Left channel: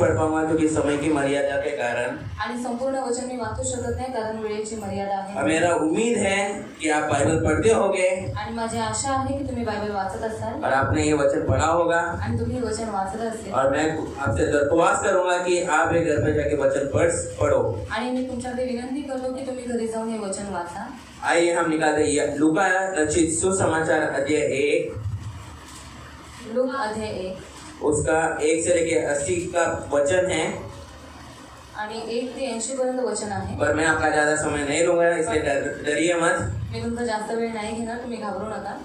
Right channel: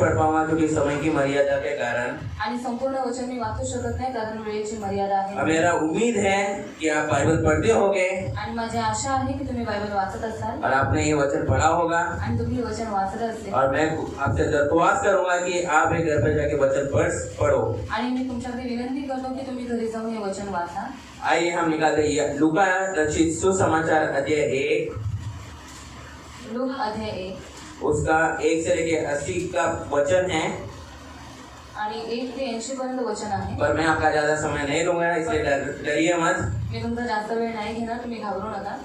पढ़ पाऊंगा क्योंकि समय की मर्यादा के कारण। आणि संपूर्ण वचन मी वाचू शकत नाही कारण वेळेची मर्यादा और आहे. मेरा उम्मीद है कि आप बाइबल पढ़ते होगे आणि माझी आशा आहे की तुम्ही बायबल वाचत असाल और आपने ये वचन पढ़ा होगा। आणि तुम्ही वचन वाचत असेल. और मैं आपसे दरख्वास्त करूंगा कि आप एक घर पे जाके वचन पढ़ो। आणि मी तुमच्याकडे विनंती करतो की तुम्ही घरी जाऊन हे वचन वाचा. आइए हम निकालते हैं लूका रचित सुसमाचार अध्याय 1 लूक अध्याय 1 उसका 1 से लेके 80 का वचन है। आणि 1 ते 80 पर्यंत वचन आहे. पर मैं आपका ज्यादा समय नहीं लूंगा इसलिए डरिए मत। मी तुमचा जास्त वेळ नाही घेणार, तुम्ही घाबरू नका.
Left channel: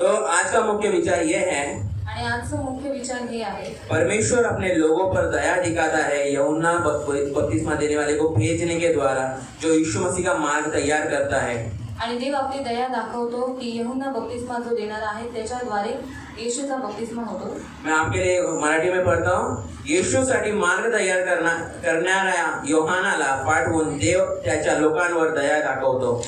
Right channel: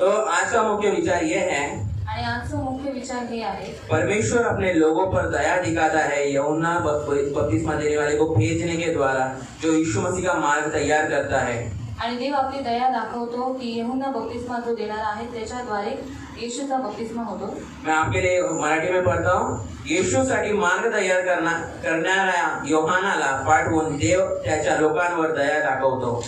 तो आज का मुख्य विचार यह है, आणि आजचा मुख्य विचार हे आहे, परमेश्वर अपने लोगों पर दया दिखाता है यूहन्ना बपतिस्मा देने वाले को भेजने के द्वारा, जो यीशु मसीह का मार्ग तैयार करता है। आणि देव आपली दया दाखवतो की यूहन्ना बपतिस्मा जो देणार आहे त्याच्याद्वारे येशूचा बपतिस्मा होतो. मैं आपके लिए मराठी में पढ़ता हूँ। येशूसाठी मार्ग तयार करणाऱ्या योहानाला पाठवून देव त्याच्या लोकांवर दया दाखवतो।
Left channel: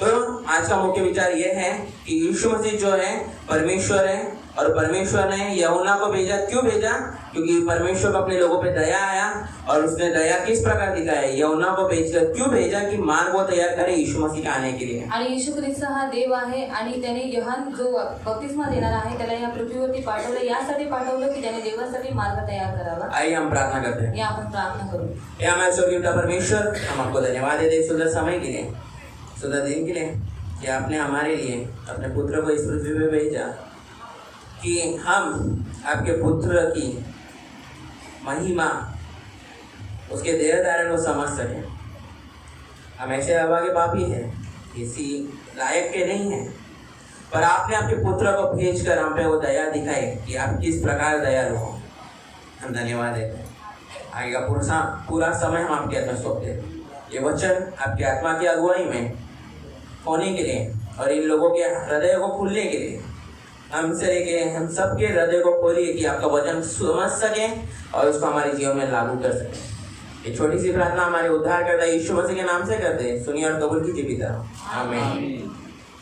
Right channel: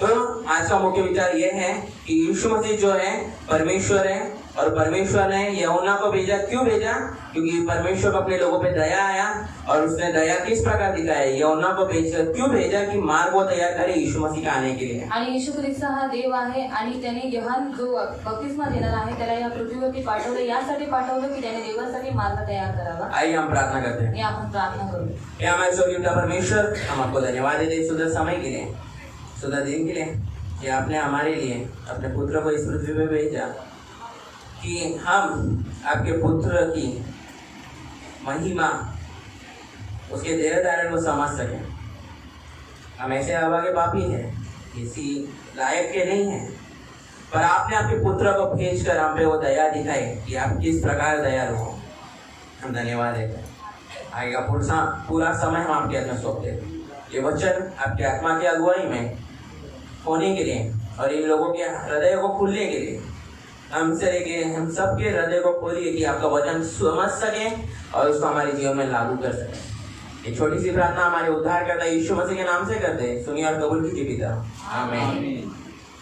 तो आज का मुख्य विचार यह है कि यीशु मसीह जो है परमेश्वर है और परमेश्वर ने यूहन्ना को भेजा। क्यों भेजा? क्योंकि परमेश्वर को अपने लोगों पे दया आया और उसने दया किस प्रकार दिखाया, यूहन्ना को भेजकर क्यों भेजा कि मार्ग वो तैयार करे यीशु मसीह के आने के लिए। आणि येशू ख्रिस्त हा देव आहे आणि त्याने यूहन्ना जो बपतिस्मा देणार आहे त्याला या पृथ्वीवरती पाठवलं, यासाठी पाठवलं की त्याने देवासाठी मार्ग तयार करावा. आइए हम प्रार्थना करते हैं। या आपण प्रार्थना करू. हे हमारे स्वर्गीय परमेश्वर, हम आपको धन्यवाद देते हैं सुंदर समय के लिए, सुंदर दिन के लिए कि आपने हमारे लिए अपने पुत्र को इस पृथ्वी पे भेजा कि हम आपके पुत्र की महिमा, उसके देह धारण को समझ सकें। हम ऐसे अभागे पापी हैं, किसी लायक के नहीं हैं, पर आपने आपके पुत्र को भेजकर हम पे वो दया दिखाई कि आप किस प्रकार दयालु हो। हम धन्यवाद देते हैं। आगे का पूरा समय हम आपके हाथ में सौंपते हैं। ये वचन आपकी आत्मा की अगुवाई में होने के लिए और इन लोगों के हृदय को खुलने के लिए हमसे लेके हम सबके हृदय को खोलिए कि आपका वचन समझ सके और उसको हमारे जीवन में लागू कर सके। ये छोटी सी प्रार्थना हमारे उद्धारकर्ता यीशु मसीह के नाम से करते हैं, सुनिए और कबूल कीजिए पिता, आमीन।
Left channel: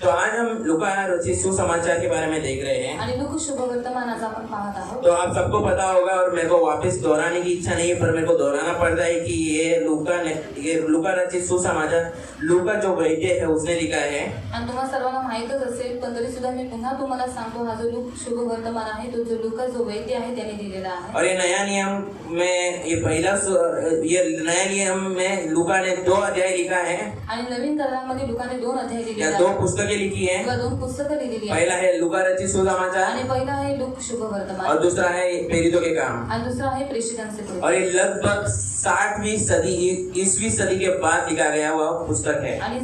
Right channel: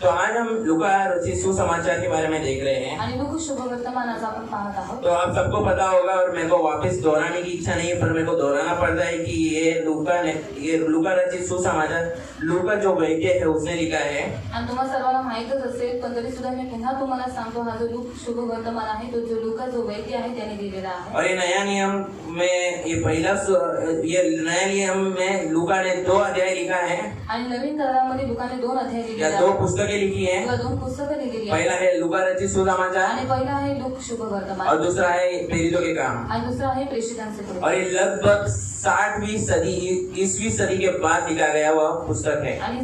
तो आज हम लूका रचित सुसमाचार के बारे में देख रहे हैं। आणि लूक शुभवर्तमान आज आपण पाहत आहोत. तो आप सबको पता होगा और मेरे को वापस दोहराने की इच्छा नहीं है, पर मेरे को दोहराना पड़ता है कि ये लूका रचित सुसमाचार लूका जो वैद्य है उसने लिखा है। आणि तुम्हाला सर्वांना माहीतच असेल, पण तरी सुद्धा मी पुन्हा तुम्हाला सांगतो, हा जो लूक शुभवर्तमान आहे तो जो लूका जो वैद्य आहे त्याने दिलेला आहे. और ये नया नियम में ये नया नियम में लूका ने 2 अध्याय लिखा है। आणि नवीन करारामध्ये लूकाने 2 अध्याय लिहिले या आहेत. 2 पुस्तकें लिखी है। 2 पुस्तकं लिहिलेली आहेत. पहला है लूका रचित सुसमाचार आणि पहिला आहे लूक शुभवर्तमान और दूसरा है प्रेरितों के काम। आणि दुसरा आहे प्रेषितांचे कृत्य. और ये लगभग 60वीं सदी 20वीं सदी के बाद लिखा गया हुआ पुस्तक है। आणि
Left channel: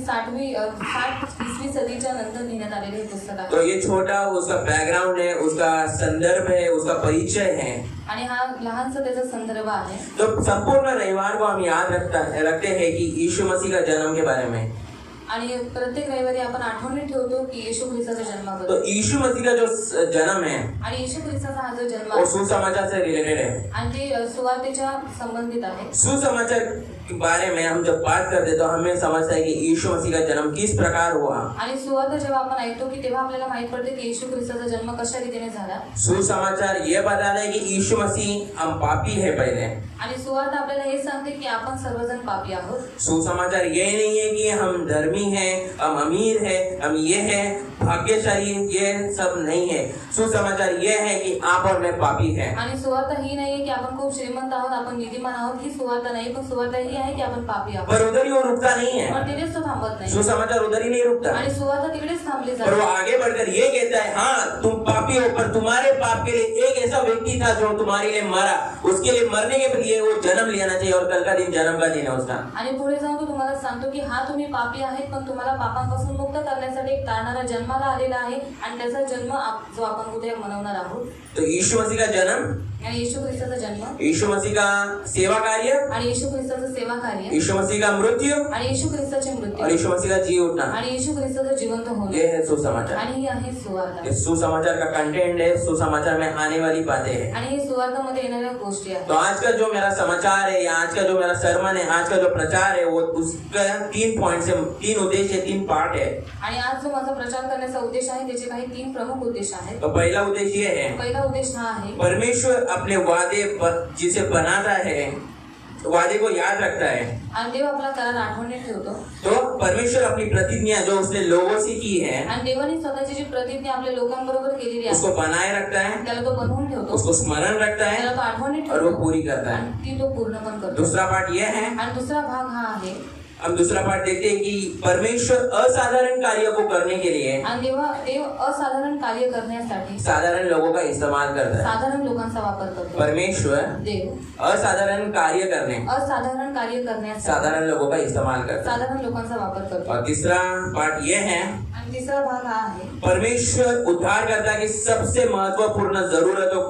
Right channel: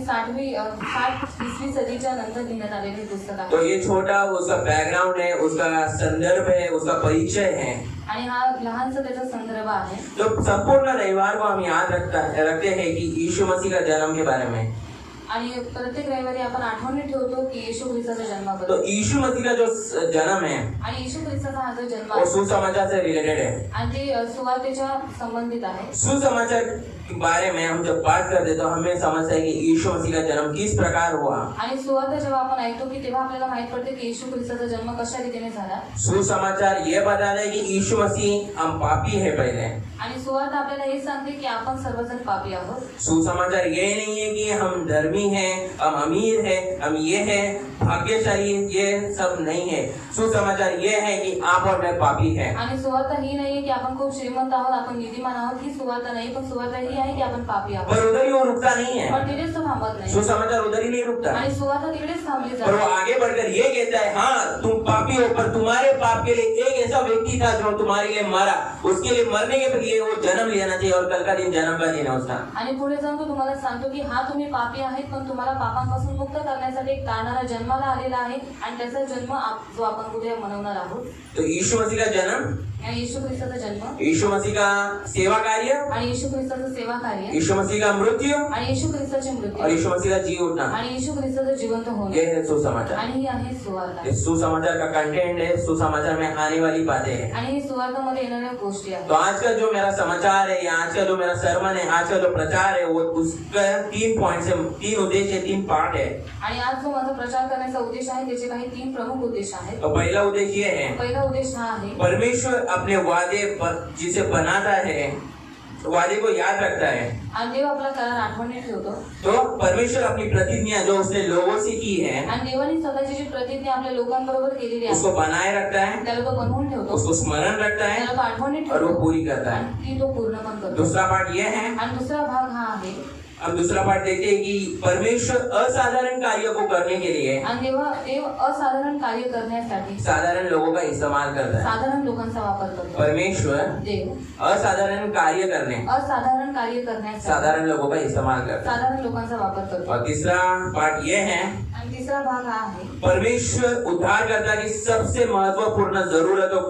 20वीं सदीच्या नंतर लिहिण्यात आलेले हे पुस्तक आहे. तो ये छोटा उसका बैकग्राउंड है, उसका संदर्भ है, उसका परिचय है। आणि हा लहानसा त्याचा संदर्भ आहे. तो संपूर्ण रविवार को हम याद रखते हैं कि यीशु मसीह का जन्म के बारे में। आणि प्रत्येक रविवारी आपण आठवणी ठेवतो की येशू ख्रिस्ताचा जन्माबद्दल. तो यीशु मसीह का जो जन्म है आणि येशू ख्रिस्ताचा हा जो जन्म वो आहे सुसमाचार से रिलेटेड है। आणि ते सुवार्तेच्या संबंधित आहे. सुसमाचार के बारे में हम जब बात करते तो हमें समझता है कि यीशु मसीह का जन्म किस प्रकार हुआ। आणि सुवार्त जेव्हा आपण ऐकतो की तेव्हा आपल्याला माहित पडते की येशू ख्रिस्ताचा जन्म कशा रीतीने झाला. सुसमाचार ये बताता है कि यीशु मसीह हम पापी है पहले, आणि सुवार्त आपल्याला हे सांगते की आपण सर्वजण पापी आहोत. सुसमाचार ये नहीं है कि हम धर्मी हैं, हम अमीर हैं, हम ये हैं भाग्यशाली, ये सब नहीं है। सुसमाचार ये है कि आप और मैं पापी है। आणि सुवार्त ही नाहीये की आपण खूप श्रीमंत आहोत, आपण निधीमान आहोत, ही सुवार्त नाही, पण सुवार्त ही आहे की आपण पापी आहोत. पर उधर ही वो रुकता नहीं है, और तिकडेच तो थांबत नाही. सुसमाचार उधर ही नहीं रुकता आणि सुवार्त तिकडेच थांबली और वो जाते. आगे बढ़कर ये कहता है, हाँ तुम पापी हो, पर तुम्हारे पाप के लिए एक ऐसा व्यक्ति था जो तुम्हारे लिए मरा, उसके लिए मरने के लिए वो जन्म लेना चाहिए और कल का दिन जन्म का दिन है उसका। आणि पुढे जाऊन तो तुम्हाला सांगतो की हा तुम्ही पापी आहेत, पण तुम्हाला पापांपासून मुक्त करण्यासाठी एक तारणारा जन्माला आलेला आहे आणि त्याचा जन्म जो आपण उद्या मनवणार आहोत. तो यीशु मसीह का जन्म, आणि येशू ख्रिस्ताचा जन्म, यीशु मसीह का सेवा कार्य, आणि येशू ख्रिस्ताचं सेवा कार्य, यीशु मसीह का मृत्यु आणि येशू ख्रिस्ताचे और मृत्यू, यीशु मसीह का जी उठना, आणि येशू ख्रिस्ताचं जिवंत होणे, ये है सुसमाचार। आणि ही आहे सुवार्ता. ये सुसमाचार का कंटेंट है, सुसमाचार में आने वाली बातें हैं। आणि ही सुवार्तामध्ये येणाऱ्या गोष्टी आहेत. तो आज का जो मेरा समाचार है या आज का जो मेरा सर्मन है, आज का जो प्रचार है, वो उसका 3 तीन उद्देश्य, तीन पार्ट है। आणि आज जो माझा प्रचार करण्याचा उद्देश आहे त्याचे काही 3 प्रमुख उद्देश आहेत। तो पहला उद्देश्य ये है, पहिला उद्देश हा आहे, परमेश्वर अपने वादे जिसे बनाता है, वादे को याद रखता है। आणि देव आपला करार आठवणीत ठेवतो। तो परमेश्वर अपनी प्रतिज्ञा जो उसने लोगों से की है, आणि देवाने स्वतःची जी प्रतिज्ञा आपल्या लोकांबरोबर केलेली आहे उसको बनाए रखता है, त्याला तो बनवून ठेवतो, उसको स्मरण रखता त्याला है तो आठवणीत और वो ठेवतो पूरी करता है। आणि ती तो पूर्ण पण करतो। दूसरा पार्ट ये है, आणि दुसरा भाग हा आहे, हम दूसरा पार्ट देखते हैं कि परमेश्वर असाधारण कार्य को करने के लिए आणि देव असाधारण कार्य करण्यासाठी साधारण लोगों का इस्तेमाल करता है। साधारण लोकांचा वापर करतो। परमेश्वर देव असाधारण कार्य करने असाधारण कार्य करण्यासाठी साधारण लोगों का इस्तेमाल करता है। साधारण लोकांचा वापर करतो। और तीसरा पार्ट ये है, आणि तिसरा भाग हा आहे, परमेश्वर उद्धारकर्ता की सबसे महत्वपूर्ण जरूरतों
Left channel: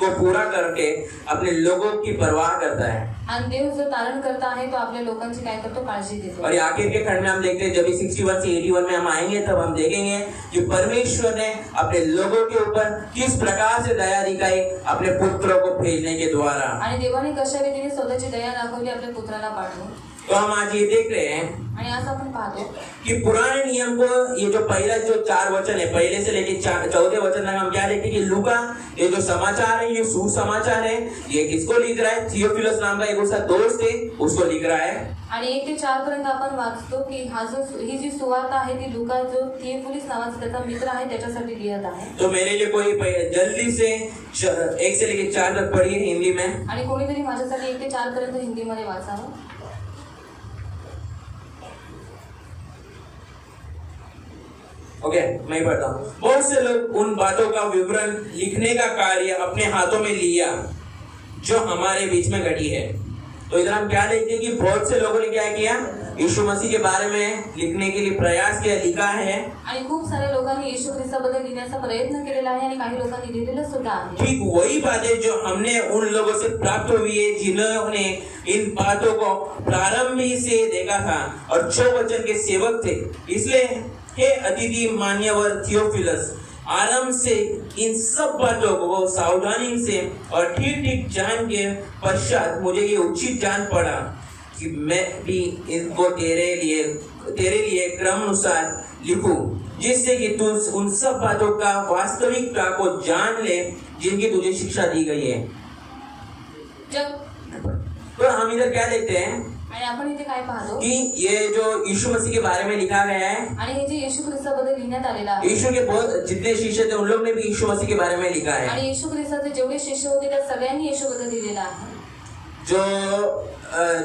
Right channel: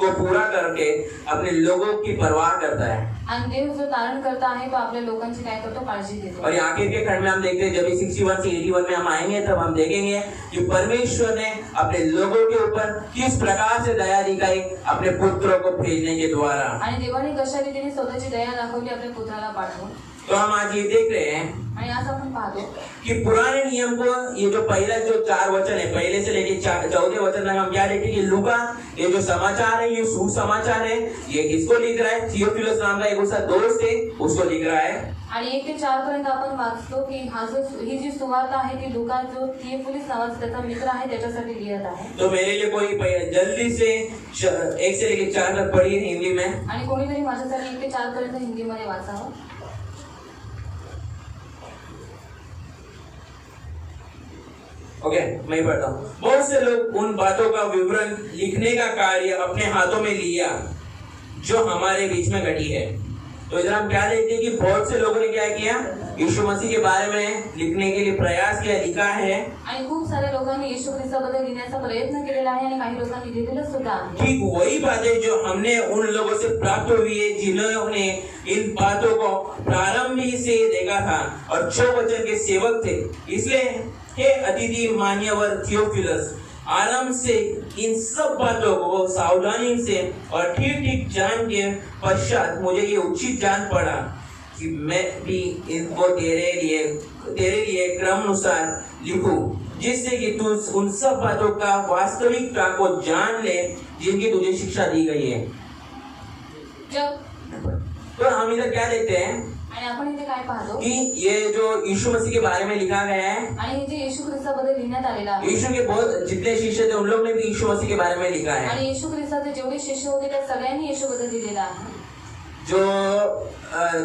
को पूरा करके अपने लोगों की परवाह करता है। आणि देव जो तारण करता आहे तो आपल्या लोकांची काय करतो, काळजी घेतो। और आखिर के खंड में हम देखते हैं, जब 61 से 81 में हम आएंगे तब हम देखेंगे कि परमेश्वर ने अपने लोगों के ऊपर किस प्रकार से दया दिखाई अपने पुत्रों को भेजने के द्वारा। आणि देवाने कशा रीतीने स्वतःची दया दाखवली आपल्या पुत्राला पाठवून। तो हम आज ये देख रहे हैं आणि आज आपण पाहतो कि पुराने नियम को ये जो पहला जो 4 वचन है, पहले से लेके 14 वचन तक हम क्या देखते हैं कि लूका ये जो समाचार है, ये सुसमाचार है, ये किसको लिख रहा है? थियोफिलस नाम का एक उसका दोस्त है, उसको लिख रहा है। आणि 1 ते 4 पर्यंत आपण वाचतो की ही जी सुवार्ता आहे ती लूका जो थियोफिलस नावाचा त्याचा मित्र आहे त्याच्यासाठी लिहित आहे। तो मेरे लिए कोई जल्दी से 1 से लेके 4 तक पढ़िए हिंदी में। आणि कोणीतरी माझ्यासाठी 1 ते 4 पर्यंत हिंदीमध्ये वाचावं। ओके, मैं पढ़ता हूँ। बहुत से लोग उन बातों का विवरण लिखने का कार्य अपने हाथों में लिया जो हमारे बीच में घटी है। तो इधर हम क्या देखते हैं कि बहुत से लोगों ने क्या किया, यीशु मसीह के बारे में लिखने के लिए प्रयास किया, लिखा है। आणि खूप साऱ्या लोकांनी येशू ख्रिस्ताबद्दल लिहिण्याचा प्रयत्न केलेला आहे आणि काही लोकांनी लिहिलेलं सुद्धा आहे। ठीक वही बातें जो हमने उन लोगों से प्राप्त हुई है जिन्होंने इन बातों को प्रारंभ ही से देखा था और जो वचन के सेवक थे। इसलिए हे अतिथि मान्यवर थियोफिलस, आराम से इन सब बातों को सावधानी से और ठीक ठीक जान के पश्चात मुझे ये उचित जान पड़ा कि मैं भी इनको तेरे लिए क्रम अनुसार लिखूं, जिससे कि तू उन सब बातों का वास्तविकता को जान ले जिनकी तुझे शिक्षा दी गई है। तो हम इधर क्या देखते हैं आणि आपण इथे काय पाहतो कि ये जो यीशु मसीह के बारे में लिखा गया है, आणि हे जे येशू ख्रिस्ताबद्दल लिहिण्यात आलेलं आहे, यीशु के बहुत जितने शिष्य थे उन लोग ने भी यीशु मसीह के बारे में लिखा है। आणि येशू ख्रिस्ताचे जेवढे शिष्य होते त्या सगळ्यांनी येशूबद्दल लिहिलेलं आहे। जो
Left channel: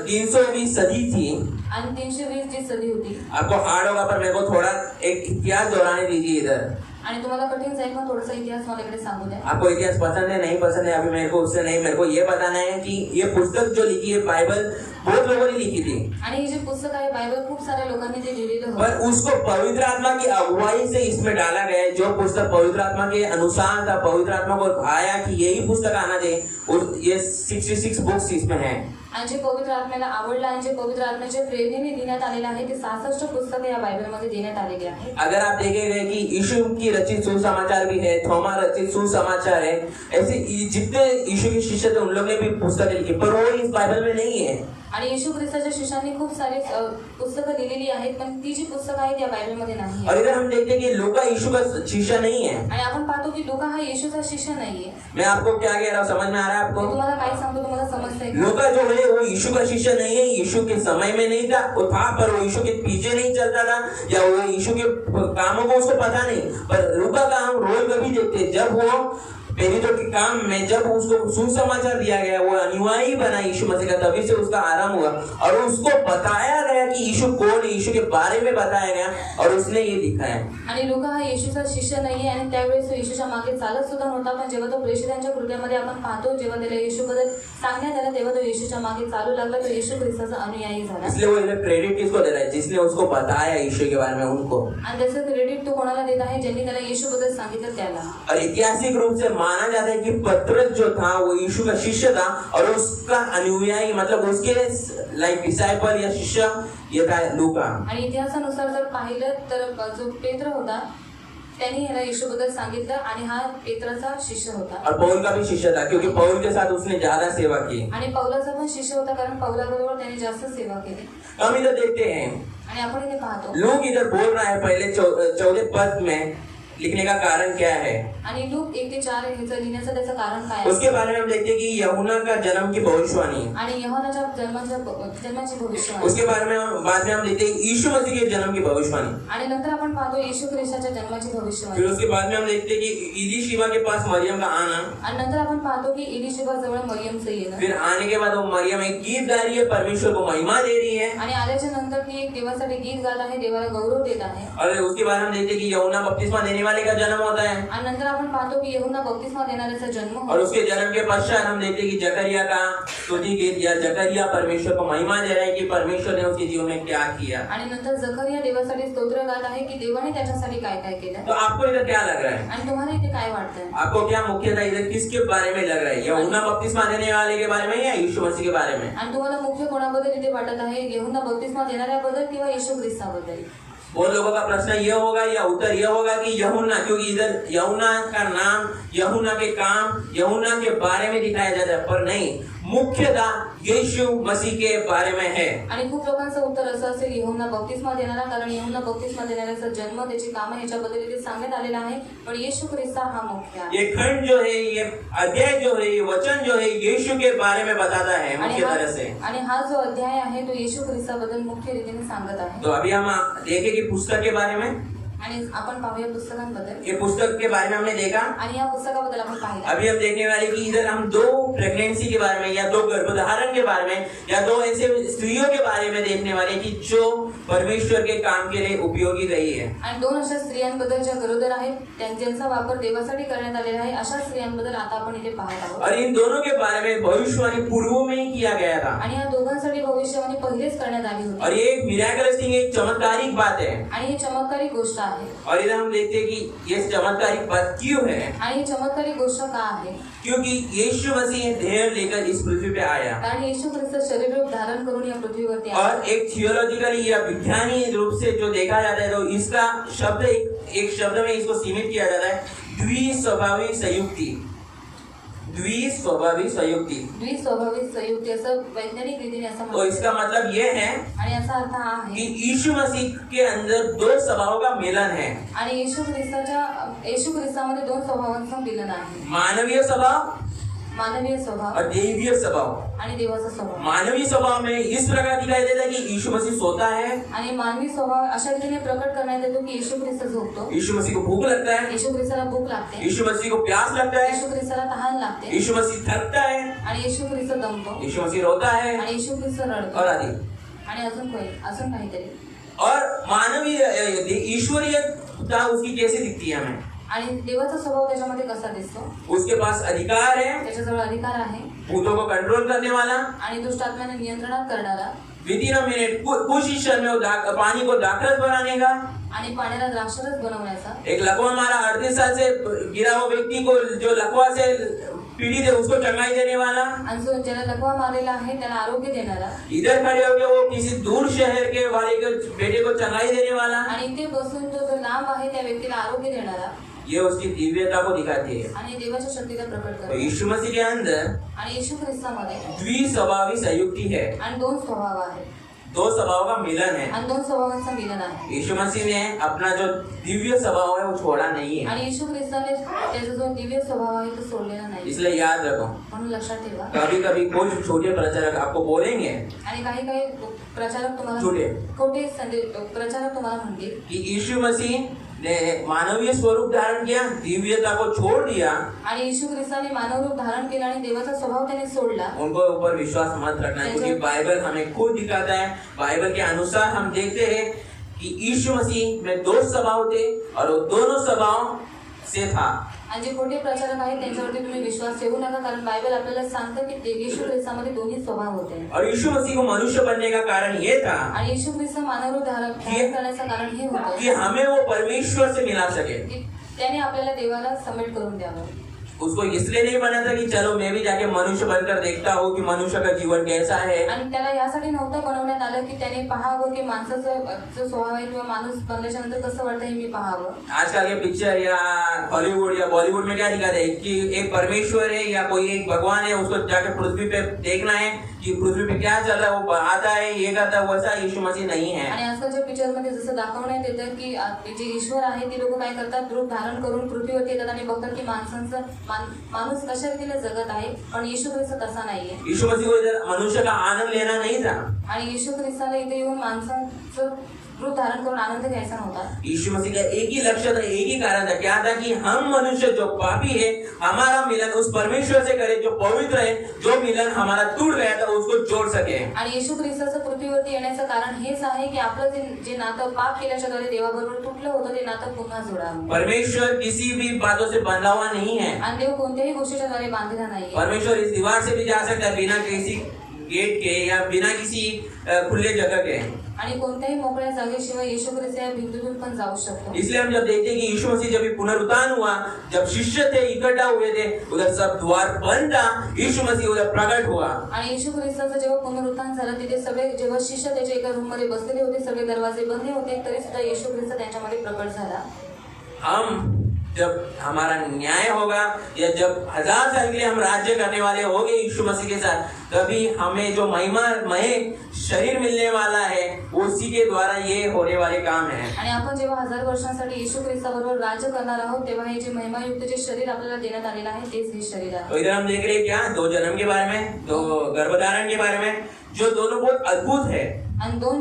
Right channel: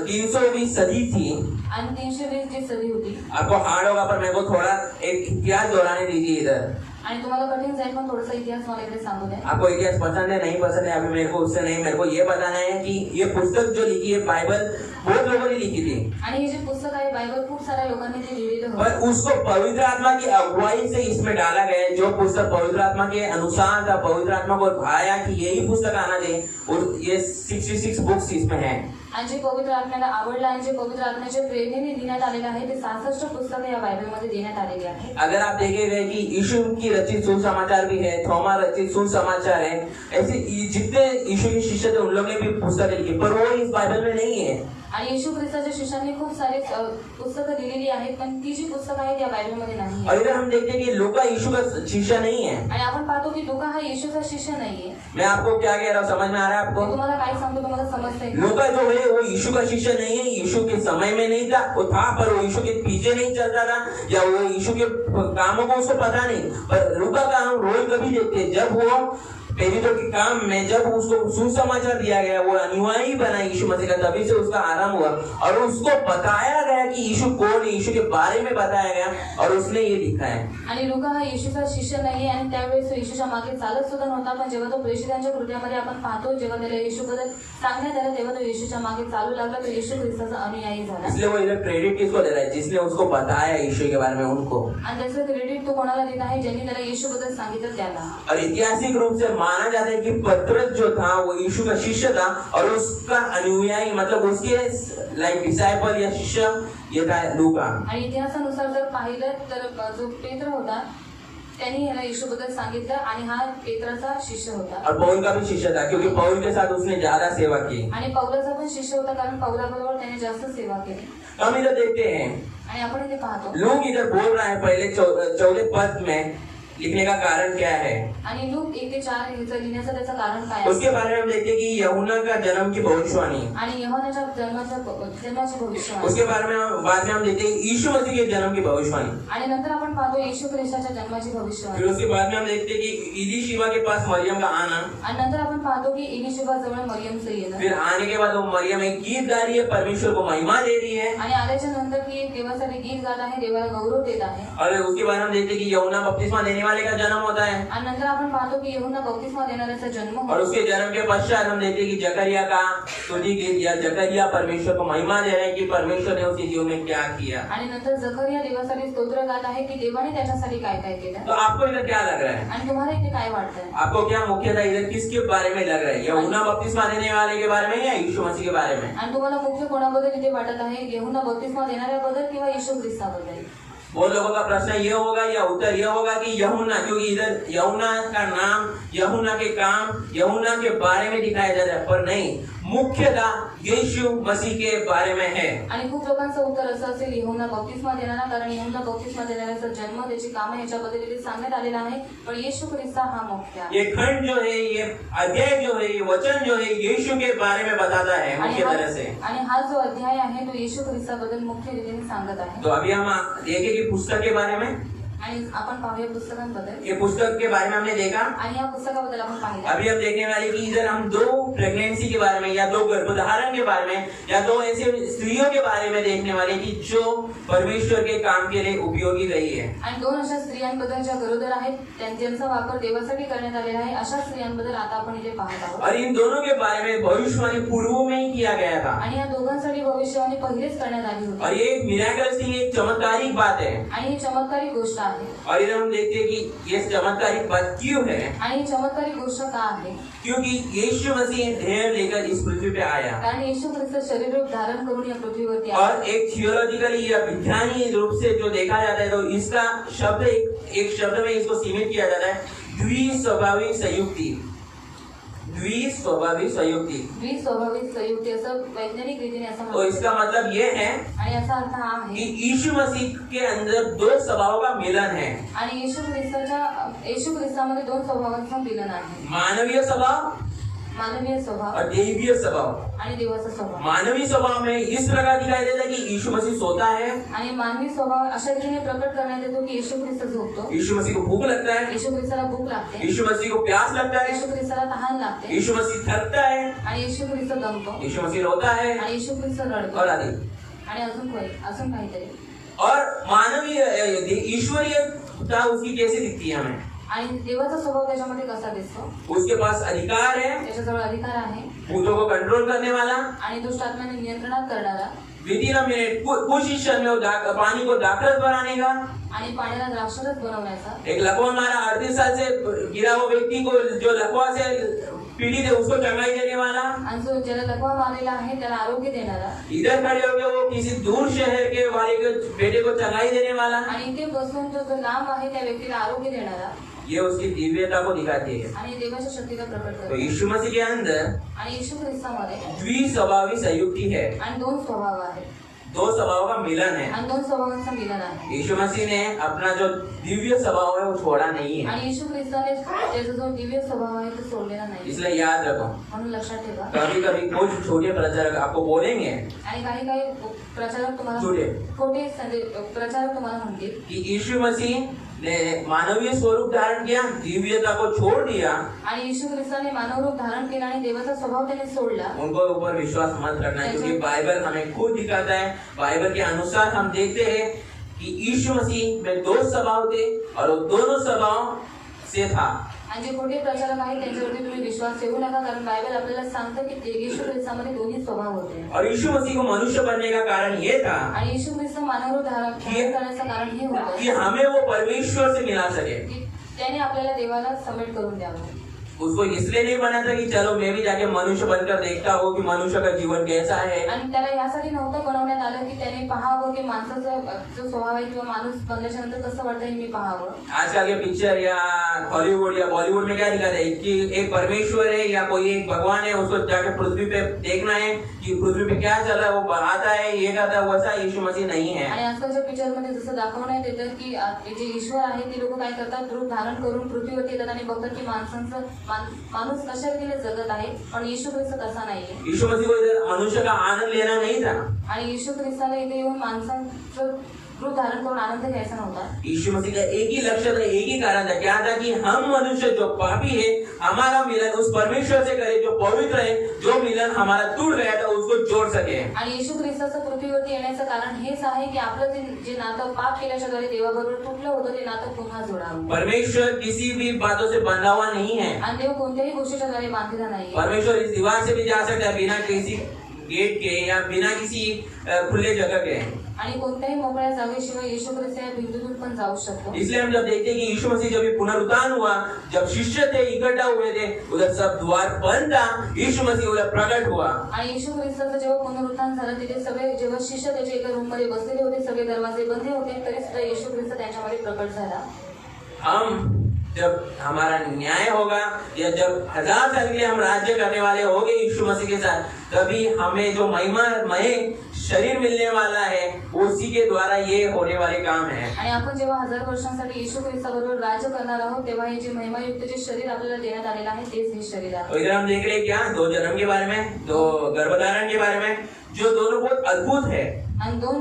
320 सदी थी, आणि 320 जी सदी होती, आपको हार्ड होगा पर मेरे को थोड़ा एक इतिहास दोहराने दीजिए इधर। आणि तुम्हाला कठीण जाईल पण थोडासा इतिहास मला इकडे सांगू द्या। आपको इतिहास पसंद है नहीं पसंद है अभी मेरे को उससे नहीं, मेरे को ये बताना है कि ये पुस्तक जो लिखी है बाइबल बहुत लोगों ने लिखी थी, आणि हे जे पुस्तक आहे बायबल खूप साऱ्या लोकांनी ते लिहिलेलं होतं, पर उसको पवित्र आत्मा की अगुवाई से इसमें डाला गया है। जो पुस्तक पवित्र आत्मा के अनुसार था, पवित्र आत्मा को आया कि यही पुस्तक आना चाहिए, और ये 66 बुक्स इसमें है। आणि जे पवित्र आत्म्याला आवडलं आणि जे पवित्र आत्म्याच्या प्रेरणेने देण्यात आलेलं आहे ते 66 पुस्तक या बायबलमध्ये देण्यात आलेले आहे। अगर आप देखेंगे कि यीशु की रचित सुसमाचार भी है, थोमा रचित सुसमाचार है, ऐसे जितने यीशु के शिष्य थे उन लोगों ने भी पुस्तकें लिखी, पर वो इस बाइबल में नहीं है। आणि येशू ख्रिस्ताच्या शिष्यांनी खूप सारे पुस्तकं लिहिलेली आहेत पण ती जी पुस्तकं आहेत या बायबलमध्ये नाही और इधर हम देखते हैं कि लूका यीशु का शिष्य नहीं है। आणि आपण पाहतो की लूका हा येशूचा शिष्य नाहीये। मैं आपको क्या कह रहा हूँ, समझ में आ रहा है मी आपको? तुम्हाला काय सांगतो तुम्हाला समजतंय का? लूका जो है वो यीशु का शिष्य नहीं है, यीशु के समय में नहीं था, वो था पर वो यीशु के पीछे नहीं चलता था, या वो यीशु के कामों को उसको पता नहीं। पर लूका का हम रोल कभी देखते हैं जब वो पहले तो के काम में जब उसको सुसमाचार दिया गया, वो अनुयायी बना यीशु मसीह का, तभी से उसका आरंभ हुआ और उसको बताया गया कि यीशु कौन है, यीशु के बारे में बताया गया और उसने ये लिखा है। आणि लूका हा येशूचा शिष्य नाहीये आणि त्यावेळेस तो येशूच्या मागे चालत सुद्धा नव्हता, पण जेव्हा तो प्रेषितांच्या कृत्यामध्ये आपण पाहतो जेव्हा त्याला येशूबद्दल सांगण्यात आलं तेव्हा तो येशूच्या मागे चालू लागला, तो येशू ख्रिस्ताचा अनुयायी झाला। इसलिए वो इधर क्रेडिट किसको दे रहा है? जिसने उसको बताया यीशु के बारे में उनको, आणि त्याचं क्रेडिट तो कोणाला देत आहे? ज्यांनी त्याला येशूबद्दल सांगितलं त्याला। और ऐतिहासिक रूप से माना जाता है कि पतरस जो था वो यीशु का शिष्य था और उसका अनुयायी मतलब उसके लाइक डिसाइपल या शिष्य ये था लूका। आणि इतिहासानुसार जर पाहिलं तर जो पेत्र होता त्यांनी ह्याला येशूबद्दल सांगितलं आणि हा पेत्राचा शिष्य होता और पौल का भी शिष्य था, क्योंकि पौल के साथ उसने ज्यादा सेवा की। आणि पौलाचा पण शिष्य होता, कारण पौलाबरोबर त्याने जास्त सेवा केली। हम इधर देखते हैं, आणि आपण इथे पाहतो लोग इधर बोल रहे हैं पहले 14 पद में लिखने का कारण क्या है। आणि लूक 1 ते 4 ह्याचं लिहिण्याचं त्याचं कारण काय आहे? उसके बारे में हम देखते हैं कि यूहन्ना का जन्म की भविष्यवाणी, आणि यूहन्नाच्या जन्माची भविष्यवाणी, उसके बारे में बाद में हम देखते हैं यीशु मसीह के जन्म की भविष्यवाणी, आणि नंतर आपण पाहतो येशू ख्रिस्ताच्या जन्माची भविष्यवाणी। फिर उसके बाद में हम देखते हैं कि इलीशिबा के पास मरियम का आना, आणि नंतर आपण पाहतो की इलिशिबा जवळ मरियमचं येणं, फिर आने के बाद वो मरियम एक गीत गा रही है, परमेश्वर को महिमा दे रही है, आणि आल्याच्या नंतर ती एक देवासाठी गीत गात आहे, देवाला गौरव देत आहे। और उसके बाद हम देखते हैं कि यूहन्ना बपतिस्मा देने वाले का जन्म होता है, आणि नंतर आपण पाहतो की यूहन्ना बपतिस्मा देणाऱ्याचा जन्म और होतो। उसके जन्म के पश्चात हम देखते हैं कि जकरिया का स्तुति गीत, या जकरिया परमेश्वर को महिमा दे रहा है कि परमेश्वर ने उसके जीवन में क्या किया। आणि नंतर जकरिया देवासाठी स्तोत्र गात आहे की देवाने त्याच्यासाठी काय काय केलं। तो आपको इधर क्या लग रहा है? आणि तुम्हाला इथे काय वाटतंय? आपको क्या मुख्यतः इधर किसके बारे में लग रहा है? यूहन्ना बपतिस्मा देने वाले के बारे में या यीशु मसीह के बारे में? आणि तुम्हाला मुख्य कोणाबद्दल इथे वाटत आहे? यूहन्ना बपतिस्मा देणाऱ्याबद्दल किंवा येशू ख्रिस्ताबद्दल? और लोगों का प्रश्न ये होगा या उत्तर ये होगा कि यूहन्ना, क्योंकि इधर यूहन्ना का नाम, यूहन्ना के काम, यूहन्ना के बारे में दिखाया जाता है, पर नहीं, मुख्यतः यीशु मसीह के बारे में है। आणि खूप लोकांचं उत्तर असं असेल यूहन्ना बपतिस्मा देणारा, कारण यूहन्ना बपतिस्मा देणाऱ्याचा जन्म, त्याची कामं ह्याच्याबद्दल इथे सांगण्यात आलेलं आहे, पण येशू ख्रिस्त हा मुख्य आहे। ये खंड जो है, ये अध्याय जो है, ये वचन जो है, यीशु के बारे में बताता है मुख्य तरह से। आणि हा जो अध्याय आहे तो येशू ख्रिस्ताबद्दल मुख्य रीतीने सांगत आहे। तो अभी हम देखें कि पुस्तक के बारे में, आणि आपण पाहूया पुस्तकांबद्दल। ये पुस्तक के बारे में हमने देखा। आणि या पुस्तकाबद्दल आपण पाहिलं। अभी हम देखने वाले कि इधर हम 2 प्रेगनेंसी के बारे में, या 2 गर्भधारण के बारे में, या 2 ऐसे स्त्रियों के बारे में देखने वाले कि जो परमेश्वर के काम के लिए उपयोगी रही है। आणि 2 अशा स्त्रियांबद्दल ज्या गरोदर आहेत, त्यांचा वापर देवासाठी करण्यात आलेला आहे, अशा स्त्रियांबद्दल आता आपण इथे पाहत आहोत। और इन दोनों के बारे में भविष्यवाणी पूर्व में ही किया गया था, आणि या दोघांसाठी भविष्यवाणी पहिलेच करण्यात आली होती। और ये एक मिराकलस थिंग, एक चमत्कारिक बात है। आणि ही चमत्कारिक गोष्ट आहे। और इधर हम देखते हैं कि ये चमत्कारिक बात क्यों है। आणि ही चमत्कारिक गोष्ट का आहे? क्योंकि यीशु मसीह देह लेकर इस पृथ्वी पे आया, कारण येशू ख्रिस्त शरीर रूप धारण करून या पृथ्वीवरती आला। और एक थियोलॉजिकली या विज्ञानीय रूप से जो देखा जाता है, तो इसका शब्द एक शब्द में इसको सीमित किया जाता है, द्विस्वभावी संयुक्ति। द्विस्वभावी संयुक्ति, द्विस्वभावी संयुक्ति, असं वैज्ञानिक रीतीने असं तो म्हणतात। इसका मतलब ये है आणि याचा अर्थ हा कि आहे यीशु मसीह के अंदर 2 स्वभावों का मिलन है। आणि येशू ख्रिस्तामध्ये 2 स्वभावांचं मिलन आहे, मानवीय स्वभाव मानवीय स्वभाव और देवीय स्वभाव। आणि देवाचा स्वभाव। मानवीय स्वभाव में इस प्रकार दिखाई देता है कि यीशु मसीह सोता है, आणि मानवी स्वभाव अशा रीतीने प्रकट करण्यात येतो की येशू ख्रिस्त झोपतो, यीशु मसीह को भूख लगता है, येशू ख्रिस्ताला भूक लागते, यीशु मसीह को प्यास लगता है, येशू ख्रिस्ताला तहान लागते, यीशु मसीह थकता है, आणि येशू ख्रिस्त दमतो, यीशु मसीह रोता है, आणि येशू ख्रिस्त रडतो, और आदि। आणि अजून काहीतरी। और मानवीय ईश्वरीयता उसकी कैसी दिखती है हमें? आणि देवाचा स्वभाव त्याच्यामध्ये कसा दिसतो? उसके पास अधिकार है, त्याच्याजवळ अधिकार आहे, भूतों को कंट्रोल करने वाला, आणि दुष्ट आत्म्याने नियंत्रणात करणारा, विदिन मिनट कुछ ही क्षण में वो पानी को दाखरस बनाने का, आणि पाण्याला द्राक्षरस बनवण्याचा, एक लकवा मारा 38 साल से गिरा हुआ व्यक्ति को, जो लकवा से पीड़ित है, उसको चंगाई देने वाला, आणि जो ज्याला लकवा मारलेला आहे त्याला आरोग्य देणारा, इधर खड़े होकर वो किसी दूर शहर के वाले के बेटे को चंगाई देने वाला, आणि इथे बसून जो लांब आहे त्या व्यक्तीला आरोग्य देणारा, ये उसकी दिव्यता को दिखाती है। आणि देवाच्या शक्तीला प्रकट तो करतो। यीशु मसीह के अंदर आणि येशू ख्रिस्तामध्ये द्विस्वभावी संयुक्ति है, आणि 2 स्वभाव आहेत, 2 स्वभाव का मिलन है। आणि 2 स्वभावांचं मिलन आहे। यीशु मसीह ने अपना जो दिव्य स्वभाव है वो छोड़ा नहीं है, आणि येशू ख्रिस्ताने त्याचा जो दिव्य स्वभाव आहे तो सोडलेला नाही, इसलिए याद रखो। म्हणून लक्षात ठेवा। कभी कभी कुछ छोटे प्रचारक आपको बोलेंगे आणि काही प्रचारक तुम्हाला छोटे प्रचारक तुम्हाला म्हणतील कि यीशु मसीह ने मानवीय स्वरूप धारण किया, दिव्यता को छोड़ दिया, आणि येशू ख्रिस्ताने मानव रूप धारण केला आणि देवाचा स्वभाव त्याने सोडला। उनको ऊपर विश्वास मत रखना है, क्योंकि बाइबल हमें खुद दिखाता है। बाइबल के अनुसार हम देखते हैं कि यीशु मसीह में 2 स्वभाव थे, और वो दोनों स्वभाव से था। आणि जे खोटे प्रचारक आहेत त्यांच्यावरती तुम्ही विश्वास ठेवू नका, कारण बायबल आपल्याला सांगतं की येशू ख्रिस्तामध्ये 2 स्वभाव होते। और यीशु मसीह को मनुष्य बनने का कारण ये था, आणि येशू ख्रिस्त मानव रूप धारण करण्याचं कारण हे होतं कि हमें वो परमेश्वर से मिला सके। की त्याने आपल्याला देवाला समेट करून द्यावं। उसको इसलिए नहीं बना था कि चलो मैं भी जाके मनुष्य बनकर देखता हूँ कि मनुष्य का जीवन कैसा है। आणि त्याला यासाठी नव्हतं बनवण्यात आलं की त्याने पाहावं की माणसाचा जो स्वभाव आहे किंवा माणूस बनल्याच्या नंतर कसं वाटतं हे मी पाहावं। आजकल के पिक्चर या हॉलीवुड या बॉलीवुड में क्या दिखाते हैं कि एक परमेश्वर है या कोई एक भगवान है, उसको जाके पृथ्वी पे देखना है कि पृथ्वी पे क्या चल रहा है, वो आता है ये करता है, वैसा यीशु मसीह नहीं है। आणि आजकालच्या पिक्चर मध्ये जसं दाखवण्यात येतं की जे ईश्वर आहे ते लोक काय करतात, रूप धारण करून पृथ्वीवरती येतात आणि बघतात की माणूस कशा रीतीने जगत आहे, पण येशू ख्रिस्त तसा नाहीये। यीशु मसीह को इधर मनुष्य का आनंद लेना नहीं था। आणि येशू ख्रिस्ताला इथे येऊन माणसाचं रूप धारण करून आनंद घ्यायचा नव्हता। यीशु मसीह का एक ही लक्ष्य था, एक ही कारण था, क्या था कि हम मनुष्य जो पापी है हमारा मिलन उस परमेश्वर से करे जो पवित्र है, जो मिलन हमारा टूट गया था उसको जोड़ सके। आणि येशू ख्रिस्ताचं पृथ्वीवरती येण्याचं कारण हेच आहे की आपलं जे नातं पाप केल्याच्या द्वारे देवाबरोबर तुटलं होतं ते नातं पुन्हा जोडावं। परमेश्वर किसी भी बातों से बंधा हुआ नहीं है। आणि देव कोणत्याही गोष्टीच्या द्वारे बांधलेला नाही। परमेश्वर इस दीवार से भी जा सकता है बिना किसी गेट के या बिना किसी खुले जगह के। आणि कोणत्याही मोकळ्या जागेशिवाय येशू ख्रिस्त या बिंदूतून पण जाऊ शकतो। इसलिए हम जब देखते हैं कि यीशु मसीह जब पुनरुत्थान हुआ, जब शिष्य थे इकट्ठा हुए थे, उधर सब द्वार बंद था, यीशु मसीह उधर प्रकट हुआ। आणि येशू ख्रिस्ताचं जेव्हा पुनरुत्थान झालं तिथे सगळे जेव्हा शिष्य त्याच्या एका रूम मध्ये बसलेले होते, सगळे दरवाजे बंद होते, तरी सुद्धा येशू ख्रिस्त त्यांच्यामध्ये प्रकट झाला। हम जब हमारा न्याय होगा या जब 1000 साल के लिए हम राज्य करने वाले होंगे यीशु मसीह के साथ, तभी हमें जो महिमामय शरीर मिलने वाला है उसी के द्वारा ये होने वाले काम है। आणि आपण जेव्हा 1000 वर्षांसाठी येशू ख्रिस्ताबरोबर राज्य करणार आहोत तेव्हा हे जे महिमायुक्त जे शरीर आपल्याला देण्यात आलेलं आहे तेच हे शरीर आहे। तो इधर हम देख रहे हैं क्या, 2 जन्म के बारे में, 2 गर्भधारण के बारे में, जो दोनों बहुत अद्भुत है। आणि 2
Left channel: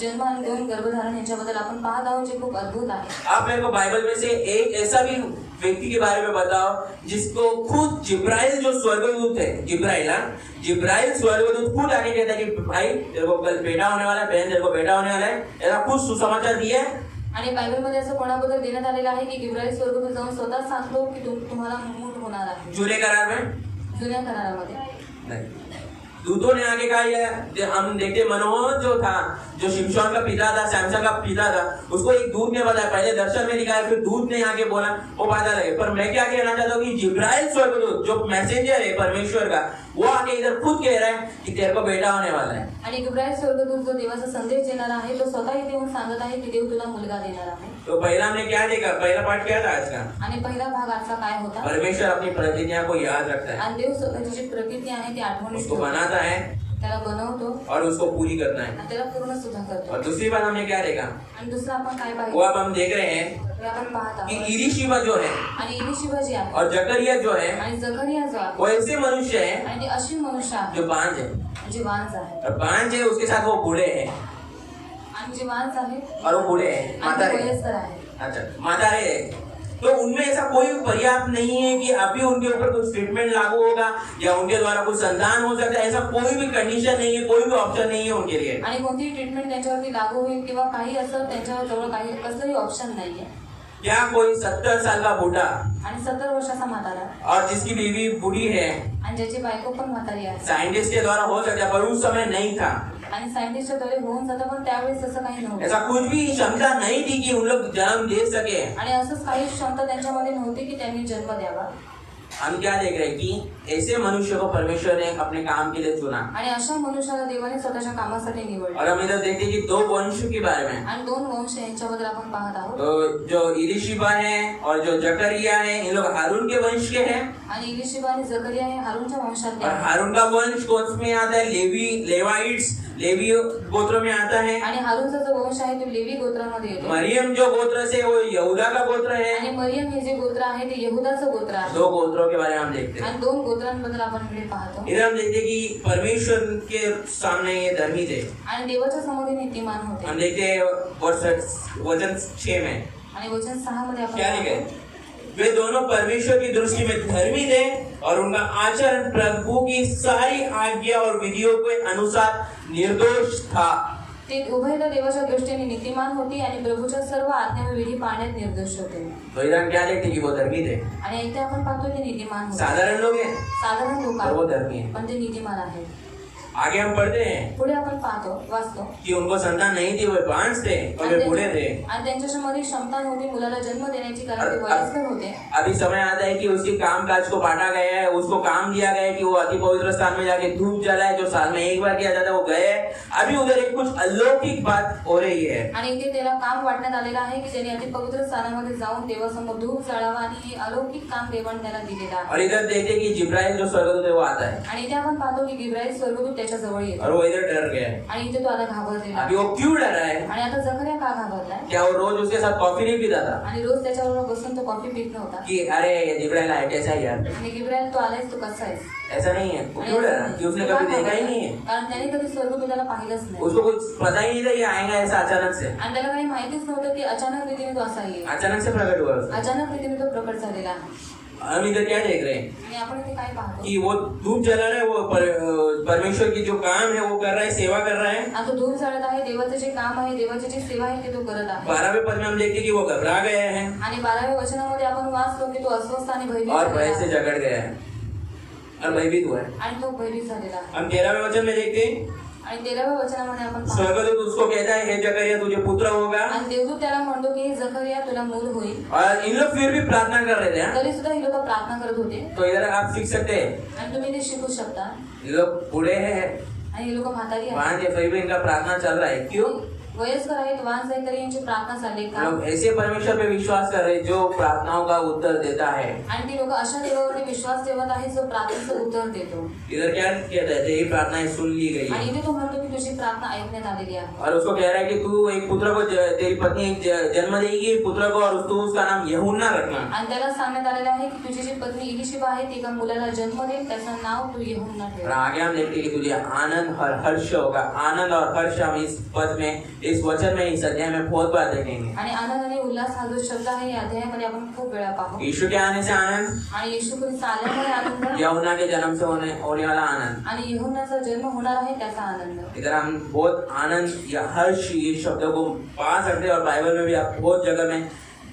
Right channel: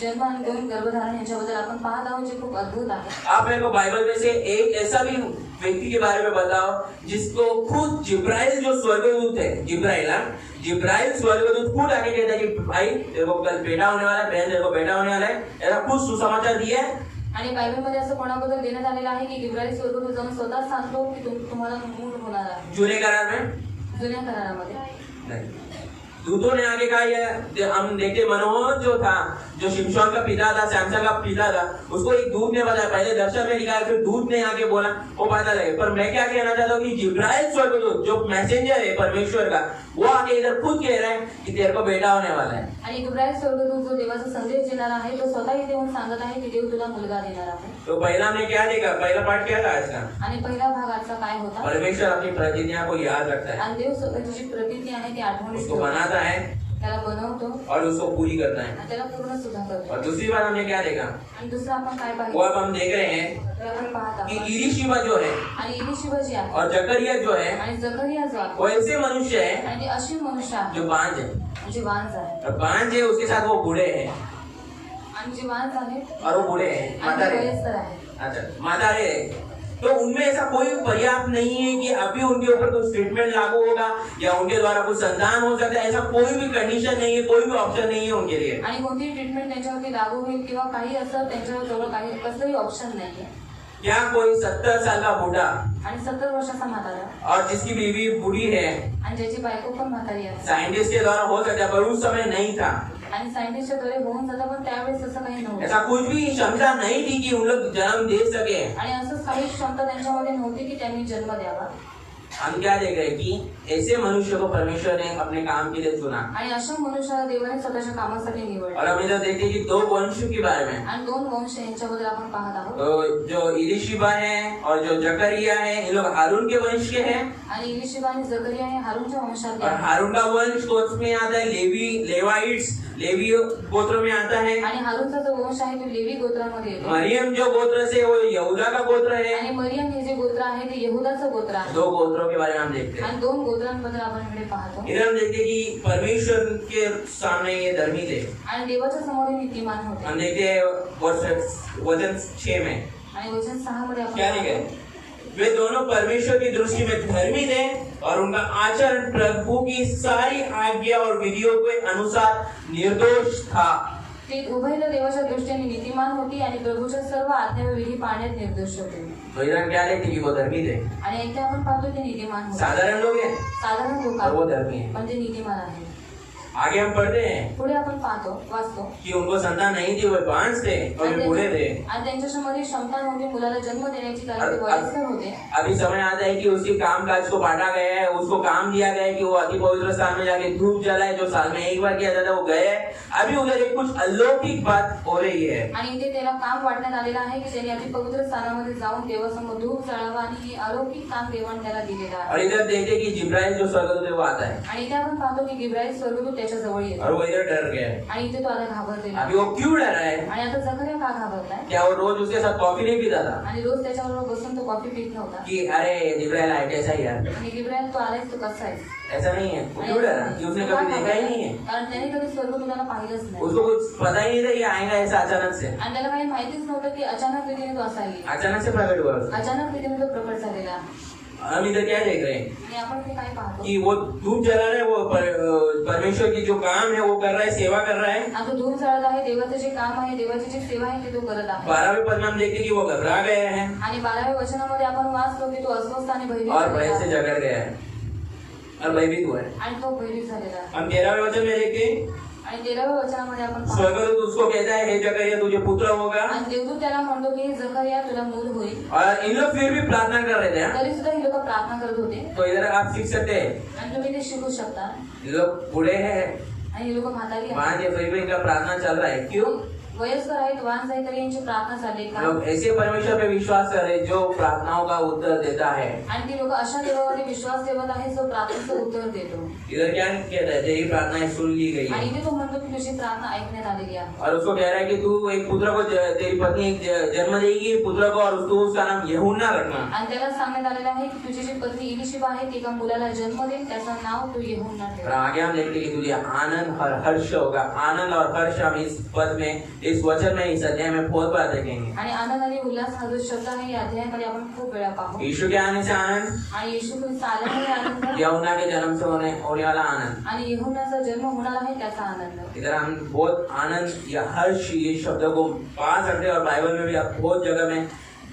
जन्म आणि 2 गर्भधारण यांच्याबद्दल आपण पाहत आहोत जे खूप अद्भुत आहे। आप मेरे को बाइबल में से एक ऐसा भी व्यक्ति के बारे में बताओ जिसको खुद जिब्राइल जो स्वर्गदूत है, जिब्राइल स्वर्गदूत खुद आके कहता है कि भाई तेरे को कल बेटा होने वाला है, बहन तेरे को बेटा होने वाला है, ऐसा खुद सुसमाचार दिया है। आणि बायबलमध्ये असं कोणाबद्दल देण्यात आलेलं आहे की जिब्राइल स्वर्गदूत जाऊन स्वतः सांगतो की तुम्हाला मूल होणार आहे। जुने करार में जुन्या करारामध्ये नहीं, दूतों ने आगे कहा, ये हम देखते मनोहर जो था, जो शिमशोन का पिता था, सैमसन का पिता था, उसको एक दूत ने बताया, पहले दर्शन में दिखाया, फिर दूत ने आगे बोला, वो पता लगे। पर मैं क्या कहना चाहता हूँ कि जिब्राइल स्वर्गदूत जो मैसेंजर है परमेश्वर का, वो आगे इधर खुद कह रहा है कि तेरे को बेटा होने वाला है। आणि जिब्राइल स्वर्गदूत जो देवाचा संदेश देणार आहे तो स्वतः इथे येऊन सांगत आहे की देव तुला मुलगा देणार आहे। तो पहला हमने क्या देखा, पहला पाठ क्या था आज का, आणि पहिला भाग आजचा काय होता, परमेश्वर अपनी प्रतिज्ञा को याद रखता है, आणि देव स्वतःची जी प्रतिज्ञा आहे ती आठवणीत उसको ठेवतो, बनाता है त्याला बनवतो और उसको पूरी करता है। आणि त्याला पूर्ण सुद्धा करतो। और दूसरी बात हमने क्या देखा, आणि दुसरं आपण काय वो पाहिलं, अब हम देख रहे हैं ते आपण पाहत कि आहोत इलीशिबा जो है आणि इलिशिबा जी आहे और जकरिया जो है आणि जकरिया जो आहे वो ऐसे मनुष्य है आणि ते अशी मनुष्य आहे जो बांझ है, जे वांझ आहे और बांझ है उसके साथ वो बूढ़े हैं आणि जे वांझ आहे और वो बूढ़े हैं, आणि मातारे ते वयस्कर आहे। अच्छा मातारे हैं। तो उनमें ऐसा कोई पर्याप्त नहीं है कि अभी उनके ऊपर कुछ ट्रीटमेंट लागू होगा या उनके द्वारा कुछ संतान हो सकता है, ऐसा कोई भी कंडीशन नहीं है, कोई भी ऑप्शन नहीं है उनके लिए। आणि कोणतीही ट्रीटमेंट त्यांच्यावरती लागू होईल किंवा काही असं त्यांच्याजवळ काही कसलंही ऑप्शन नाहीये। क्या कोई 70 साल का बूढ़ा आणि 70 वर्षाचा म्हातारा और जिसकी बीवी बूढ़ी है, आणि ज्याची बायको पण म्हातारी आहे साइंटिस्ट के द्वारा हो सकता है पर उस समय नहीं था, आणि सायंटिस्टच्या द्वारे होऊन जातं, पण त्यावेळेस तसं काही नव्हतं ऐसा कुछ भी क्षमता नहीं थी कि उन लोग जन्म दे सके। आणि असंच काही क्षमता त्यांच्यामध्ये नव्हती की त्यांनी जन्म द्यावा। हम क्या देख रहे हैं कि ऐसे मनुष्य को परमेश्वर ने अपने काम के लिए चुना आणि अशा मनुष्याला देवाने स्वतःच्या कामासाठी निवडलं। और हम इधर देखते हैं कि 2 वंश के बारे में, आणि 2 वंश यांच्याबद्दल आपण पाहत आहोत। तो जो इलिशिबा है और जो जकरिया है, ये लोग हारून के वंश के हैं। आणि इलिशिबा आणि जकरिया हे हारूनच्या वंशातले और आहेत। हारून का वंश कौन में आता है, लेवी गोत्र में आता है। आणि हारूनचा जो वंश आहे तो लेवी गोत्रामध्ये येतो। मरियम जो गोत्र से वो यहूदा का गोत्र है। आणि मरियम हे जे गोत्र आहे ते यहूदाचं गोत्र आहे। 2 गोत्रों के बारे में हम देखते हैं। आणि 2 गोत्रांबद्दल आपण इकडे पाहतो। इधर हम देखते हैं कि परमेश्वर के सामने ये धर्मी थे। आणि देवाच्या समोर हे नीतिमान होते। हम देखते हैं वचन 6 में आणि वचन 6 मध्ये आपण क्या लिखा है, वे दोनों परमेश्वर की दृष्टि में धर्मी थे और उनका आचरण प्रभु की सारी आज्ञा और विधियों के अनुसार निर्दोष था। ते उभयला देवाच्या दृष्टीने नीतिमान होती आणि प्रभूच्या सर्व आज्ञा व विधी पाळण्यात निर्दोष होते। तो इधर क्या देखते कि वो धर्मी थे, आणि इथे आपण पाहतो की नीतिमान होते। साधारण लोग हैं साधारण लोक और वो धर्मी है। पण ते नीतिमान आहेत। आगे हम पढ़ते हैं पुढे आपण पाहतो वाचतो कि उनको संतान नहीं थी, वे बांझ थे और वे बूढ़े थे। आणि त्यांच्यामध्ये क्षमता नव्हती मुलाला जन्म देण्याची, कारण ते वयस्कर होते। अभी समय आता है कि उसकी काम काज को बांटा गया है, उसको काम दिया गया है कि वो अति पवित्र स्थान में जाके धूप जलाए, जो साल में एक बार किया जाता है, वो गए। अभी उधर एक कुछ अलौकिक बात हो रही है आणि इथे त्याला काम वाटण्यात आलेलं आहे की त्याने अति पवित्र स्थानामध्ये जाऊन देवासमोर धूप जळावा आणि हे अलौकिक काम देवाने त्याला दिलेलं आहे। और इधर देखते कि जिब्राइल जो स्वर्गदूत है वो आता है आणि इथे आपण पाहतो की जिब्राईल स्वर्गदूत त्याच्या जवळ येतो और वो इधर डर गया है। आणि इथे तो आता घाबरलेला अभी वो क्यों डरा है? आणि आता जकरिया का घाबरलाय? क्या वो रोज उसके साथ कॉफी नहीं पीता था आणि रोज त्याच्याबरोबर बसून तो कॉफी पीत नव्हता कि अरे ये जिब्राइल आया कैसा है यार? आणि जिब्राईल तो आलायस तो कसा आहे? ऐसा नहीं है। वो क्यों डरा? कि उसने कभी देखा ही नहीं है, कारण त्याने कधी स्वर्गदूताला पाहिलंच नाही उसको कुछ पता ही नहीं था ये आएगा ऐसा अचानक से। आणि त्याला काही माहितीच नव्हतं की अचानक रीतीने तो असा येईल, अचानक से प्रकट हुआ उसको। अचानक रीतीने तो प्रकट झालेला। हम इधर क्या देख रहे हैं आणि आपण इथे काय पाहतो कि वो धूप जला रहे हैं, वो परमेश्वर की जो काम है वो कर रहा है, सेवा कर रहा है। आता धूप जळत आहे, देवाचं जे काम आहे, देवाची जी सेवा आहे ते तो करत आहे। 12वें पद में हम देखते हैं कि वो घबरा गए हैं आणि 12व्या वचनामध्ये आपण वाचलो की तो अस्वस्थ आणि भयभीत और भय झालेला से आहे। जकड़ गया है और भयभीत हुआ है। आणि तो भयभीत झालेला आहे। हम 13वें वचन में देखते हैं आणि 13व्या वचनामध्ये आपण पाहतो स्वर्गदूत उसको कहता है हे जकरिया तुझे पुत्र होगा। आणि देवदूत त्याला म्हणतो की हे जकरिया तुला मूल होईल। और इन लोग फिर भी प्रार्थना कर रहे थे हाँ? तरी सुद्धा ही लोक प्रार्थना करत होते तो इधर आप सीख सकते हैं, आणि तुम्ही ते शिकू शकता। ये लोग बूढ़े हैं आणि हे लोक म्हातारी वहां आहेत, के, फिर भी इनका प्रार्थना चल रहा है। क्यों? वयस्कर आहेत, वाहन आहेत, तरी यांची प्रार्थना चालली हम लोग ऐसे परमेश्वर पे विश्वास कर रहे हैं जो प्रार्थनाओं का उत्तर देता है। आणि ती लोक अशा देवावरती विश्वास ठेवत आहे जो प्रार्थनेचं उत्तर देतो। इधर क्या कहता है? तेरी प्रार्थनाएं सुन ली गई आणि है इथे तो म्हणतो की तुझी प्रार्थना ऐकण्यात आलेली आहे। और उसको कह रहा है कि तू एक पुत्र को तेरी पत्नी एक जन्म देगी पुत्र को और तू उसका नाम यूहन्ना रखना। आणि त्याला सांगण्यात आलेलं आहे की तुझी जी पत्नी इलिशिबा आहे ती एका मुलाला जन्म देईल, त्याचं नाव तू यूहन्ना और ठेव। आगे हम देखते हैं कि तुझे आनंद और हर्ष होगा। आनंद और हर्ष हम इस पद में, इस वचन में, इस अध्याय में बहुत बार देखेंगे। आणि आनंद आणि उल्हास हा जो शब्द आहे या अध्यायामध्ये आपण खूप वेळा पाहू। यीशु के आने से आनंद, आणि येशू ख्रिस्त आल्यामुळे आनंद, यूहन्ना के जन्म से होने वाला आनंद। आणि यूहन्नाचा जन्म होणार आहे त्याचा आनंद। इधर हम बहुत आनंद या हर्ष ये शब्द को पा सकते हैं और बाइबल में भी आप बहुत जगह में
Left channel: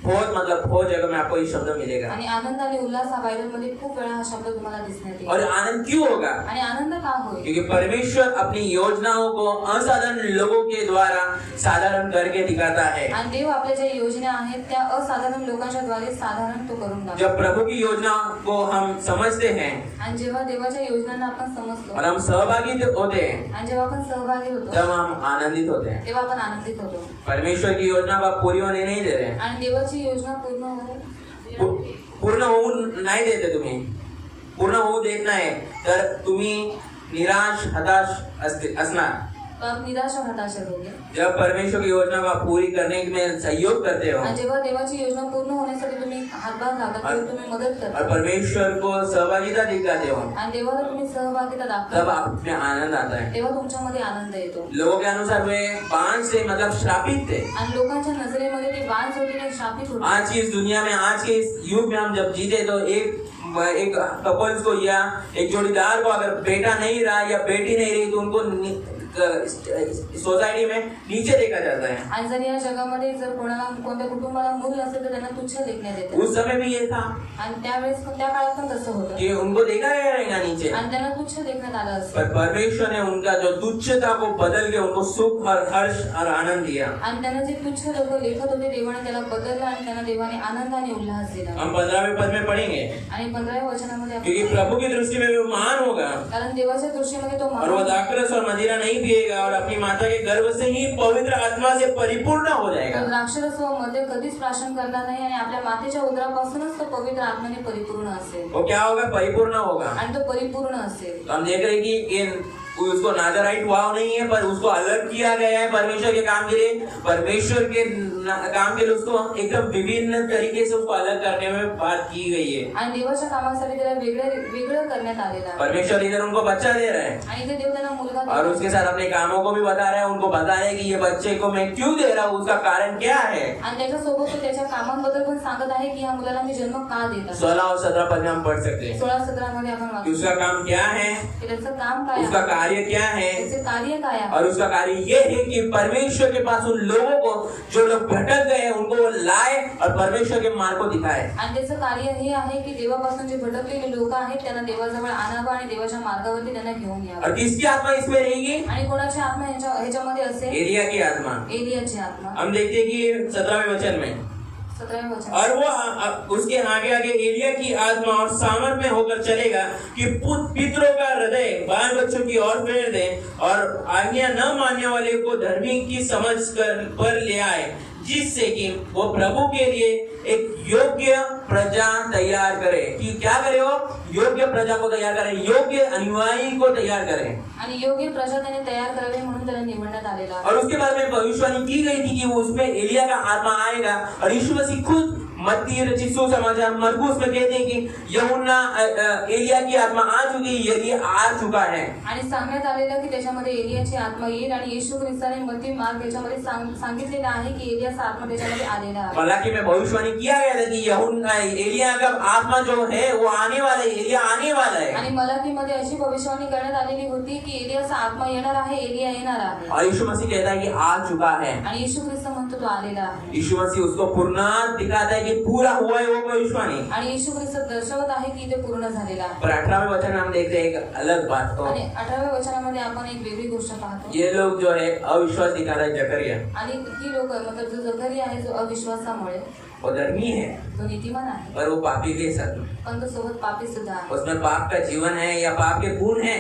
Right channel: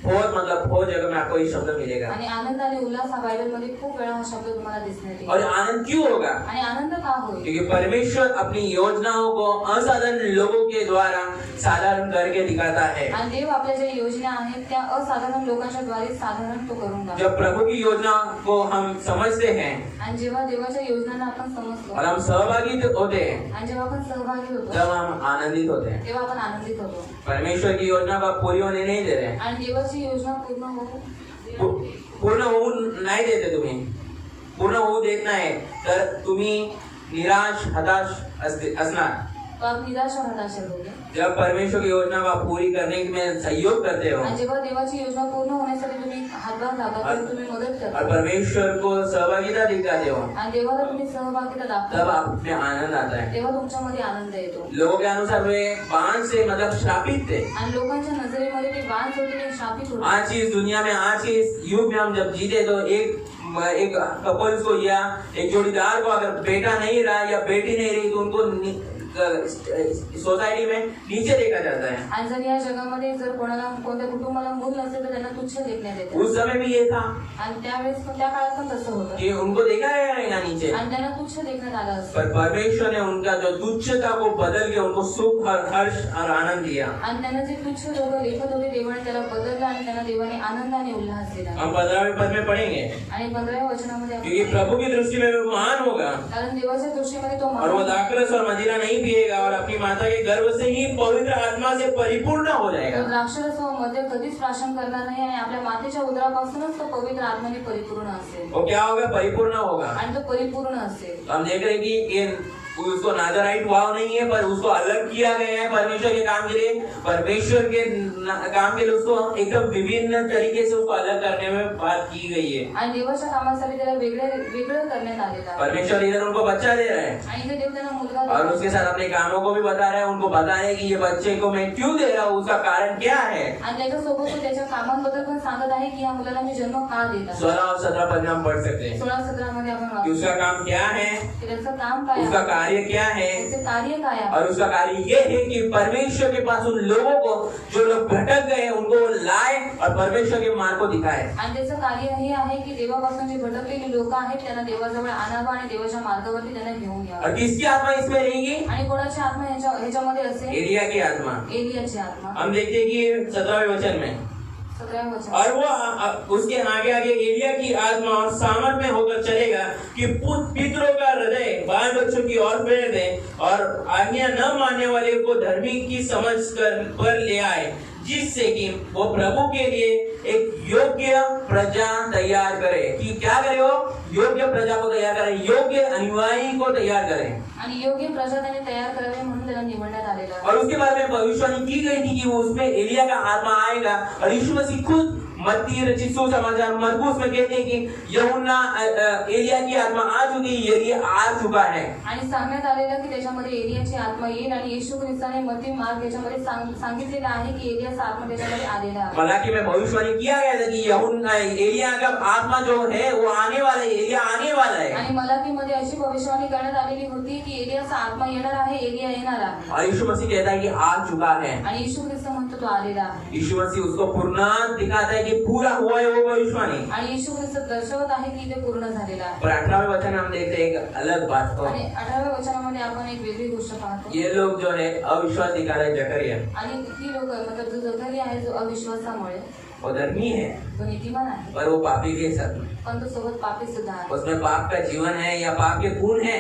आपको ये शब्द मिलेगा। आणि आनंद आणि उल्हास हा बायबलमध्ये खूप वेळा हा शब्द तुम्हाला दिसण्यात येईल। और आनंद क्यों होगा? आणि आनंद का होईल? क्योंकि परमेश्वर अपनी योजनाओं को असाधारण लोगों के द्वारा साधारण करके दिखाता है। आणि देव आपल्या ज्या योजना आहेत त्या असाधारण लोकांच्या द्वारे साधारण तो करून टाकतो। जब प्रभु की योजना को हम समझते हैं आणि जेव्हा देवाच्या योजनांना आपण समजतो और हम सहभागी होते हैं आणि जेव्हा आपण सहभागी होतो तब हम आनंदित होते हैं। तेव्हा आपण आनंदित होतो। परमेश्वर की योजना को आप पूरी होने नहीं दे रहे, आणि देवाची योजना पूर्ण होते पूर्ण होऊन नाही देते तुम्ही। पूर्ण होऊ देत नाही तर तुम्ही निराश हताश असणार। तो आप निराश और हताश होगे। जब परमेश्वर की योजना को आप पूरी करने में सहयोग करते हो आणि जेव्हा देवाची योजना पूर्ण होण्यासाठी तुम्ही हातभार लावता तेव्हा तुम्ही मदत और करता परमेश्वर को सहभागिता दिखाते हो आणि देवाला तुम्ही सहभागिता तब दाखवता आप में आनंद आता है। तेव्हा तुमच्यामध्ये आनंद येतो। लोगों के अनुसार वे बांझ से मतलब श्रापित थे। आणि लोकांच्या नजरेमध्ये ते बांझ होते ते शापित होते। आज की इस दुनिया में, आज के इस युग में हम जब जीते तो एक कपल्स को या एक जोड़ीदार को अगर बेटा नहीं रहा या बेटी नहीं रही तो उनको सोसायटी में नीचे देखा जाता है। आणि जर या जगामध्ये जर कोणत्या कुटुंबाला मूल नसेल तर त्यांना तुच्छ देखण्यात येते। उस समय भी ये था आणि त्यावेळेस त्या काळात पण तसं होतं कि उनको देखा जाएगा नीचे, आणि त्यांना तुच्छ देखण्यात आलं असतं। पर परमेश्वर ने उनका जो तुच्छता को बदल के उनको सुख और हर्ष और आनंद दिया। आणि त्यांना जे तुच्छ लोक लेखत होते देवाने त्याला बदललं आणि त्यांना देवाने आनंद आणि उल्हास दिला। हम 15वें पद में पढ़ेंगे आणि 15व्या वचनामध्ये क्योंकि आपण प्रभु की दृष्टि में वो महान होगा कारण देवाच्या दृष्टीमध्ये तो और वो दाखरस और मदिरा नहीं पिएगा और अपनी माता के गर्भ से ही पवित्र आत्मा से परिपूर्ण हो जाएगा। तो द्राक्षरस व मद्य कधीच प्राशन करणार नाही आणि आपल्या मातेच्या उदरापासूनच तो पवित्र आत्म्याने परिपूर्ण असेल। वो क्या होगा? परिपूर्ण होगा। आणि तो परिपूर्ण असेल। तो हम देख रहे हैं कि ये उसको नाजराइट वाव नहीं है पर उसको अलग किया गया है परमेश्वर के काम के लिए। परमेश्वर के काम के लिए उसको एकदम विभिन्न तरीके से उसको अलग करने में बात की गई है। आणि देवाच्या कामासाठी त्याला वेगळं करण्यात आलेलं आहे। परमेश्वर इधर उनको बच्चा दे रहा है आणि इथे देव त्यांना मुलगा और उसके साथ अपने कामों को भी बता रहा है। उनको बता रहा है कि ये बच्चे को मैं क्यों दे रहा हूँ, उसका कारण क्या है। आणि त्याच्यासोबत तो त्याच्या कामांबद्दल पण सांगत आहे की या मुलाला मी जन्म का देत 16 और 17 पद में हम पढ़ सकते हैं 16-17 मध्ये आपण कि वाचू उसका काम क्या है, की त्याचं काम काय उसका आहे, कार्य क्या है। त्याचे कार्य काय आहे। और उसका कार्य ये है कि परमेश्वर के पास उन लोगों को जो लोग भटक गए उनको लाए और परमेश्वर के मार्ग को दिखाए। आणि त्याचं कार्य हे आहे की देवापासून जे भटकलेले लोक आहेत त्यांना देवाजवळ आणावं आणि देवाच्या मार्गावरती त्यांना घेऊन यावं। और किसकी आत्मा इस किसमें रहेगी? आणि कोणाची आत्मा ह्याच्यामध्ये असेल? एलिया की आत्मा। एलियाची आत्मा। हम देखते हैं कि 17वें वचन में, 17वें वचन, और वो उसके आगे आगे एलिया की आत्मा और सामर्थ में होकर चलेगा कि पितरों का हृदय बाल बच्चों की ओर फेर दे और आज्ञा न मानने वाले को धर्मी की समझ कर पर ले आए, जिससे कि वो प्रभु के लिए एक योग्य प्रजा तैयार करे। कि क्या करे? वो योग्य प्रजा को तैयार करे, योग्य अनुयायी को तैयार करे। आणि योग्य प्रजा त्याने तयार करावी म्हणून त्याला निवडण्यात आलेला आहे। और उसके बाद में भविष्यवाणी की गई थी कि वो उसमें एलिया का आत्मा आएगा, और यीशु मसीह खुद मत्ती रचित सुसमाचार मरकुस में कहते हैं कि यूहन्ना एलिया की आत्मा आ चुकी, एलिया आ चुका है। आणि सांगण्यात आलेलं की त्याच्यामध्ये एलियाची आत्मा येईल, आणि येशू ख्रिस्ताने मत्ती मार्ग याच्यामध्ये सांगितलेलं आहे की एलियाचा आत्मा त्याच्यामध्ये आलेला आहे। मलाकी में भविष्यवाणी किया गया था कि यूहन्ना एलिया का आत्मा जो है वो आने वाला है, एलिया आने वाला है। आणि मलाकीमध्ये अशी भविष्यवाणी करण्यात आलेली होती की एलियाचा आत्मा येणार आहे, एलिया येणार आहे। और यीशु मसीह कहता है कि आ चुका है। आणि येशू ख्रिस्त म्हणतो तो आलेला आहे। यीशु मसीह उसको पूर्ण दिखाता है कि पूरा हुआ है वो भविष्यवाणी। आणि येशू ख्रिस्त दर्शवत आहे की ते पूर्ण झालेला आहे। पर 18वें वचन हम देखते हैं एक अलग बात को। आणि 18व्या वचनामध्ये आपण एक वेगळी गोष्ट पाहतो। ये लोग जो है अविश्वास दिखा रहे जकरिया, आणि ती लोक मतलब जो जकरिया आहे जो अविश्वासामुळे, वो धर्मी है तो नीतिमान आहे पर वो पापी के साथ, पण तो सोबत पापी सुद्धा आहे। उसमें पाप का जीवन है या पाप के गुण है,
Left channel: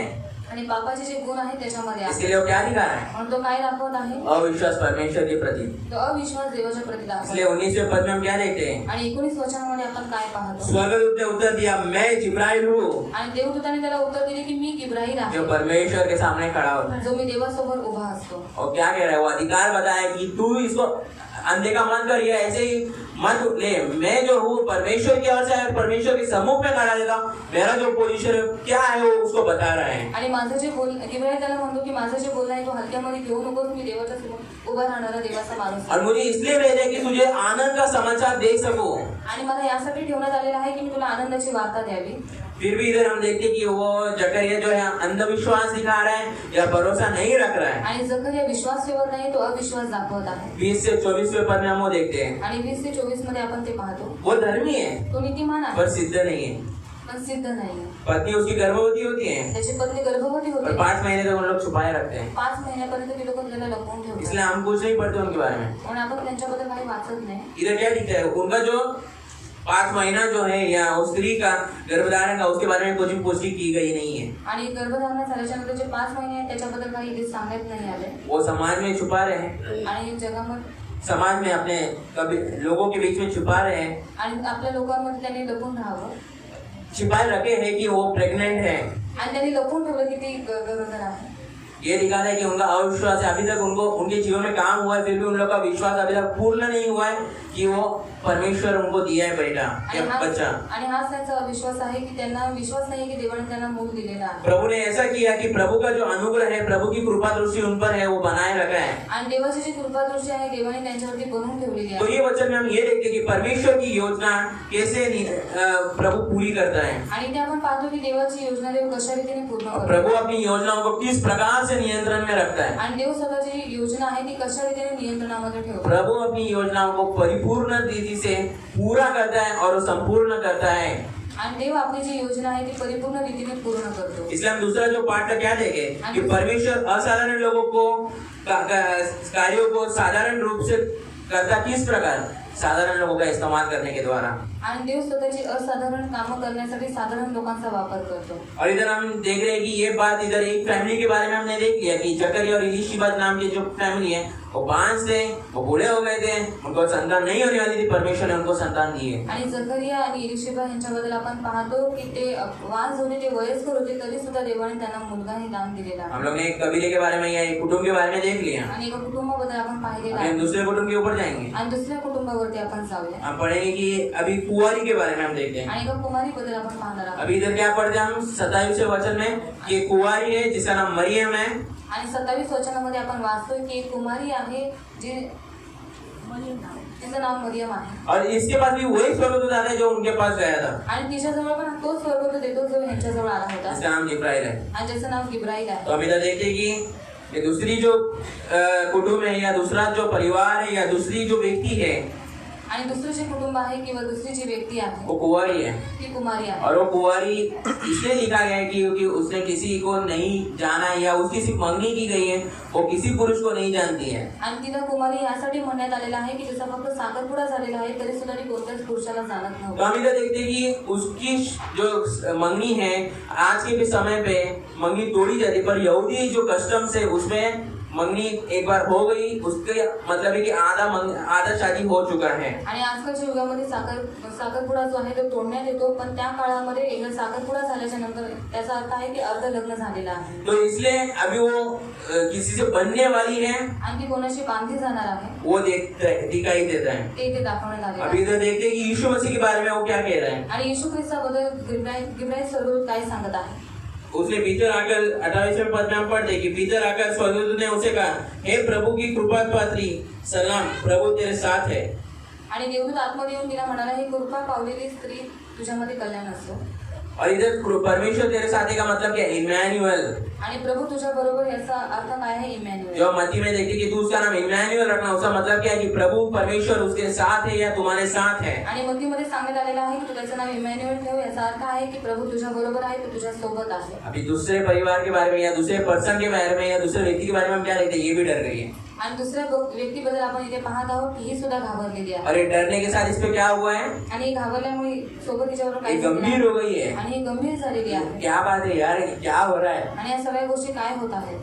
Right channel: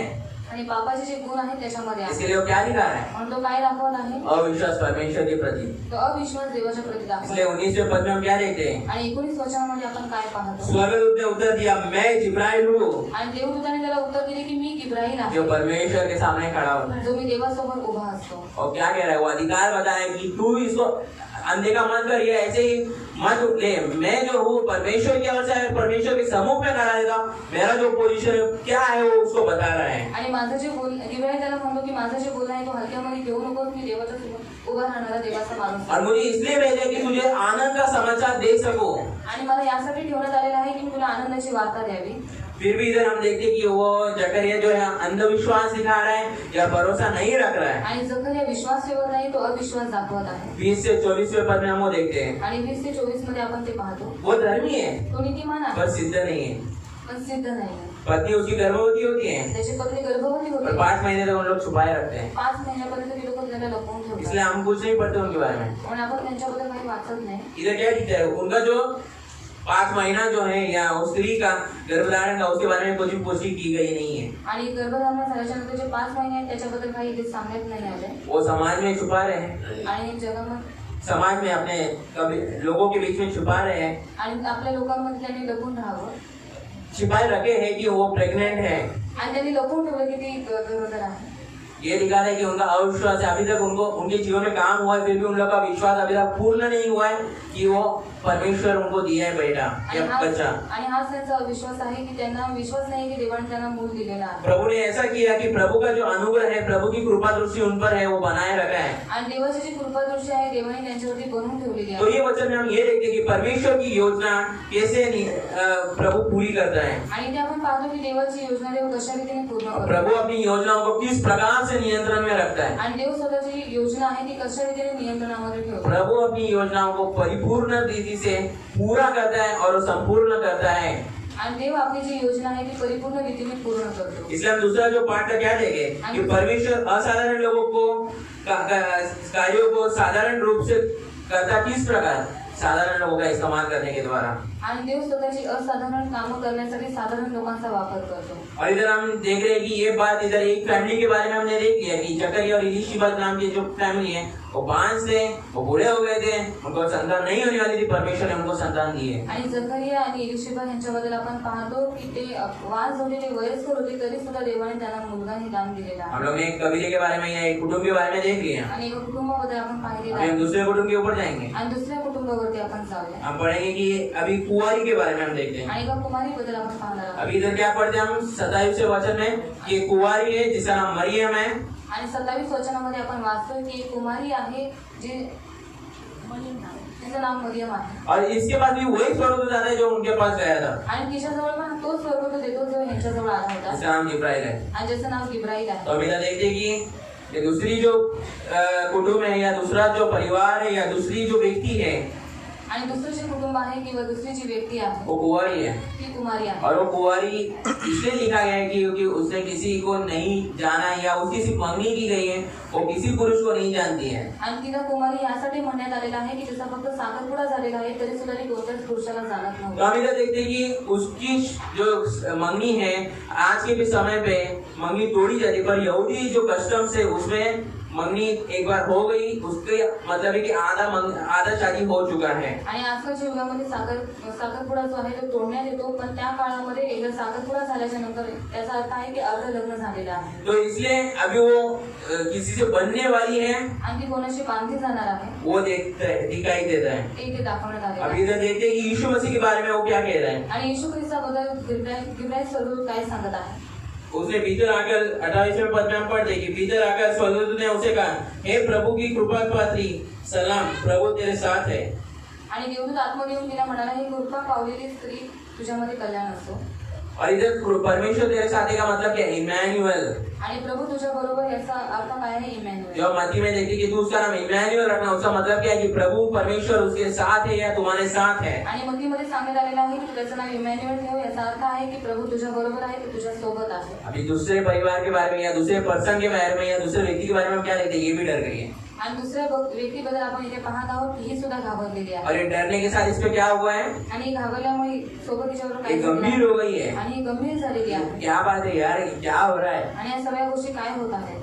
आणि पापाचे जे गुण आहेत त्याच्यामध्ये आहे। इसलिए वो क्या दिखा रहा है? म्हणून तो काय दाखवत आहे? अविश्वास परमेश्वर के प्रति। तो अविश्वास देवाच्या प्रति दाखवत इसलिए 19वें पद में हम क्या देखते हैं? आणि 19 वचनामध्ये आपण काय पाहतो? स्वर्गदूत ने उत्तर दिया, मैं जिब्राइल हूँ, आणि देवदूताने त्याला उत्तर दिले की मी इब्राहिम आहे, जो परमेश्वर के सामने खड़ा होता है। जो मी देवासमोर उभा असतो। और क्या कह रहा है? वो अधिकार बताया कि तू इसको अनदेखा मत कर, या ऐसे ही मत ले। मैं जो हूँ परमेश्वर की ओर से है, परमेश्वर के सम्मुख में खड़ा रहता हूँ, मेरा जो पोजीशन क्या है वो उसको बता रहा है। आणि माझं जे बोल इब्राहिम त्याला म्हणतो की माझं जे बोलणं आहे तो हलक्यामध्ये घेऊ नकोस, मी देवाच्या समोर उभा राहणारा देवाचा माणूस आहे। और मुझे इसलिए भेजा कि तुझे आनंद का समाचार दे सकूं। आणि मला यासाठी ठेवण्यात आलेलं आहे की मी तुला आनंदाची वार्ता द्यावी। फिर भी इधर हम देखते हैं कि वो जकरिया जो है अंधविश्वास दिखा रहा है या भरोसा नहीं रख रहा है। आणि जकरिया विश्वास ठेवत नाही, तो अविश्वास दाखवत आहे। 20 से 24वें पद में हम वो देखते हैं, आणि 20 ते 24 मध्ये आपण ते पाहतो। वो धर्मी है तो नीतिमान आहे पर सिद्ध नहीं है। पण सिद्ध नाही। पत्नी उसकी गर्भवती होती है त्याची पत्नी गर्भवती और होती, 5 महीने तक उन लोग छुपाए रखते हैं। 5 महिन्यापर्यंत ती लोक त्याला लपवून ठेवतात। इसलिए हम कुछ नहीं पढ़ते उनके बारे में। पण आपण त्यांच्याबद्दल काही वाचत नाही। इधर क्या दिखता है? उनका जो 5 महीना जो है या उस स्त्री का गर्भधारण का, उसके बारे में कुछ भी पुष्टि की गई नहीं है। आणि गर्भधारण झाल्याच्या नंतर जे 5 महिने आहेत त्याच्याबद्दल काही इथे सांगण्यात नाही आले। वो समाज में छुपा रहे हैं, आणि जगामध्ये समाज में अपने कभी लोगों के बीच में छुपा रहे हैं, आणि आपल्या लोकांमध्ये त्यांनी लपून राहावं, छिपाए रखे हैं कि वो प्रेग्नेंट है। आणि त्यांनी लपून ठेवलं की ती गरोदर आहे। ये दिखाता है कि उनका अविश्वास है, अभी तक उनको उनके जीवन में काम हुआ है, फिर भी उन लोगों का विश्वास अभी तक पूर्ण नहीं हुआ है कि वो परमेश्वर उनको दिया है बेटा या बच्चा। आणि हाच त्यांचा अविश्वास आहे की त्यांना विश्वास नाही की देवाने त्यांना मूल दिलेला आहे। प्रभु ने ऐसा किया कि प्रभु का जो अनुग्रह है, प्रभु की कृपा दृष्टि उन पर है, वो बनाए रखा है। आणि देवाची जी कृपा दृष्टी आहे देवाने त्यांच्यावरती बनवून ठेवलेली तो आहे। ये वचन में हम ये देखते हैं कि परमेश्वर की योजना कैसे प्रभु पूरी करता है। आणि ते आपण पाहतो की देवाची योजना देव कशा रीतीने पूर्ण करतो। प्रभु अपनी योजनाओं को किस प्रकार से नियंत्रण में रखता है। आणि देव स्वतःची जी योजना आहे ती कशा रीतीने नियंत्रणामध्ये ठेवतो। प्रभु अपनी योजनाओं को परिपूर्ण रीति से पूरा करता है और संपूर्ण करता है। आणि देव आपली जी योजना आहे ती परिपूर्ण रीतीने पूर्ण करतो। इसलिए हम दूसरा जो पाठ का क्या देखें कि परमेश्वर असाधारण लोगों को कार्यों को साधारण रूप से करता किस प्रकार, साधारण लोगों का इस्तेमाल करने के द्वारा। आणि देव स्वतःची असाधारण कामं करण्यासाठी साधारण लोकांचा वापर करतो। और इधर हम देख रहे हैं कि ये बात इधर एक फैमिली के बारे में हमने देख लिया कि जकरिया और इलीशिबा नाम की जो फैमिली है वो 5 थे, वो बूढ़े हो गए थे, उनको संतान नहीं होने वाली थी, परमेश्वर ने उनको संतान दी है। आणि जकरिया आणि इलिशिबा यांच्याबद्दल आपण पाहतो की ते वास होते, ते वयस्कर होते, तरी सुद्धा देवाने त्यांना मुलगा ही दान दिलेला हम आहे। लोग ने एक कबीले के बारे में या एक कुटुंब के बारे में देख लिया। आणि एका कुटुंबाबद्दल आपण पाहिलेलं अभी हम आहे। दूसरे कुटुंब के ऊपर जाएंगे, आणि दुसऱ्या कुटुंबावरती आपण जाऊया। हम पढ़ेंगे कि अभी कुंवारी के बारे में हम देखते हैं। आणि एका कुमारीबद्दल आपण पाहणार आहोत। अभी इधर क्या पढ़ते हैं हम 27वें वचन में कि कुंवारी है जिसका नाम मरियम है। आणि 27 वचनामध्ये आपण वाचतोय की एक कुमारी आहे जी तिचं नाव मरियम आहे। और इसके बाद भी वही स्वर्गदूत आता है जो उनके पास गया था, आणि तिच्याजवळ पण तो स्वर्गदूत येतो जो यांच्याजवळ आला होता, जिसका नाम जिब्राइल है। आणि ज्याचं नाव गिब्राईल आहे। तो अभी इधर देखते हैं कि ये दूसरी जो कुटुंब है या दूसरा जो परिवार है या दूसरी जो व्यक्ति है, आणि दुसरं जे कुटुंब आहे किंवा दुसरी जी व्यक्ती आहे वो कुंवारी है, ती कुमारी आहे और वो कुंवारी इसलिए लिखा गया है कि क्योंकि उसने किसी को नहीं जाना है या उसकी सिर्फ मंगनी की गई है, वो किसी पुरुष को नहीं जानती है। आणि तिला कुमारी यासाठी म्हणण्यात आलेलं आहे की तिचा फक्त साखरपुडा झालेला आहे तरी सुद्धा ती कोणत्याच पुरुषाला जाणत तो नव्हती। हम इधर देखते हैं कि उसकी जो मंगनी है आज के भी समय पे मंगनी तोड़ी जाती है, पर यहूदी जो कस्टम्स है उसमें मंगनी एक बार हो गई, उसके मतलब है कि आधा शादी हो चुका है। आणि आजकालच्या युगामध्ये साखरपुडा जो आहे तो तोडण्यात येतो, पण त्या काळामध्ये एकदा साखरपुडा झाल्याच्या नंतर त्याचा अर्थ आहे की अर्ध लग्न झालेलं आहे तो इसलिए अभी वो किसी से बनने वाली है, आणि ती कोणाशी बांधली जाणार आहे वो दिखाई देता है। ते इथे दाखवण्यात आले अभी इधर देखते हैं कि यीशु मसीह के बारे में वो क्या कह रहा है। आणि येशू ख्रिस्ताबद्दल गिब्राय स्वरूप काय सांगत आहे। उसने भीतर आकर 28वें पद में हम पढ़ते कि भीतर आकर स्वर्गदूत ने उसे कहा, हे प्रभु की कृपा पात्री सलाम, प्रभु तेरे साथ है। आणि देवदूत आतमध्ये येऊन तिला म्हणाला, हे कृपा पावलेली स्त्री तुझ्यामध्ये कल्याण असो। और इधर परमेश्वर तेरे साथ है का मतलब क्या है? इमैनुअल। आणि प्रभू तुझ्या बरोबर याचा अर्थ काय आहे? इमॅन्युअल। जो मत्ती में देखते कि तू उसका नाम इमैनुअल रखना, उसका मतलब क्या है कि प्रभु परमेश्वर उसके साथ है या तुम्हारे साथ है। आणि मत्तीमध्ये सांगण्यात आलेलं आहे की त्याचं नाव इमॅन्युअल ठेव, याचा अर्थ आहे की प्रभू तुझ्या बरोबर आहे, तो तुझ्या सोबत आहे। अभी दूसरे परिवार के बारे में या दूसरे पर्सन के बारे में या दूसरे व्यक्ति के बारे में क्या लेते हैं, ये भी डर गई है। आणि दुसऱ्या व्यक्तीबद्दल आपण इथे पाहत आहोत की ही सुद्धा घाबरलेली आहे। और ये डरने के साथ इस पे क्या हुआ है, आणि घाबरल्यामुळे सोबत तिच्यावर ये गंभीर हो गई है। आणि ही गंभीर झालेली आहे। क्या बात है यार, क्या हो रहा है, आणि या सगळ्या गोष्टी काय होत आहेत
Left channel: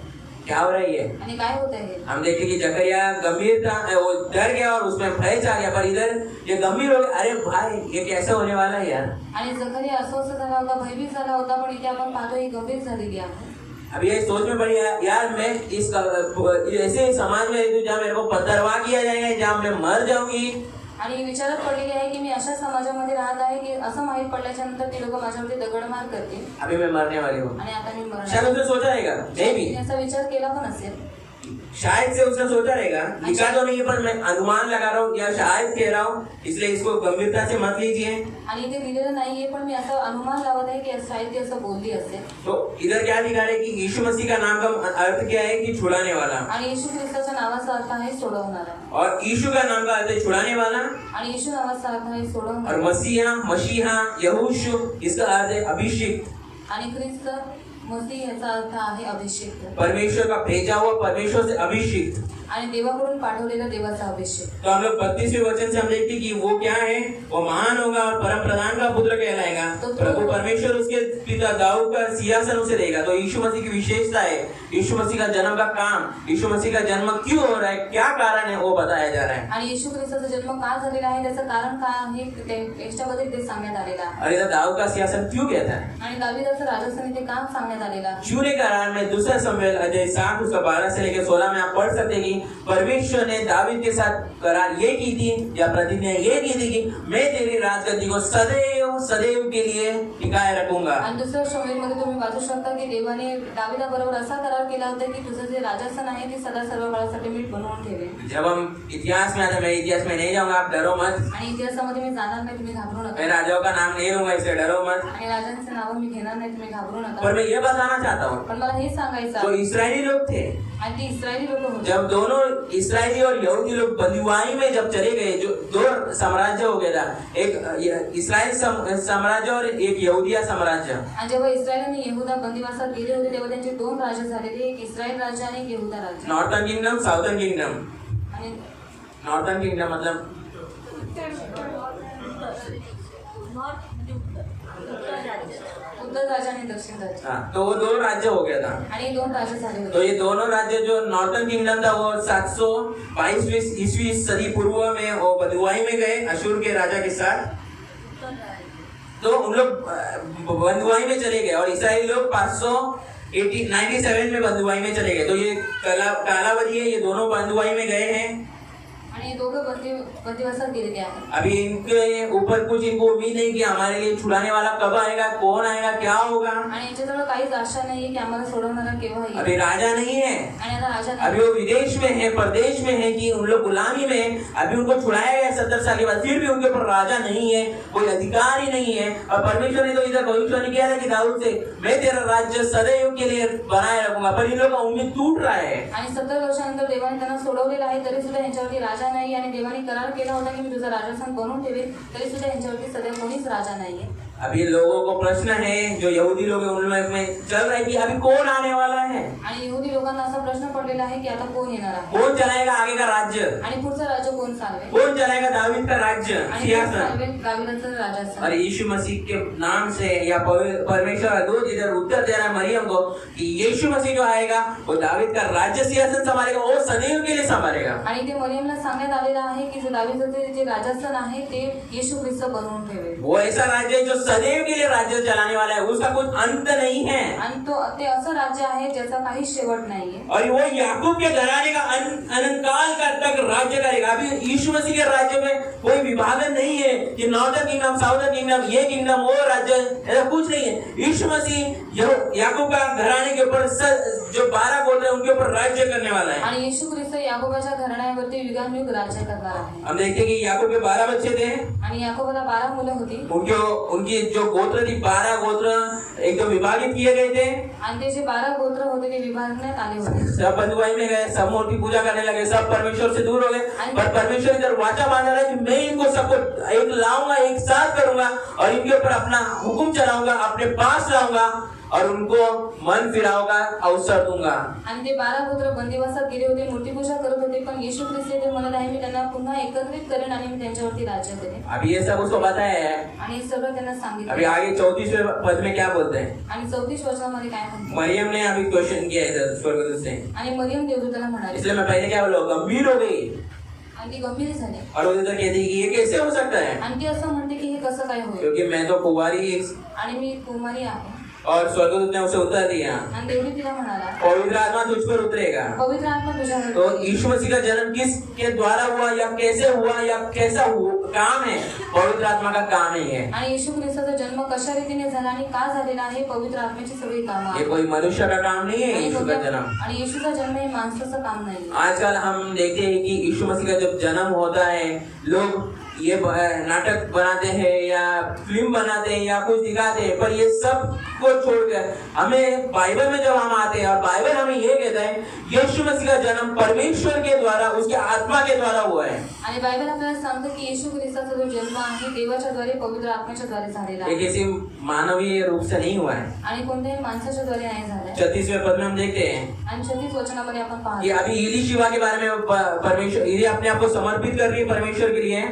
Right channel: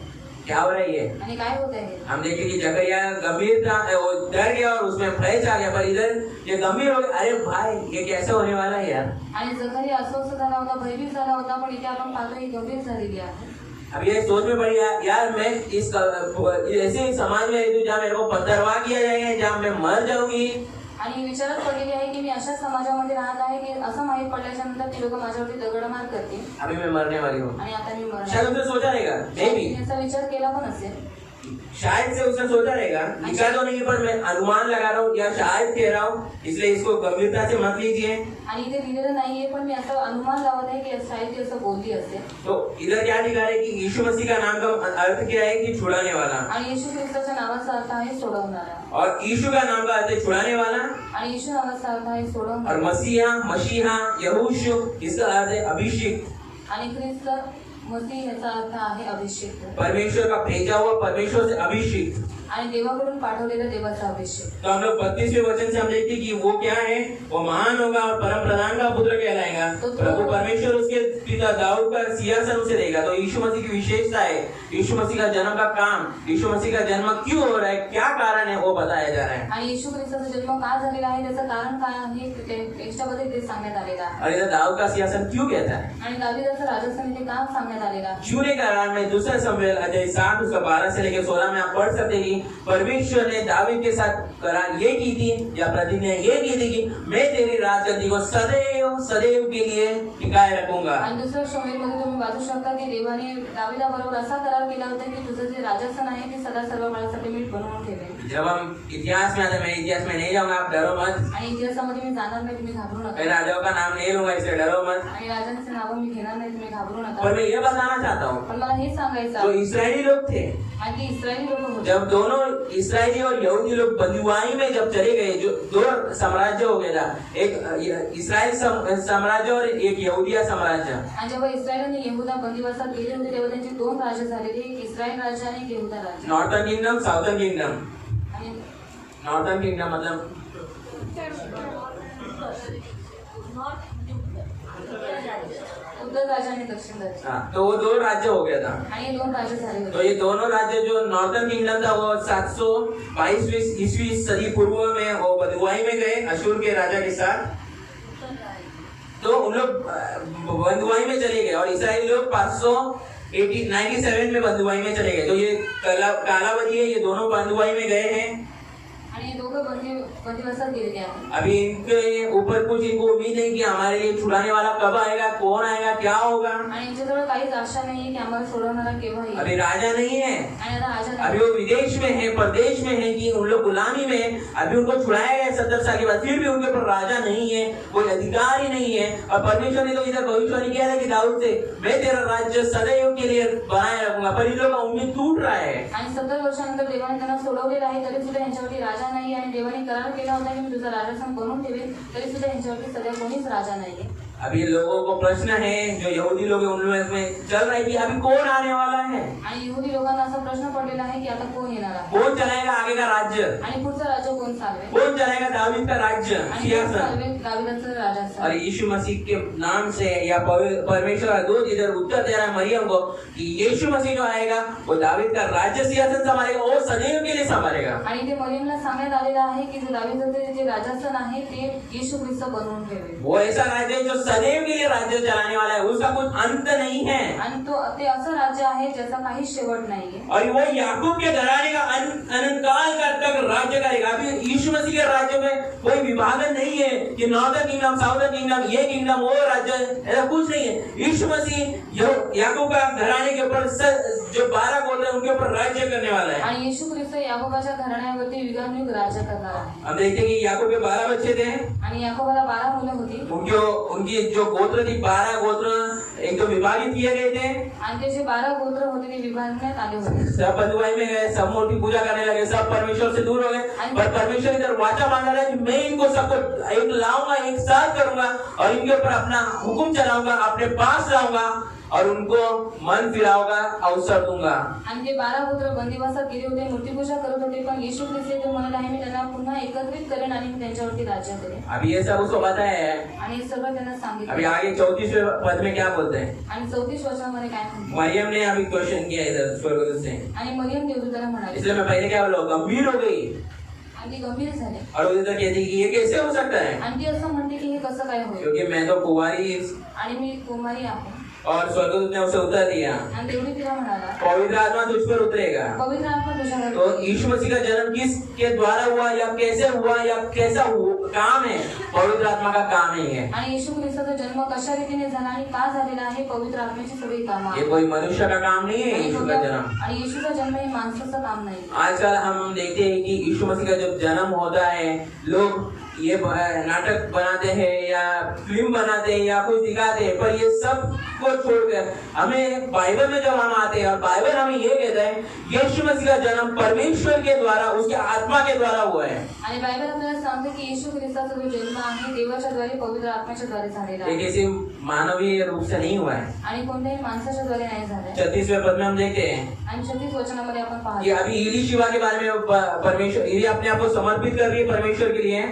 क्या हो रहा है ये? आणि काय होत आहे? हम देखते कि जकरिया गंभीर था, वो डर गया और उसमें भय आ गया, पर इधर ये गंभीर हो गया। अरे भाई ये कैसे होने वाला है यार। आणि जकरिया अस्वस्थ झाला होता, भयभीत झाला होता, पण इथे आपण पाहतो ही गंभीर झालेली आहे। अब ये सोच में पड़ी यार मैं इस ऐसे समाज में हूँ जहाँ मेरे को पत्थरवाह किया जाएगा, जहाँ मैं मर जाऊंगी। आणि विचारात पडलेली आहे की मी अशा समाजामध्ये राहत आहे की असं माहीत पडल्याच्या नंतर ती लोक माझ्यावरती दगडमार करतील अभी मैं मरने वाली हूँ। आणि आता मी शायद उसने सोचा रहेगा, मे बी याचा विचार केला पण असेल, शायद से उसने सोचा रहेगा, लिखा तो नहीं पर मैं अनुमान लगा रहा हूँ या शायद कह रहा हूँ, इसलिए इसको गंभीरता से मत लीजिए। आणि इथे लिहिलेलं नाहीये, पण मी असं अनुमान लावत आहे की शायद ती असं बोलली असेल। तो इधर क्या लिखा है कि यीशु मसीह का नाम का अर्थ क्या है कि छुड़ाने वाला, आणि येशू ख्रिस्ताच्या नावाचा अर्थ आहे सोडवणारा, और यीशु का नाम का अर्थ है छुड़ाने वाला, आणि येशू नावाचा अर्थ आहे और सोडवणारा, मसीहा यहोशू इसका अर्थ है अभिषिक्त। आणि ख्रिस्त मसीह याचा अर्थ आहे अभिषेक, परमेश्वर का भेजा हुआ, परमेश्वर से अभिषिक्त। आणि देवाकडून पाठवलेला देवाचा अभिषेक। तो हम लोग 32वें वचन से हम देखते कि वो क्या है, वो महान होगा और परम प्रधान का पुत्र कहलाएगा। प्रभु परमेश्वर उसके पिता दाऊद का सिंहासन उसे देगा। तो यीशु मसीह की विशेषता है, यीशु मसीह का जन्म का काम, यीशु मसीह का जन्म क्यों हो रहा है, क्या कारण है, वो बताया जा रहा है। आणि येशू ख्रिस्ताचा जन्म का झालेला आहे, त्याचं कारण काय आहे, त्याच्यामध्ये ते सांगण्यात आलेलं आहे। और इधर दाऊद का सिंहासन क्यों कहता है, आणि दाविदाचं राजस्थान इथे काम सांगण्यात आलेलं आहे। क्यों कारण में दूसरा सामुएल अध्याय 7 उसका 12 से लेकर 16 में आप पढ़ सकते हैं कि परमेश्वर ने दावीद के साथ करार ये की थी या प्रतिज्ञा ये की थी कि मैं तेरी राजगद्दी को सदैव सदैव के लिए टिकाए रखूंगा। आणि दुसऱ्या शमूएलमध्ये तुम्ही वाचू शकता की देवाने दाविदाबरोबर असा करार केला होता की तुझं जे राजस्थान आहे ते सदा सर्व काळासाठी मी बनवून ठेवेन। जब हम इतिहास में आते, मैं इतिहास में नहीं जाऊंगा, आप डरो मत। आणि इतिहासामध्ये मी जाणार नाही, तुम्ही घाबरू नका। मैं राजाओं का नाम नहीं लूंगा, इससे डरो मत। आणि राजांचे नाव मी घेणार नाही, तुम्ही घाबरू पर नका। मैं ये बताना चाहता हूँ, पण मला हे सांगायचं जो आहे, इस्राएली लोग थे, आणि ते इस्रायली लोक होते, जब दोनों इस्राएली और यहूदी लोग बंदीवाई में जब चले गए, जो दो साम्राज्य हो गया था, एक इस्राएल साम्राज्य और एक यहूदिया साम्राज्य। आणि जेव्हा इस्रायल आणि यहुदा बंदिवासात गेले होते तेव्हा त्यांचे दोन राज्य झालेले, एक इस्रायल राज्य आणि एक यहुदा राज्य। Northern kingdom, southern kingdom. आणि नॉर्थर्न किंगडम मतलब उत्तर राज्य आणि दक्षिण राज्य। हाँ, तो वो दो राज्य हो गया था। आणि दोन राज्य झाले तो होते। ये दोनों राज्य, जो नॉर्थर्न किंगडम था वो 722 ईस्वी सदी पूर्व में वो बंदुआई में गए अशूर के राजा के साथ। तो उन लोग बंदुआई में चले गए और ईसाई लोग 597 में बंदुआई में चले गए। तो ये कालावधि है, ये दोनों बंदुआई में गए हैं। आणि हे दोघं बंदिवासात गेलेले आहेत। अभी इनके ऊपर कुछ इनको उम्मीद नहीं कि हमारे लिए छुड़ाने वाला कब आएगा, कौन आएगा, क्या होगा। आणि यांच्याजवळ काहीच आशा नाहीये की आम्हाला सोडवणारा केव्हा येईल। अभी राजा नहीं है, आणि आता राजा नाही। अभी वो विदेश में है, प्रदेश में है कि उन लोग गुलामी में, अभी उनको छुड़ाया गया 70 साल के बाद, फिर भी उनके ऊपर राजा नहीं है, कोई अधिकार ही नहीं है। और परमेश्वर ने तो इधर भविष्यवाणी किया है कि दाऊद से, मैं तेरा राज्य सदैव के लिए बनाए रखूंगा। पर इन लोगों का उम्मीद टूट रहा है। आणि 70 वर्षानंतर देवाने त्यांना सोडवलेलं आहे, तरी सुद्धा यांच्यावरती राजा नाही आणि आणि देवाने करार केला होता की मी तुझा राजस्थान बनवून ठेवेन, तरी सुद्धा यांच्यावरती सध्या कोणीच राजा नाहीये. अभी लोगों को प्रश्न है, जो यहूदी लोग हैं उन लोगों में चल रहा है कि अभी कौन आने वाला है, आणि यहुदी लोकांना असा प्रश्न पडलेला आहे की आता कोण येणार आहे कौन चलाएगा आगे का राज्य, आणि पुढचा राज्य कोण चालवेल, कौन चलाएगा दाऊद का राज्य आणि कोण सिंहासन. चालवेल दाविदाचं और राजाचं. यीशु मसीह के नाम से या परमेश्वर का दूत इधर उत्तर दे रहा है मरियम को कि यीशु मसीह जो आएगा वो दाऊद का राज्य सिंहासन संभालेगा, वो सदैव के लिए संभालेगा. आणि ते मरियमला सांगण्यात आलेलं आहे की जे दाविदाचं जे राजासन आहे ते येशू ख्रिस्त बनवून ठेवेल. वो ऐसा राज्य है जो सदैव के लिए राज्य चलाने वाला है, उसका कुछ अंत नहीं है. आणि तो ते असं राज्य आहे ज्याचा काही शेवट नाहीये. और वो याकूब के घराने का अनंतकाल का तक राज्य करेगा. अभी यीशु मसीह के राज्य में कोई विभाजन नहीं है कि नॉर्दर्न किंगडम, साउदर्न किंगडम, ये किंगडम वो राज्य, ऐसा कुछ नहीं है. यीशु मसीह जो याकूब का घराने के ऊपर जो 12 गोत्र है उनके ऊपर राज्य करने वाला है. आणि येशू ख्रिस्त याकोबाच्या घराण्यावरती युगानुयुग राज्य करणार आहे. हम देखते हैं कि याकूब के 12 बच्चे थे, आणि याकोबाला 12 मुलं होती. उनकी जो गोत्र थी 12 गोत्र एकदम विभाजित किए गए थे. आणि ते जे 12 गोत्र होते ते विभागण्यात आले होते. सब बंधुआई में गए, सब मूर्ति पूजा करने लगे, सब परमेश्वर से दूर हो गए. पर परमेश्वर इधर वाचा बांधा रहा है कि मैं इनको सबको एक लाऊंगा, एक साथ करूंगा और इनके ऊपर अपना हुक्म चलाऊंगा, अपने पास लाऊंगा और उनको मन फिराऊंगा, अवसर दूंगा. आणि ते 12 गोत्र बंदिवासात गेले होते, मूर्तिपूजा करत होते, पण येशू ख्रिस्त जे म्हणत आहे मी त्यांना पुन्हा एकत्रित करेन आणि मी त्यांच्यावरती राज्य करेन. अभी ये सब उसको बताया है. आणि हे सगळं त्यांना अभी सांगितलं. आगे 34वें पद में क्या बोलते हैं. आणि 34 वचनामध्ये काय म्हणतो, मरियम ने अभी क्वेश्चन किया इधर स्वर्गदूत से, आणि मरियम देवदूताला म्हणाली. इसलिए मैं पहले क्या बोला, गंभीर हो गई आणि ती गंभीर झाली. और वो इधर कहती कि ये कैसे हो सकता है, आणि ती असं म्हणते की हे कसं काय होईल, क्योंकि मैं तो कुंवारी आणि मी कुमारी आहे. और स्वर्गदूत ने उसे उत्तर दिया, आणि देवनी तिला म्हणाला पवित्र आत्मा तुझ पर उतरेगा. पवित्र आत्मा तुझ्यावर तो यीशु मसीह का जन्म किसके द्वारा हुआ या कैसे हुआ या कैसा काम है, पवित्र आत्मा का काम नहीं है. आणि येशू ख्रिस्ताचा जन्म कशा रीतीने झाला आणि का झालेला आहे, पवित्र आत्म्याची सगळी कामं ये आहेत. कोई मनुष्य का काम नहीं है यीशु का जन्म. आणि येशूचा जन्म हे माणसाचं काम नाही. आजकल हम देखते हैं कि यीशु मसीह का जब जन्म होता है लोग ये नाटक बनाते हैं या फिल्म बनाते हैं या कुछ दिखाते हैं, पर ये सब को छोड़कर हमें बाइबल में जब हम आते हैं और बाइबल हमें ये कहता है यीशु मसीह का जन्म परमेश्वर के द्वारा, उसके आत्मा के द्वारा हुआ है. आणि बायबल आपल्याला सांगते की येशू ख्रिस्ताचा जो जन्म आहे देवाच्या द्वारे, पवित्र आत्म्याच्या द्वारे झालेला ये आहे. किसी मानवीय रूप से नहीं हुआ है. आणि कोणत्याही माणसाच्या द्वारे नाही झालाय. 36वें पद में हम देखते हैं आणि 36 वचनामध्ये आपण कि पाहतो अभी इली शिवा के बारे में परमेश्वर, इली अपने आप को समर्पित कर रही है परमेश्वर के लिए.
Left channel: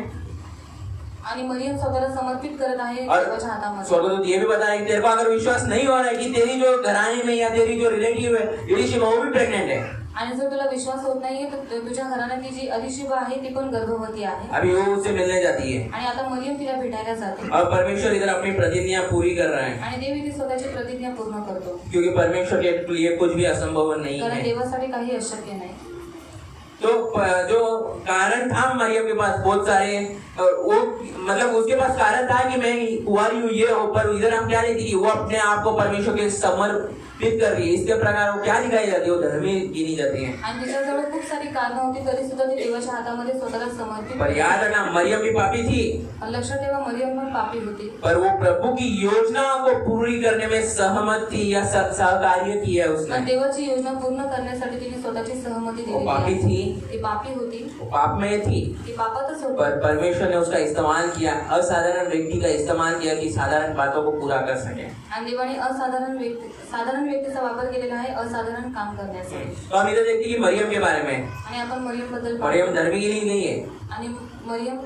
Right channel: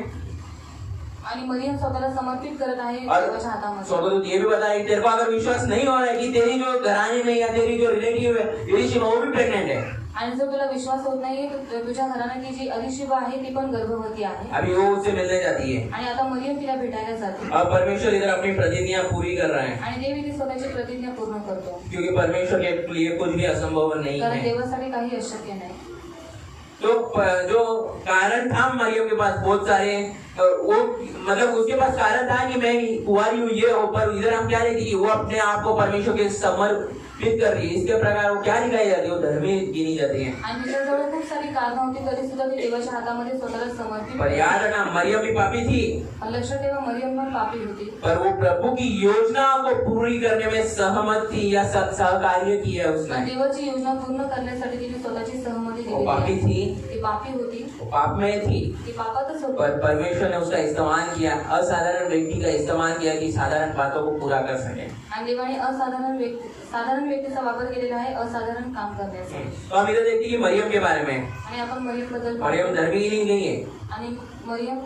आणि मरियम स्वतःला समर्पित करत आहे देवाच्या हातामध्ये. स्वर्गदूत ये भी बता रहे हैं तेरे को अगर विश्वास नहीं हो रहा है कि तेरी जो घरानी में या तेरी जो रिलेटिव है इली शिवा वो भी प्रेग्नेंट है. आणि जर तुला विश्वास होत नाहीये तर तुझ्या घराण्यातली जी अलिशिबा आहे ती पण गर्भवती आहे. अभी वो उससे मिलने जाती है आणि आता मरियम तिला भेटायला जाते. और परमेश्वर इधर अपनी प्रतिज्ञा पूरी कर रहा है, आणि देव इथे स्वतःची प्रतिज्ञा पूर्ण करतो. क्योंकि परमेश्वर के लिए कुछ भी असंभव नहीं कारण है. देवासाठी काही अशक्य नाही. तो जो कारण था मरियम के पास बहुत सारे, वो मतलब उसके पास कारण था कि मैं कुंवारी हूँ ये हो, पर इधर हम क्या देखते कि वो अपने आप को परमेश्वर के समर्पित कर रही है. इसके प्रकार वो क्या दिखाई जाती है, वो धर्मी गिनी जाती है. आणि तिच्याजवळ खूप सारी कारणं होती तरी सुद्धा ती देवाच्या हातामध्ये स्वतःला समर्पित पर याद रखना मरियम भी पापी थी, लक्षात ठेवा मरियम पण पापी होती. पर वो प्रभु की योजना को पूरी करने में सहमत थी या सहकार्य किया पण उसने. देवाची योजना पूर्ण करण्यासाठी तिने स्वतःची सहमती वो दिली. पापी थी, ती पापी होती, वो पाप में थी, ती पापातच होती. पर परमेश्वर ने उसका इस्तेमाल किया, असाधारण व्यक्ति का इस्तेमाल किया कि साधारण बातों को पूरा कर सके. आणि देवाने साधारण व्यक्तीचा वापर केलेला आहे असाधारण काम करण्यासाठी. तो हम इधर देखते हैं कि मरियम के बारे में, आणि आपण मरियम बद्दल मरियम धर्मी नहीं है, आणि मरियम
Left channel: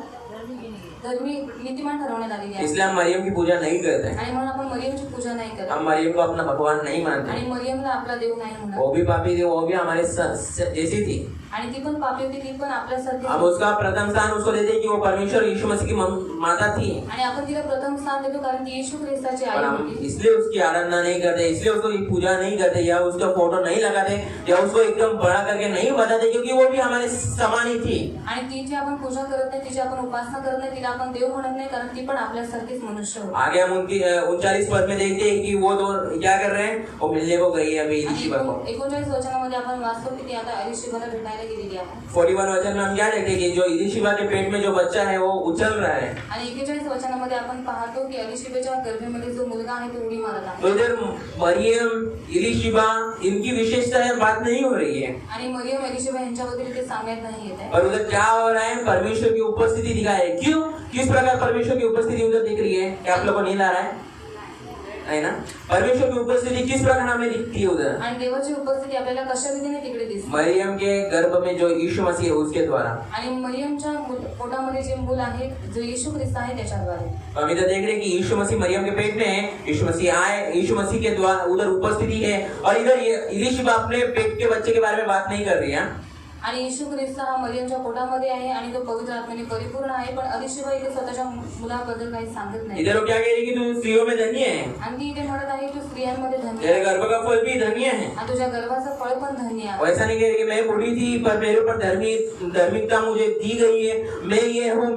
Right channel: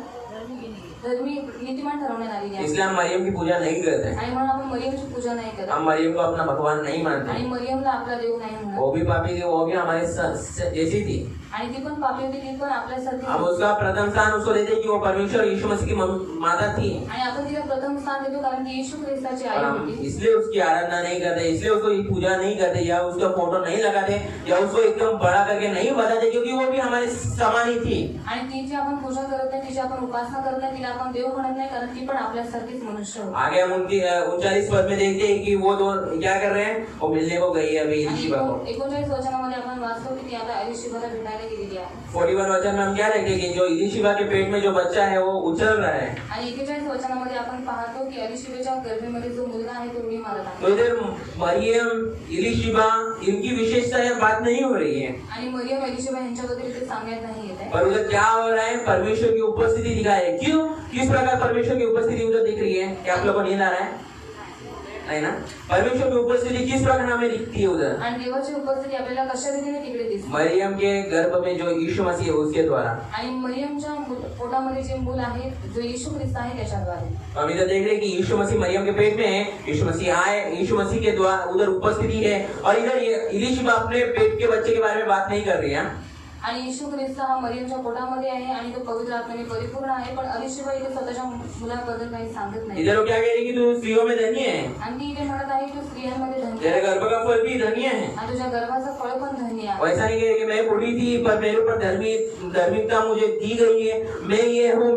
धर्मी नीतिमान ठरवण्यात आलेली आहे. इसलिए हम मरियम की पूजा नहीं करते हैं. आणि म्हणून आपण मरियमची पूजा नाही करत. हम मरियम को अपना भगवान नहीं मानते. आणि मरियमला आपला देव नाही म्हणत. वो भी पापी थी, वो भी हमारे जैसी थी. आणि ती पण पापी होती, ती पण आपल्यासारखी हम होती. उसका प्रथम स्थान उसको देते कि वो परमेश्वर यीशु मसीह की माता थी. आणि आपण तिला प्रथम स्थान देतो कारण ती येशू ख्रिस्ताची आई और हम होती. इसलिए उसकी आराधना नहीं करते, इसलिए उसको पूजा नहीं करते या उसका फोटो नहीं लगाते या उसको एकदम बड़ा करके नहीं बताते, क्योंकि वो भी हमारे समान ही थी. आणि तिची आपण पूजा करत नाही, तिची आपण उपासना करत नाही, तिला आपण देव म्हणत नाही कारण ती पण आपल्यासारखीच मनुष्य होती. आगे हम उनकी 39 पद में देखते हैं कि वो दो क्या कर रहे हैं, वो मिलने को गई है अभी आणि शिवा को. 39 वचनामध्ये आपण आपण वाचतो की ती आता एलिशिबाला भेटायला गेलेली आहे. 41 वचन में हम क्या देखते हैं कि जो इलीशिबा के पेट में जो बच्चा है वो उछल रहा है. आणि 41 वचनामध्ये आपण पाहतो की एलिशिबाच्या गर्भेमध्ये जो मुलगा आहे तो उडी मारत आहे. तो इधर मरियम इलीशिबा इनकी विशेषता है बात नहीं हो रही है. आणि मरियम एलिशिबा यांच्याबद्दल ते सांगण्यात नाही येत आहे. और उधर क्या हो रहा है, परमेश्वर की उपस्थिति दिखा है. क्यों, किस प्रकार परमेश्वर की उपस्थिति उधर दिख रही है? क्या आप लोगों को नींद आ रहा है ना? परमेश्वर की उपस्थिति किस प्रकार हमें दिखती है उधर? आणि देवाची उपस्थिती आपल्याला कशा रीतीने तिकडे दिसते? मरियम के गर्भ में जो यीशु मसीह है उसके द्वारा. आणि मरियमच्या पोटामध्ये जे मूल आहे जो येशू ख्रिस्त आहे त्याच्याद्वारे. हम इधर देख रहे हैं कि यीशु मसीह मरियम के पेट में है. यीशु मसीह आए, यीशु मसीह के द्वारा उधर उपस्थिति है. और इधर ये इलीशिबा अपने पेट के बच्चे के बारे में बात नहीं कर रही है. आणि येशू ख्रिस्त हा मरियमच्या पोटामध्ये आहे आणि तो पवित्र आत्म्याने परिपूर्ण आहे. पण एलिशिबा इथे स्वतःच्या मुलाबद्दल काही सांगत नाही. इधर वो क्या कह रही है कि तू स्त्रियों में धन्य है. आणि इथे म्हणत आहे तू स्त्रियांमध्ये धन्य तेरे आहे. गर्भ का फल भी धन्य है. आणि तुझ्या गर्भाचं फळ पण धन्य आहे. वैसा नहीं कह रही कि मैं बूढ़ी थी पर मेरे ऊपर धार्मिकता मुझे दी गई है, मैं ये हूँ.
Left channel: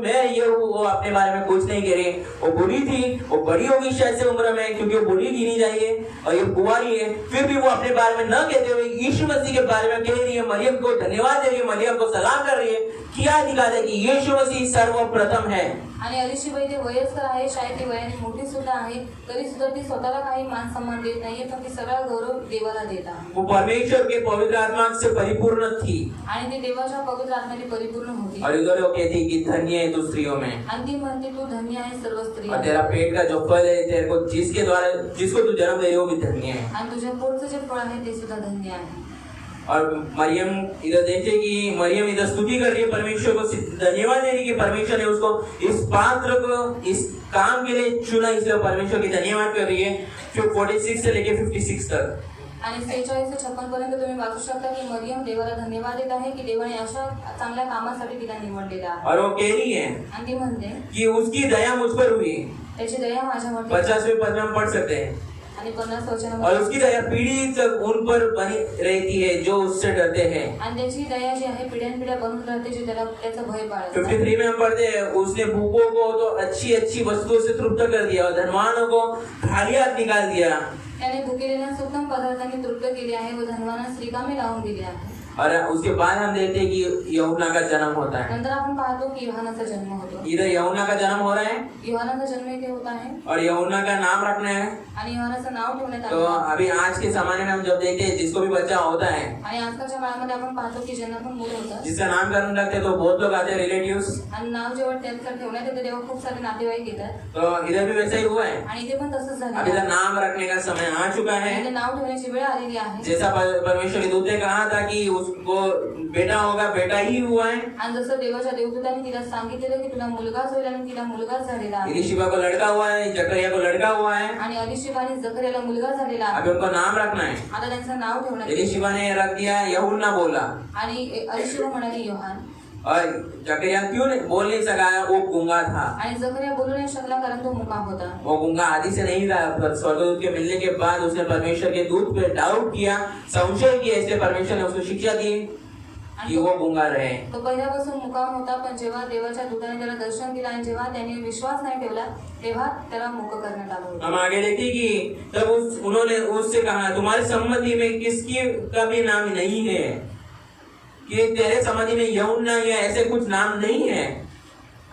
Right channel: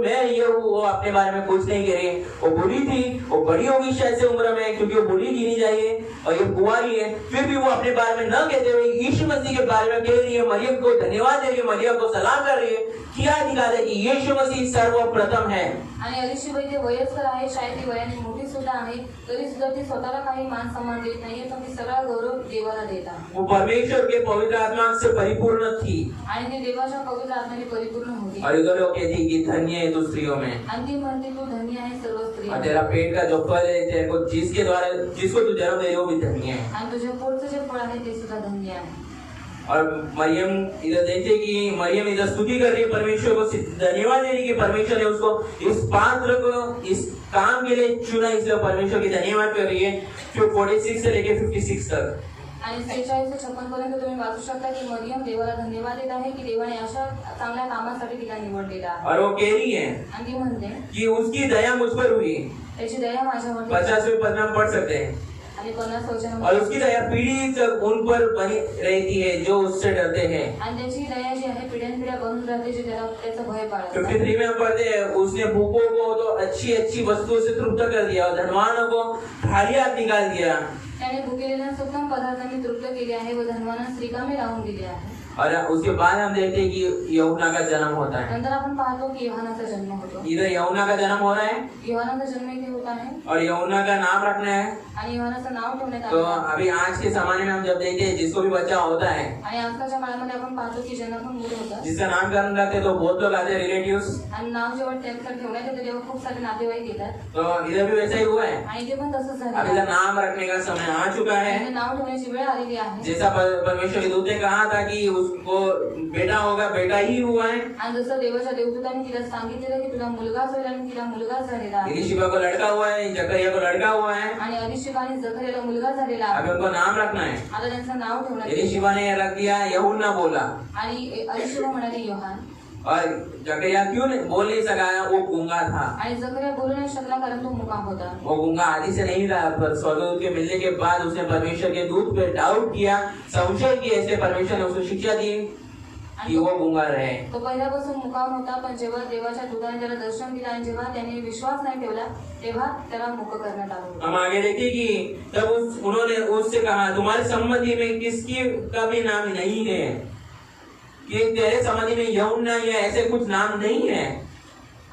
वो अपने बारे में कुछ नहीं कह रही. वो बूढ़ी थी, वो बड़ी होगी शायद से उम्र में क्योंकि वो बूढ़ी गिनी जाएगी और ये कुंवारी है. फिर भी वो अपने बारे में न कहते हुए यीशु मसीह के बारे में कह रही है. मरियम को धन्यवाद दे रही है, मरियम को सलाम कर रही है. क्या दिखा दे कि यीशु मसीह सर्वप्रथम है. आणि एलिशिबा इथे वयस्कर आहे, शाळेत ती वयाने मोठी सुद्धा आहे, तरी सुद्धा ती स्वतःला काही मान सन्मान देत नाहीये, पण ती सगळा गौरव देवाला देत आहे. वो परमेश्वर के पवित्र आत्मा से परिपूर्ण थी आणि ती देवाच्या पवित्र आत्म्याने परिपूर्ण होती. और इधर वो कहती कि धन्य है तू स्त्रियों में. आणि ती म्हणते तू धन्य आहे सर्व स्त्री. और तेरा पेट का जो फल है, तेरे को जिसके द्वारा जिसको तू जन्म दे रही हो भी धन्य है. आणि तुझ्या पोटचं जे फळ आहे ते सुद्धा धन्य आहे. और मरियम इधर देखते कि मरियम इधर स्तुति कर रही है, परमेश्वर को धन्यवाद दे रही है कि परमेश्वर ने उसको इस पात्र को इस काम के लिए चुना, इसलिए परमेश्वर की धन्यवाद कर रही है. 46 से लेके 56 तक. आणि 46 से 56 पर्यंत तुम्ही वाचू शकता की मरियम देवाला धन्यवाद देत आहे की देवाने अशा चांगल्या कामासाठी तिला निवडलेलं आहे. और वो कह रही है आणि ती म्हणते कि उसकी दया मुझ पर हुई. त्याची दया माझ्यावर. 50वें पद में हम पढ़ सकते हैं. आणि 50 वचन. और उसकी दया पीढ़ी तक उन पर बनी रहती है जो उससे डरते हैं. आणि त्याची दया जी आहे पिढ्यानपिढ्या बनून राहते जे त्याला त्याचं भय बाळगतात. 53 में हम पढ़ते हैं उसने भूखों को तो अच्छी अच्छी वस्तुओं से तृप्त कर दिया और धनवानों को खाली हाथ निकाल दिया. त्याने भुकेलेल्या उत्तम पदार्थांनी तृप्त केले आहे व धनवानास रिकामे लावून दिले आहे. और उसके बाद हम देखते हैं कि यूहन्ना का जन्म होता है. नंतर आपण पाहतो की योहानाचा जन्म होतो. इधर यूहन्ना का जन्म हो रहा है योहानाचा जन्म इथे होत आहे और यूहन्ना का नाम रखना है. आणि योहानाचं नाव ठेवण्यात तो आलं. अभी आज के जमाने में हम जब देखते हैं जिसको भी बच्चा होता है, आणि आजकालच्या काळामध्ये आपण पाहतो की ज्यांना पण मुलं होतात जिसका नामकरण रखते तो बहुत लोग आते हैं, रिलेटिव्स. आणि नाव जेव्हा त्यांचं ठेवण्यात येतं तेव्हा खूप सारे नातेवाईक येतात. तो इधर भी वैसा ही हुआ है. आणि ते पण तसंच अब झालं. इधर नाम रखने का समय आ चुका है. म्हणजे नाव ठेवण्याची वेळ आलेली आहे. जैसा परमेश्वर के दूत ने कहा था कि उसको बेटा होगा, बेटा ही हुआ है. आणि जसं देवाच्या देवदूताने तिला सांगितलेलं की तुला मुलगाच होईल आणि तिला मुलगाच झालेला आहे. इलीशिबा को लड़का हुआ है, जकरिया को लड़का हुआ है. आणि एलिशिबा आणि जकरियाला मुलगा झालेला अभी आहे. उनको नाम रखना है. आता त्यांचं नाव ठेवण्यात येतं. इलीशिबा ने रख दिया यूहन्ना बोला. आणि एलिशिबा म्हणाली योहान. और जकरिया क्यों बोल नहीं सका, वो गूंगा था. आणि जकरिया बोलू नाही शकला कारण तो मुका होता. वो गूंगा आदि से नहीं था, पर स्वर्गदूत के मिलने के बाद उसने परमेश्वर के दूत पे डाउट किया, संशय किया, इसलिए परमेश्वर ने उसको शिक्षा दी कि वो गूंगा रहे. तो पहिल्यापासून मुकाम होता, पण जेव्हा देवाच्या दूताने त्याला दर्शन दिलं आणि जेव्हा त्याने विश्वास नाही ठेवला तेव्हा त्याला मुक करण्यात आलं होतं. हम आगे देखते कि तब उन्होंने उससे कहा तुम्हारी सम्मति में किसकी का भी नाम नहीं है, कि तेरे सम्मति में यूहन्ना या ऐसे कुछ नाम नहीं है.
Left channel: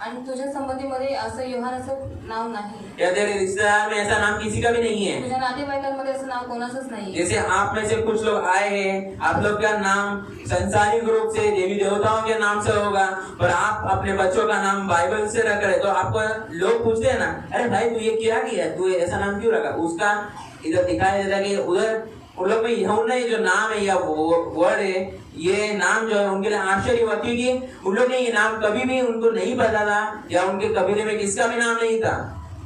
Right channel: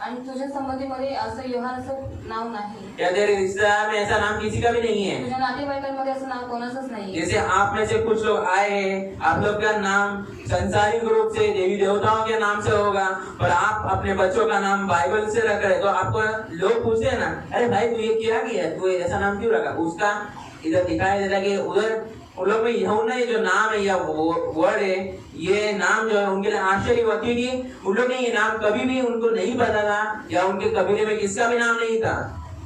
आणि तुझ्या संबंधीमध्ये असं योहानाचं नाव नाही. या तेरे रिश्तेदार में ऐसा नाम किसी का भी नहीं है. तुझ्या नातेवाईकांमध्ये असं नाव कोणाचंच नाही. जैसे आप में से कुछ लोग आए हैं, आप लोग का नाम संसारिक रूप से देवी देवताओं के नाम से होगा, पर आप अपने बच्चों का नाम बाइबल से रख रहे, तो आपको लोग पूछते हैं ना, अरे भाई तू ये क्या किया, तू ऐसा नाम क्यों रखा. उसका इधर दिखाया जाता है कि उधर उन लोग में यूहन्ना जो नाम है या वर्ड है, ये नाम जो है उनके लिए आश्चर्य हुआ क्योंकि उन लोग ने ये नाम कभी भी उनको नहीं पता था या उनके कबीले में किसका भी नाम नहीं था.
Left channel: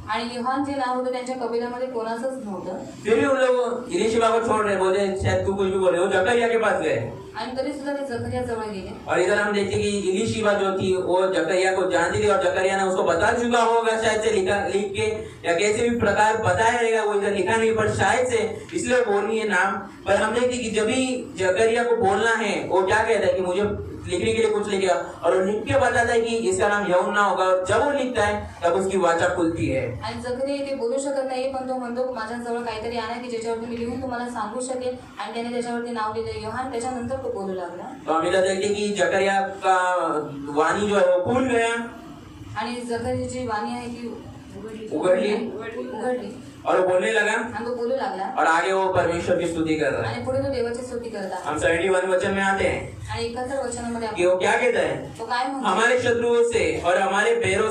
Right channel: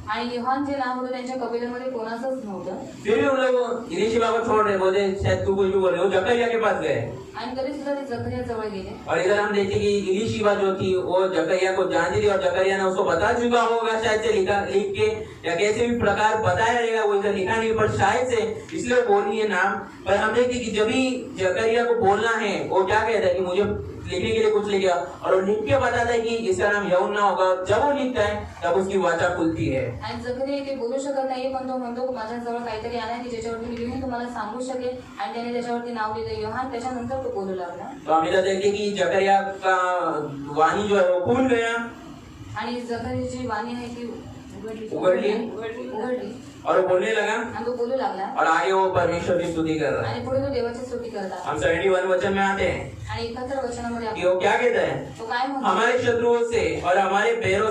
आणि योहान जे नाव होतं त्यांच्या कबिल्यामध्ये कोणाचंच नव्हतं. फिर भी उन लोग इलीशिबा को छोड़ रहे, बोलते शायद तू कुछ भी बोल रहे हो. जकरिया के पास गए आणि तरी सुद्धा ते जकरिया जवळ गेले. और इधर हम देखते कि इलीशिबा जो थी वो जकरिया को जानती थी और जकरिया ने उसको बता चुका होगा शायद से लिख के या कैसे भी प्रकार बताया रहेगा, वो इधर लिखा नहीं, पर शायद से इसलिए बोली है नाम. पर हम देखते कि जब भी जकरिया को बोलना है वो क्या कहता है कि मुझे लिखने के लिए कुछ लिख गया और वो लिख के बताता है कि इसका नाम यूहन्ना होगा। जब वो लिखता है तब उसकी वाचा खुलती है। आणि जकरिया इथे बोलू शकत नाही, पण तो म्हणतो माझ्याजवळ काहीतरी आणा की ज्याच्यावरती मी लिहून तुम्हाला सांगू शकेल, आणि त्याने त्याच्यावरती नाव लिहिलं योहान। त्याच्यानंतर तो बोलू लागला। तो हम इधर देखते कि जकरिया का वाणी जो है वो खुल गया आणि जकरियाची वाणी आहे की उघडली और वो बोलने लगा आणि तो बोलू लागला और आगे वो परमेश्वर की स्तुति कर रहा है। आणि पुढे तो देवाची स्तुती करत आहे। हम 71 वचन में आते हैं आणि 71 वचनामध्ये कि वो क्या कहता है, तो काय म्हणतो, हमारे शत्रुओं से और हमारे पैर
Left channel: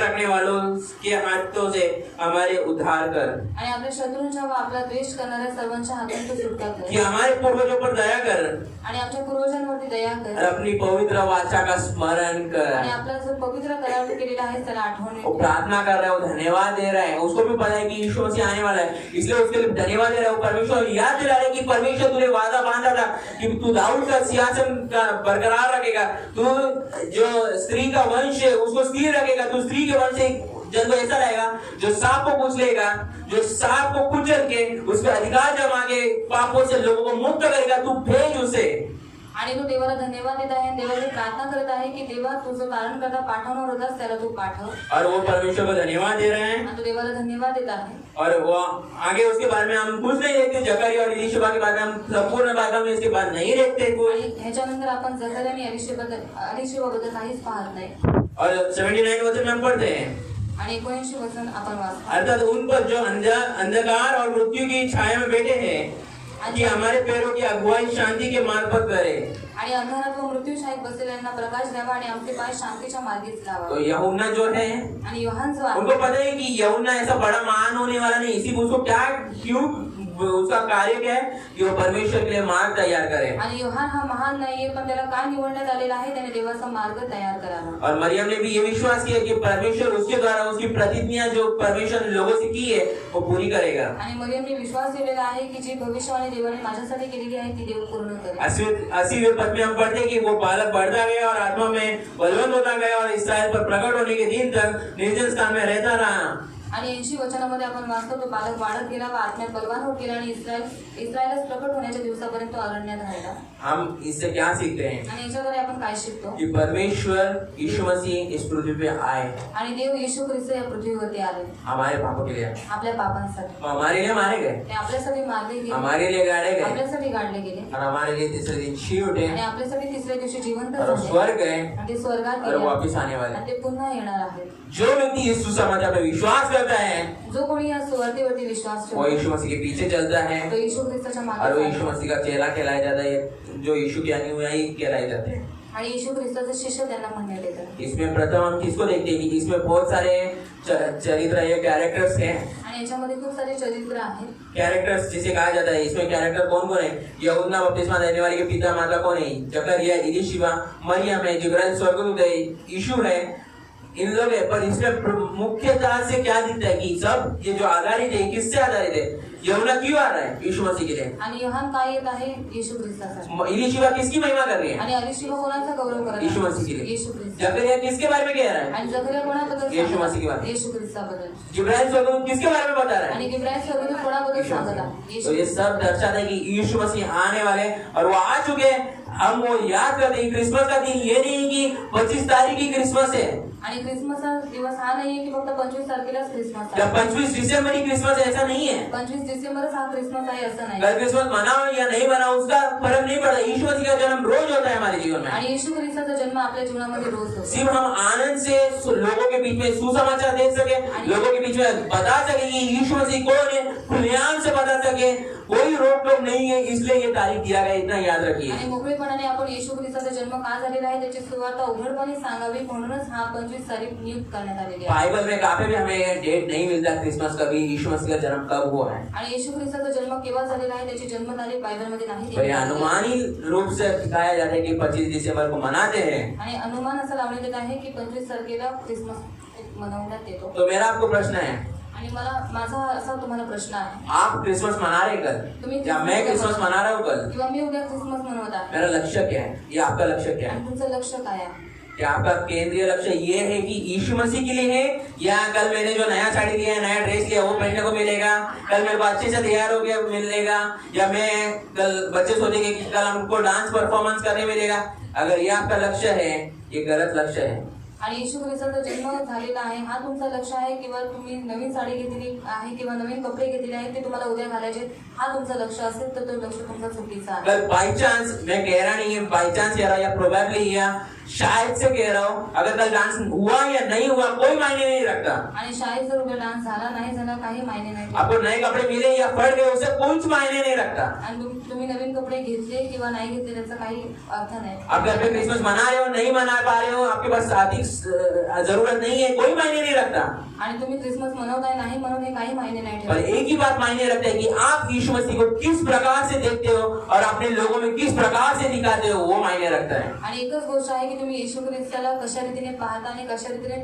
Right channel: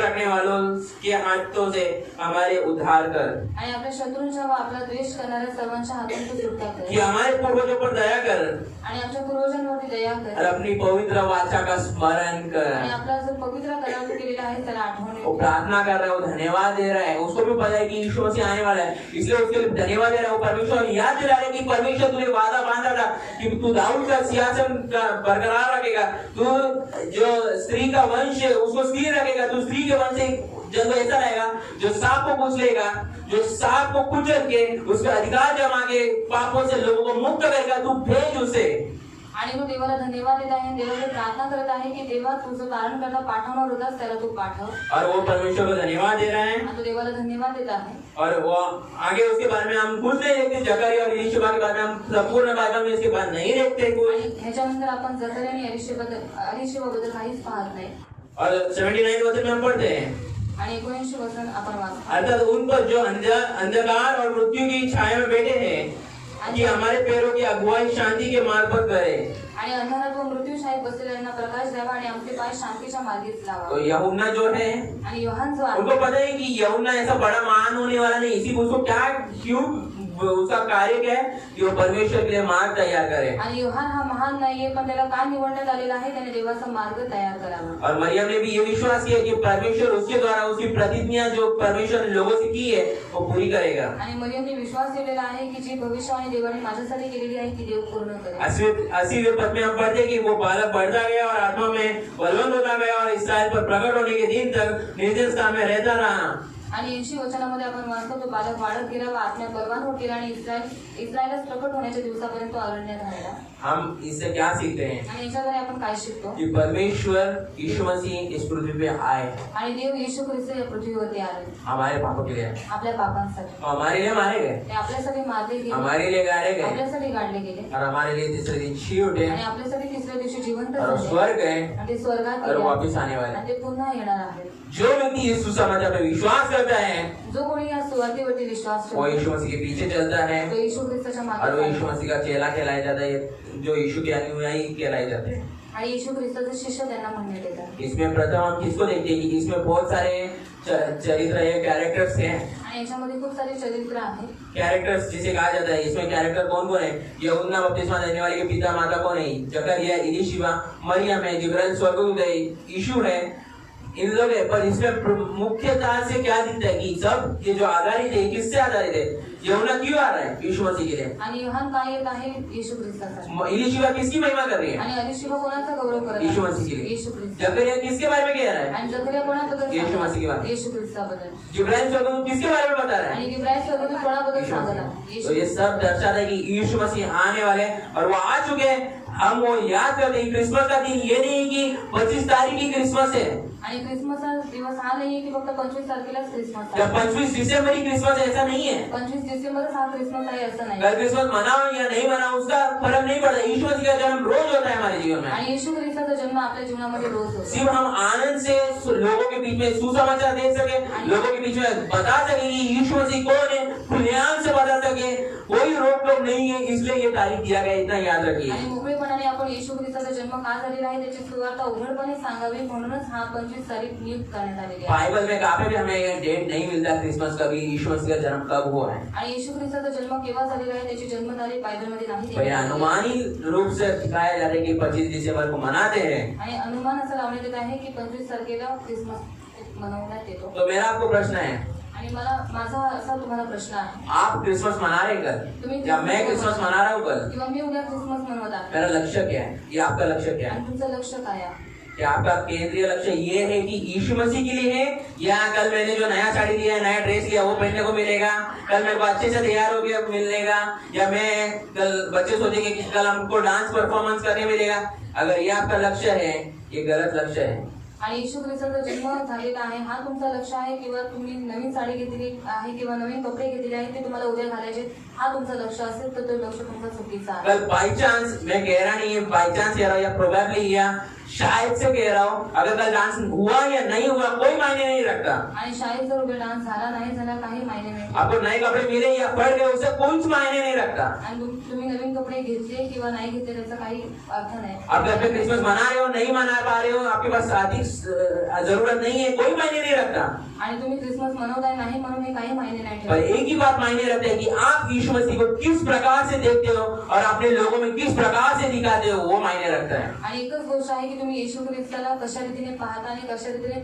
रखने वालों के हाथों से हमारे उद्धार कर, आणि आपल्या शत्रूंच्या व आपला द्वेष करणाऱ्या सर्वांच्या हातून तो सुटका कर, कि हमारे पूर्वजों पर दया कर आणि आमच्या पूर्वजांवरती दया कर, और अपनी पवित्र वाचा का स्मरण कर। आणि आपला जो पवित्र करार केलेला आहे त्याला आठवण वो प्रार्थना कर रहा है, वो धन्यवाद दे रहा है। उसको भी पता है कि यीशु मसीह आने वाला है, इसलिए उसके लिए धन्यवाद दे रहा है। वो परमेश्वर याद दिला रहा है कि परमेश्वर तुझे वादा बांधा था कि तू दाऊद का सिंहासन बरकरार रखेगा, तू जो स्त्री का वंश है उसको स्थिर रखेगा, तू स्त्री के वंश से जब ऐसा रहेगा जो सांप को कुचलेगा, जो सांप को कुचल के उस पर अधिकार जमा के पापों से लोगों को मुक्त करेगा, तू भेज उसे। आणि तो देवाला धन्यवाद देत आहे, देवाला प्रार्थना करत आहे की देवा तुझं कारण करता पाठवणार होतास त्याला तू पाठव, और वो परमेश्वर को धन्यवाद दे रहे हैं। आणि तो देवाला धन्यवाद देत आहे। और वो आगे उसके बारे में हम कुछ नहीं देखते, जकरिया और एलीशबा के बारे में हम संपूर्ण बाइबल में इसके बाद नहीं देखते कोई। ह्याच्यानंतर आपण जकरिया आणि एलीशबाबद्दल काहीच पाहत नाही। और 79 वचन में हम पढ़ते हैं, आणि 79 वचन आपण वाचतो, अर्थात उन पर जो अंधकार और मृत्यू की छाया में बैठे हैं कि हमारे पैरों की अगुवाई शांति के मार्ग पर करे। आणि अंधारात व मृत्यूशाहीत बसलेल्यांना प्रकाश द्यावा आणि आमचे पाय शांतीच्या मार्गीच लावा। तो यूहन्ना जो है आणि योहान जो आहे उनको पता है कि यूहन्ना ऐसा बड़ा महान होने वाला नहीं, इसी उसको क्या क्यों उसका कार्य क्या है कि वो परमेश्वर के लिए मार्ग तैयार करे। आणि योहान हा महान नाहीये, पण त्याला काय निवडण्यात आलेला आहे, त्याने देवाचा मार्ग तयार करावा। और मरियम ने भी ये विश्वास किया कि परमेश्वर उसके द्वारा उसकी प्रतिज्ञा जो परमेश्वर ने लोगों से की है वो पूरी करेगा। आणि मरियमने विश्वास ठेवलेला आहे की जी भविष्यवाणी देवाने माझ्यासाठी केलेली आहे ती देव पूर्ण करेल। 80वें पद में हम पढ़ते हैं कि वो बालक बढ़ता गया और आत्मा में बलवंत होता गया और इस्राएल पर प्रकट होने के दिन तक निर्जन स्थान में रहता रहा। आणि 80 वचनामध्ये आपण वाचतो तो बालक वाढत गेला व आत्म्यात बलवान होत गेला आणि इस्रायलच प्रकट होण्याच्या दिवसापर्यंत तो अरण्यात राहिला। हम इससे क्या सीखते हैं आणि याच्याद्वारे आपण काय शिकतो कि परमेश्वर यीशु मसीह इस पृथ्वी पे आए, आणि देव येशू ख्रिस्त या पृथ्वीवरती आले हमारे पापों के लिए, आपल्या पापांसाठी, हमारे लिए मारे गए, ते आपल्यासाठी मारले गेले, हमारे लिए गाड़े गए आपल्यासाठी गाडले गेले, और हमारे लिए तीसरे दिन जी उठे आणि आपल्यासाठी तिसऱ्या दिवशी जिवंत और झाले स्वर्ग गए आणि ते स्वर्गात और गेले वापस आने वाले। आणि ते पुन्हा येणार आहेत। जो व्यक्ति इस सुसमाचार पे विश्वास करता है जो कोणी या सुवार्तेवरती विश्वास वो ठेवतो यीशु मसीह के पीछे चलता है तो येशू ख्रिस्ताच्या और वो यीशु मागे मसीह का चेला कहलाया जाता है, जो यीशु के अनुयायी कहलाए जाते हैं। आणि येशू ख्रिस्ताचे शिष्य त्यांना म्हणण्यात येतात। इसमें प्रथम हम किसको देखते हैं कि इसमें बहुत सारे चरित्र या कैरेक्टर्स हैं। आणि याच्यामध्ये खूप सारे चरित्र आहेत। कैरेक्टर्स जिसे कहा जाता है, इसमें कैरेक्टर कौन कौन है? यूहन्ना बपतिस्मा देने वाले के पिता माता कौन है? जकरिया, एलीशिबा, मरियम है, जिब्राइल स्वर्गदूत है, यीशु है, इन लोग है। पर इसमें मुख्यतः से क्या दिखता है कि सब ये जो आधारित है किससे आधारित है? यूहन्ना क्यों आ रहा है? यीशु मसीह के लिए। आणि योहान काय येत आहे? येशू ख्रिस्तासाठी। एलीशिबा किसकी महिमा कर रही है? आणि एलीशिबा कोणाचा गौरव करत आहे? यीशु मसीह के लिए। येशू ख्रिस्त। जकरिया किसके बारे में कह रहा है? आणि जकरिया कोणाबद्दल? यीशु मसीह के बारे में। येशू ख्रिस्ताबद्दल। जिब्राइल स्वर्गदूत किसके बारे में बता रहा है? आणि जिब्राइल स्वर्गदूत कोणाबद्दल सांगत आहे? तो ये सब दर्शाता है कि यीशु मसीह आने वाले और वो आ चुके हैं। हम वो याद करते हैं क्रिसमस का दिन ये नहीं कि 25 तारीख की क्रिसमस है आणि क्रिसमसचा दिवस हा नाहीये की फक्त 25 तारखेलाच क्रिसमस या आहे। 25 दिसंबर ही क्रिसमस है, ऐसा नहीं है। 25 डिसेंबरच हा क्रिसमस आहे असं नाही। अगर क्रिसमस मनाओ या नहीं मनाओ उसका फर्क नहीं पड़ता। यीशु मसीह का जन्म रोज होता है हमारे जीवन में। आणि येशू ख्रिस्ताचा जन्म आपल्या जीवनामध्ये रोज होतो। सिर्फ हम आनंद से लोगों के बीच में सुसमाचार दे सके, लोगों के बीच में बता सके कि यीशु मसीह कौन है, खुलेआम से बता सके, कोई रोक टोक नहीं है, इसलिए ये तारीख दिया गया, इतना याद रखिए। आणि मोकळेपणाने आपण येशू ख्रिस्ताचा जन्म का झालेला आहे त्याची सुवार्ता उघडपणे सांगावी म्हणूनच हा 25 तारीख नियुक्त करण्यात आलेली आहे। बाइबल में कहीं भी हमें डेट नहीं मिलता क्रिसमस का भी यीशु मसीह का जन्म कब हुआ है। आणि येशू ख्रिस्ताचा जन्म केव्हा झालेला आहे त्याची जन्मतारीख बायबलमध्ये नाही तो ये अनुमानी रूप से दिखाया जाता है कि 25 दिसंबर को मनाते हैं। आणि अनुमान असं लावण्यात येत आहे की 25 तारखेला क्रिसमस मनवण्यात येतो। तो मेरा आपको प्रश्न है, आणि माझा असा तुम्हाला प्रश्न आहे, आप क्रिसमस मना रहे कल या मैं क्रिसमस मना रहा हूँ कल? किंवा मी उद्या क्रिसमस मनवत आहे, मेरा लक्ष्य क्या है? ये आपका लक्ष्य क्या है? आणि तुमचं लक्ष काय आहे? कि आपका केंद्रीय लक्ष्य ये है कि यीशु मसीह के लिए है, या कल मैंने जो नया साड़ी लिया है, नया ड्रेस लिया, वो पहनने को मिलेगा, कल मेरे को अच्छे से तैयार हो गया मिलेगा, या मैं कल बच्चे सोचेंगे कि कल हमको डांस परफॉर्मन्स करने मिलेगा। अगर ये आपका लक्ष्य है, ये गलत लक्ष्य है। आणि येशू ख्रिस्ताचा जन्म झालेला आहे, हा तुमचा लक्ष्य आहे, किंवा तुम्ही नवीन साडी घेतली आहे किंवा नवीन कपडे घेतलेले आहेत ते तुम्हाला उद्या घालायचे, हा तुमचा लक्ष्य असेल तर तो लक्ष्य तुमचा चुकीचा आहे। अगर बाई चांस, मैं कह रहा नहीं है बाई चांस कह रहा हूँ या प्रोबेबली या शायद से कह रहा हूँ, अगर कल डांस हुआ या नहीं हुआ कोई मायने नहीं रखता। आणि शाळेत जर उद्या डान्स झाला नाही झाला काही मायने नाही। आपको नए कपड़े मिले या पड़ गए उससे कुछ मायने नहीं रखता। आणि तुम्ही नवीन कपडे घेतले किंवा नाही घेतले त्याचा काही अर्थ नाही। आप घर पे क्रिसमस मना रहे हो, नहीं मना पा रहे हो, आपके पास आर्थिक जरूरत नहीं है, कोई मायने नहीं रखता। आणि तुम्ही क्रिसमस मनवताय नाही म्हणून हे काही मायने नाही पर ठेवत। एक ही बात मायने रखते हैं कि आप यीशु मसीह को किस प्रकार से देखते हो और अपने लोगों में किस प्रकार से दिखाते हो, वो मायने रखता है। आणि एकच गोष्ट आहे की तुम्ही येशू ख्रिस्ताला कशा रीतीने पाहता आणि कशा रीतीने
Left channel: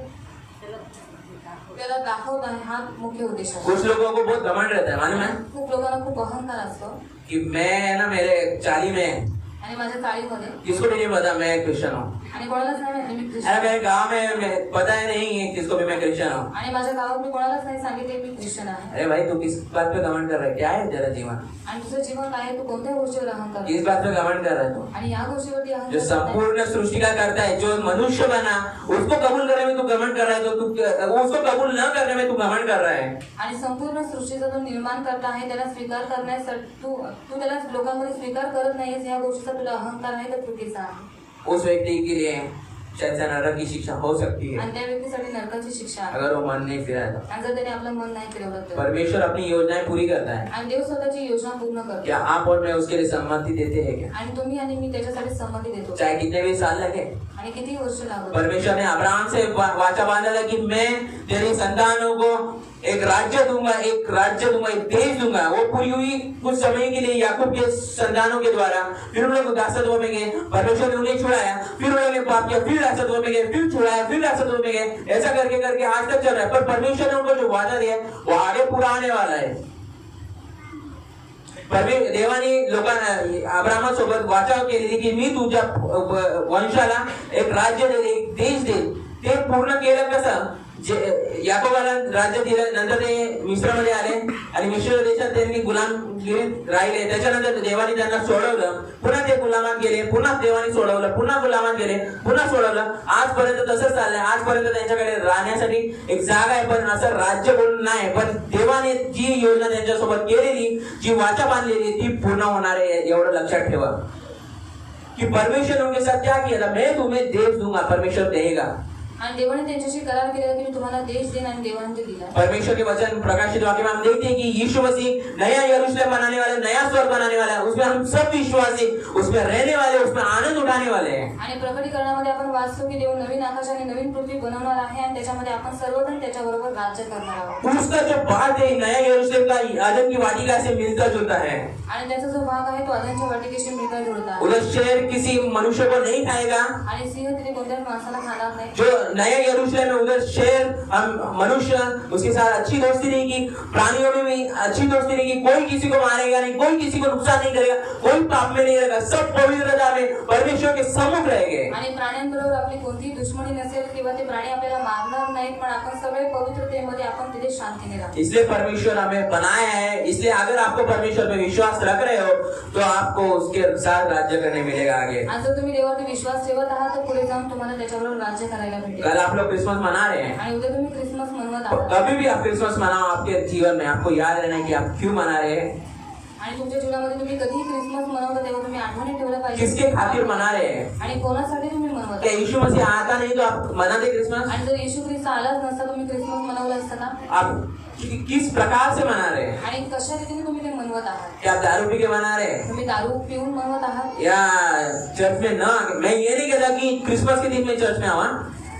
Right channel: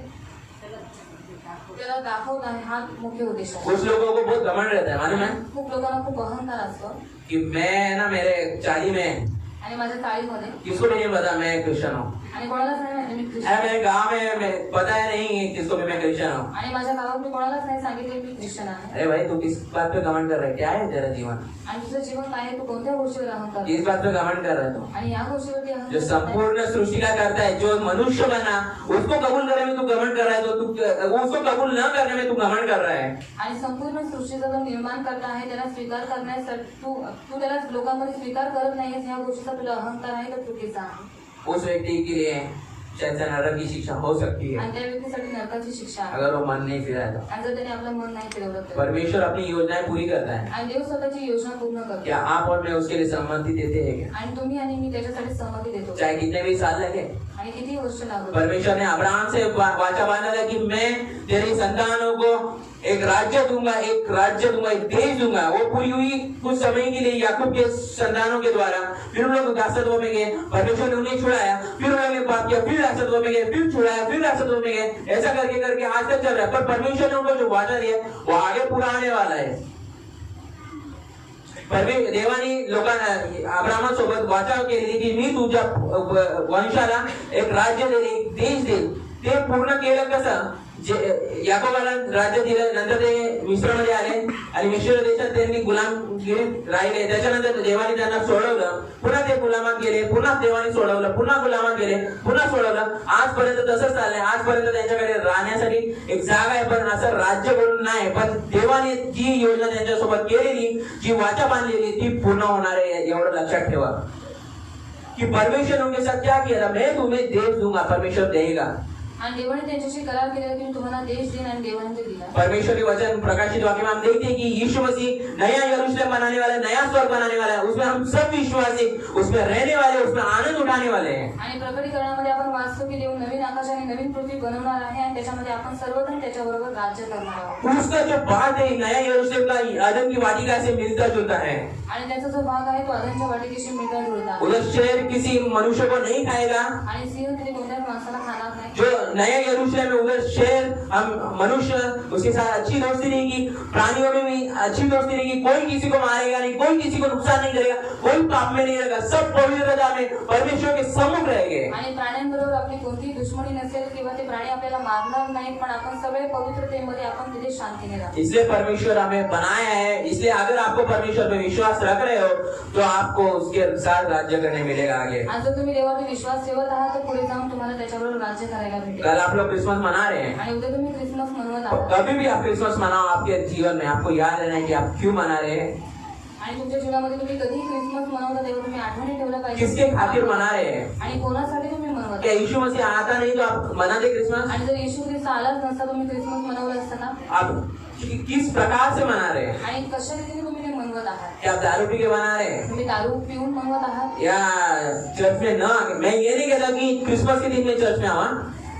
त्याला दाखवत आहे, हा मुख्य उद्देश आहे। कुछ लोगों को बहुत घमंड रहता है, मालूम है खूप लोकांना खूप अहंकार असतो कि मैं ना मेरे 40 में आणि माझ्या चाळीमध्ये किसको भी नहीं पता मैं क्रिश्चियन हूँ। आणि कोणालाच नाही माहिती मी अरे ख्रिश्चन मेरे गांव में मैं पता है नहीं है किसको भी मैं क्रिश्चियन हूँ। आणि माझ्या गावात मी कोणालाच नाही सांगितले मी ख्रिश्चन आहे। अरे भाई तू किस बात पे घमंड कर रहा है, क्या है तेरा जीवन, आणि तुझं जीवन काय आहे, तू कोणत्या गोष्टीवर अहंकार किस बात पे घमंड कर रहा है तू? आणि या गोष्टीवरती जो अहंकार करताय। संपूर्ण सृष्टि का करता है, जो मनुष्य बना उसको कबूल करने में तू घमंड कर रहा है, तो तू उसको कबूल न करने में तू घमंड कर रहा है। आणि संपूर्ण सृष्टीचा जो निर्माण करता आहे त्याला स्वीकार करण्यासाठी तू त्याला लोकांमध्ये स्वीकार करत नाहीस, या गोष्टीचा तुला अहंकार आहे तर चुकीचा आहे। उस व्यक्ति के लिए शायद से नरक की शिक्षा हो सकती है आणि त्या व्यक्तीसाठी नरकाची शिक्षा आहे अगर वो मन नहीं फिराया तो। आणि जर त्याने आपलं मन नाही फिरवलं तर। परमेश्वर अपनी योजनाएं पूरी करता है। आणि देव स्वतःची योजना पूर्ण करतो। क्या आप और मैं उसके लिए सहमति देते हैं क्या? आणि तुम्ही आणि मी त्याच्यासाठी सहमती देतो, चाहे कितने भी साल लगे। आणि किती वर्ष लागू। परमेश्वर ने अब्राहम से वाचा बांधा था कि मैं तेरी संतानों को एक राज्य दूंगा, एक देश दूंगा। वो पूरी हुई कुछ समय के लिए याकूब के संतानों के द्वारा। फिर उन लोग दासत्व में गए, परमेश्वर ने उन्हें छुड़ाया, फिर उन्होंने पाप किया, फिर दासत्व में गए, फिर छुड़ाया, फिर दासत्व में गए। ऐसा करके करके आज तक चल रहा है। पर परमेश्वर ने उनको जो वादा दिया वो आगे पूरा आने वाला है। देवाने लोकांना अब्राहमासोबत वाचा केली की मी तुझ्या वंशाला एक राज्य देईल, एक देश देईल। ते पूर्ण केलं कसं? याकोबाला राज्य दिलं, नंतर ते मिस्रमध्ये आले आणि मिस्र देशात त्यांनी गुलामगिरीत राहिले। त्याच्यानंतर देवाने त्यांना सोडवलं, पुन्हा ते गुलामात गेले, पुन्हा देवाने सोडवलं, पुन्हा गुलामात गेले, पुन्हा सोडवलं। आजपर्यंत तसंच चाललंय। आजपर्यंत त्यांच्याकडे राहण्यासाठी एक जागा आहे, पण असं राज्य बोलून नाही। पण देवाने जी योजना त्यांच्यासोबत केलेली, जी वाचा बांधलेली ती पूर्ण होणार आहे, एवढं लक्षात ठेवा कि परमेश्वर उनके साथ क्या किया था, मैं तुम्हें देश दूंगा, परमेश्वर देगा। आणि देवाने त्यांच्याशी करार केला की मी तुम्हाला देश देईन, आणि देवाने ते दिला। परमेश्वर के वचन प्रकाशित वाक्य में हम देखते हैं कि यीशु मसीह नया यरूशलेम बनाने वाला, नया स्वर्ग बनाने वाला है। उसमें हम सब विश्वासी उसमें रहने वाले, उसमें आनंद उठाने वाले हैं। आणि प्रकटीकरणामध्ये आपण वाचतो की देव नवीन आकाश आणि नवीन पृथ्वी बनवणार आहे, आणि त्याच्यामध्ये आपण सर्वजण त्याच्याबरोबर राज्य करणार आहोत। उसका जो बात है नया यरूशलेम का आदम की वाटिका से मिलता जुलता है। आणि त्याचा जो भाग आहे तो आदमच्या वाटिकेशी मिळता जुळता आहे। उधर शेर किसी मनुष्य को नहीं खाएगा, आणि सिंह तिथे कोणत्याच माणसाला खाणार नाही। जो नया यरूशलेम में उधर शेर मनुष्य उसके साथ अच्छी दोस्ती रहेगी, प्राणियों में भी अच्छी दोस्ती रहेगी। कोई किसी को मारेगा नहीं, कोई किसी को नुकसान नहीं करेगा, कोई पाप में नहीं रहेगा, सब पवित्रता में परमेश्वर के सम्मुख रहेंगे। आणि प्राण्यांबरोबर आपली कोणतीही दुश्मनी नसेल किंवा ते प्राणी आपल्याला मारणार नाहीत, पण आपण सगळे पवित्रतेमध्ये आपण तिथे शांतीने राहू। इसलिए परमेश्वर हमें बनाया है। इसलिए अगर आपको परमेश्वर पे विश्वास रख रहे हो तो आपको उसके साथ राज्य करने मिलेगा आगे। आणि जर तुम्ही देवावर विश्वास ठेवत आहात तर पुढे जाऊन तुम्हाला त्याच्याबरोबर राज्य करायला भेटेल। कल आप लोग क्रिसमस मना रहे हैं, आणि उद्या तुम्ही क्रिसमस मनवत आहात। कभी भी आप क्रिसमस मनाओ, आपके जीवन में आपको याद रहना है कि आप क्यों मना रहे हैं, आणि तुमच्या जीवनामध्ये तुम्ही कधी क्रिसमस मनवता तेव्हा तुम्ही आठवणी ठेवलं पाहिजे किसके खातिर मना रहे हैं। आणि कोणासाठी तुम्ही मनवता। क्या यीशु मसीह आता नहीं तो आप मनाते क्रिसमस? आणि जर येशू ख्रिस्त आलाच नसता तुम्ही क्रिसमस मनवलं असतं का? आप किस प्रकार से मना रहे हैं? आणि कशा रीतीने तुम्ही ते मनवत आहात? क्या आप दारू पी के मना रहे हैं तुम्ही दारू पिऊन मनवत आहात या चर्च में ना? मैं ये नहीं कहता कि क्रिसमस के दिन में चर्च में आवा,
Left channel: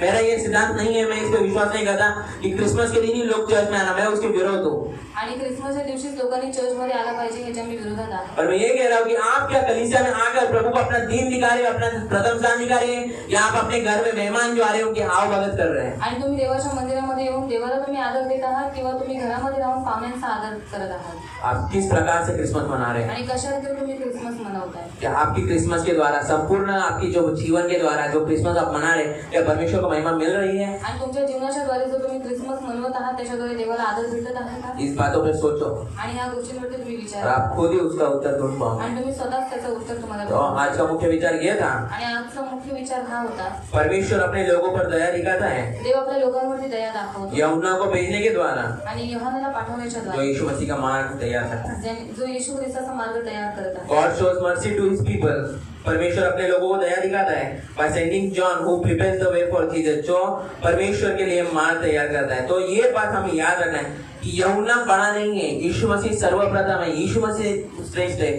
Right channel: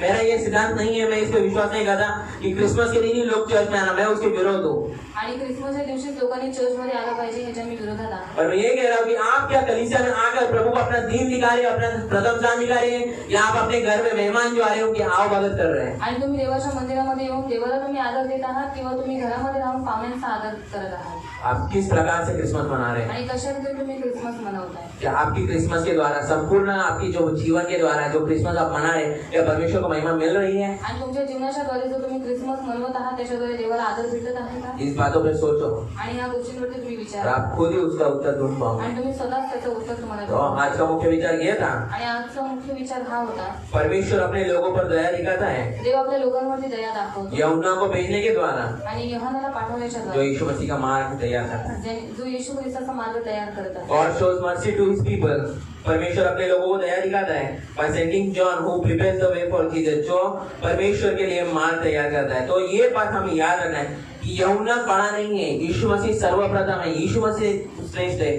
मेरा ये सिद्धांत नहीं है, मैं इसको विश्वास नहीं करता कि क्रिसमस के दिन ही लोग चर्च में आना, मैं उसके विरोध हूँ। आणि क्रिसमसच्या दिवशीच लोकांनी चर्चमध्ये आला पाहिजे ह्याच्या मी विरोधात आहे. और मैं ये कह रहा हूँ कि आप क्या कलीसिया में आकर प्रभु को अपना दीन दिखा रहे हो, अपना प्रथम स्थान दिखा रहे हैं, या आप अपने घर में मेहमान जो आ रहे हो कि आओ भगत कर रहे हैं. आणि तुम्ही देवाच्या मंदिरामध्ये येऊन देवाला तुम्ही आदर देत आहात किंवा तुम्ही घरामध्ये राहून पाहुण्यांचा आदर करत आहात. आप किस प्रकार से क्रिसमस मना रहे हैं? आणि कशाप्रकारे तुम्ही क्रिसमस मनवताय? क्या आपकी क्रिसमस के द्वारा संपूर्ण आपकी जो जीवन के द्वारा जो क्रिसमस आप मना रहे हैं, क्या परमेश्वर को महिमा मिल रही है? आणि तुमच्या जीवनाच्या द्वारे जो तुम्ही क्रिसमस मनवत आहात त्याच्याद्वारे देवाला आदर भेटत आहे का? इस बातों पर सोचो आणि ह्या गोष्टींवरती तुम्ही और विचार आप खुद ही उसका उत्तर ढूंढ पाओगे. आणि तुम्ही स्वतःच त्याचं उत्तर तुम्हाला तो भेटेल. आज का मुख्य विचार ये था, आणि आजचा मुख्य विचार हा होता, परमेश्वर अपने लोगों पर दया दिखाता है देव आपल्या लोकांवरती दया दाखवतो यमुना को भेजने के द्वारा, आणि योहानाला पाठवण्याच्या जो द्वारे यीशु मसीह का मार्ग तैयार करता है. जो येशू ख्रिस्ताचा मार्ग तयार करत आहे. God shows mercy to his people. परमेश्वर अपने लोगों को दया दिखाता है by sending John who prepares the way for Jesus, जो परमेश्वर के लिए मार्ग तैयार करता है. तो ये बात हमें याद रखना है कि यमुना बड़ा नहीं है, यीशु मसीह सर्वप्रथम है, यीशु मसीह श्रेष्ठ है.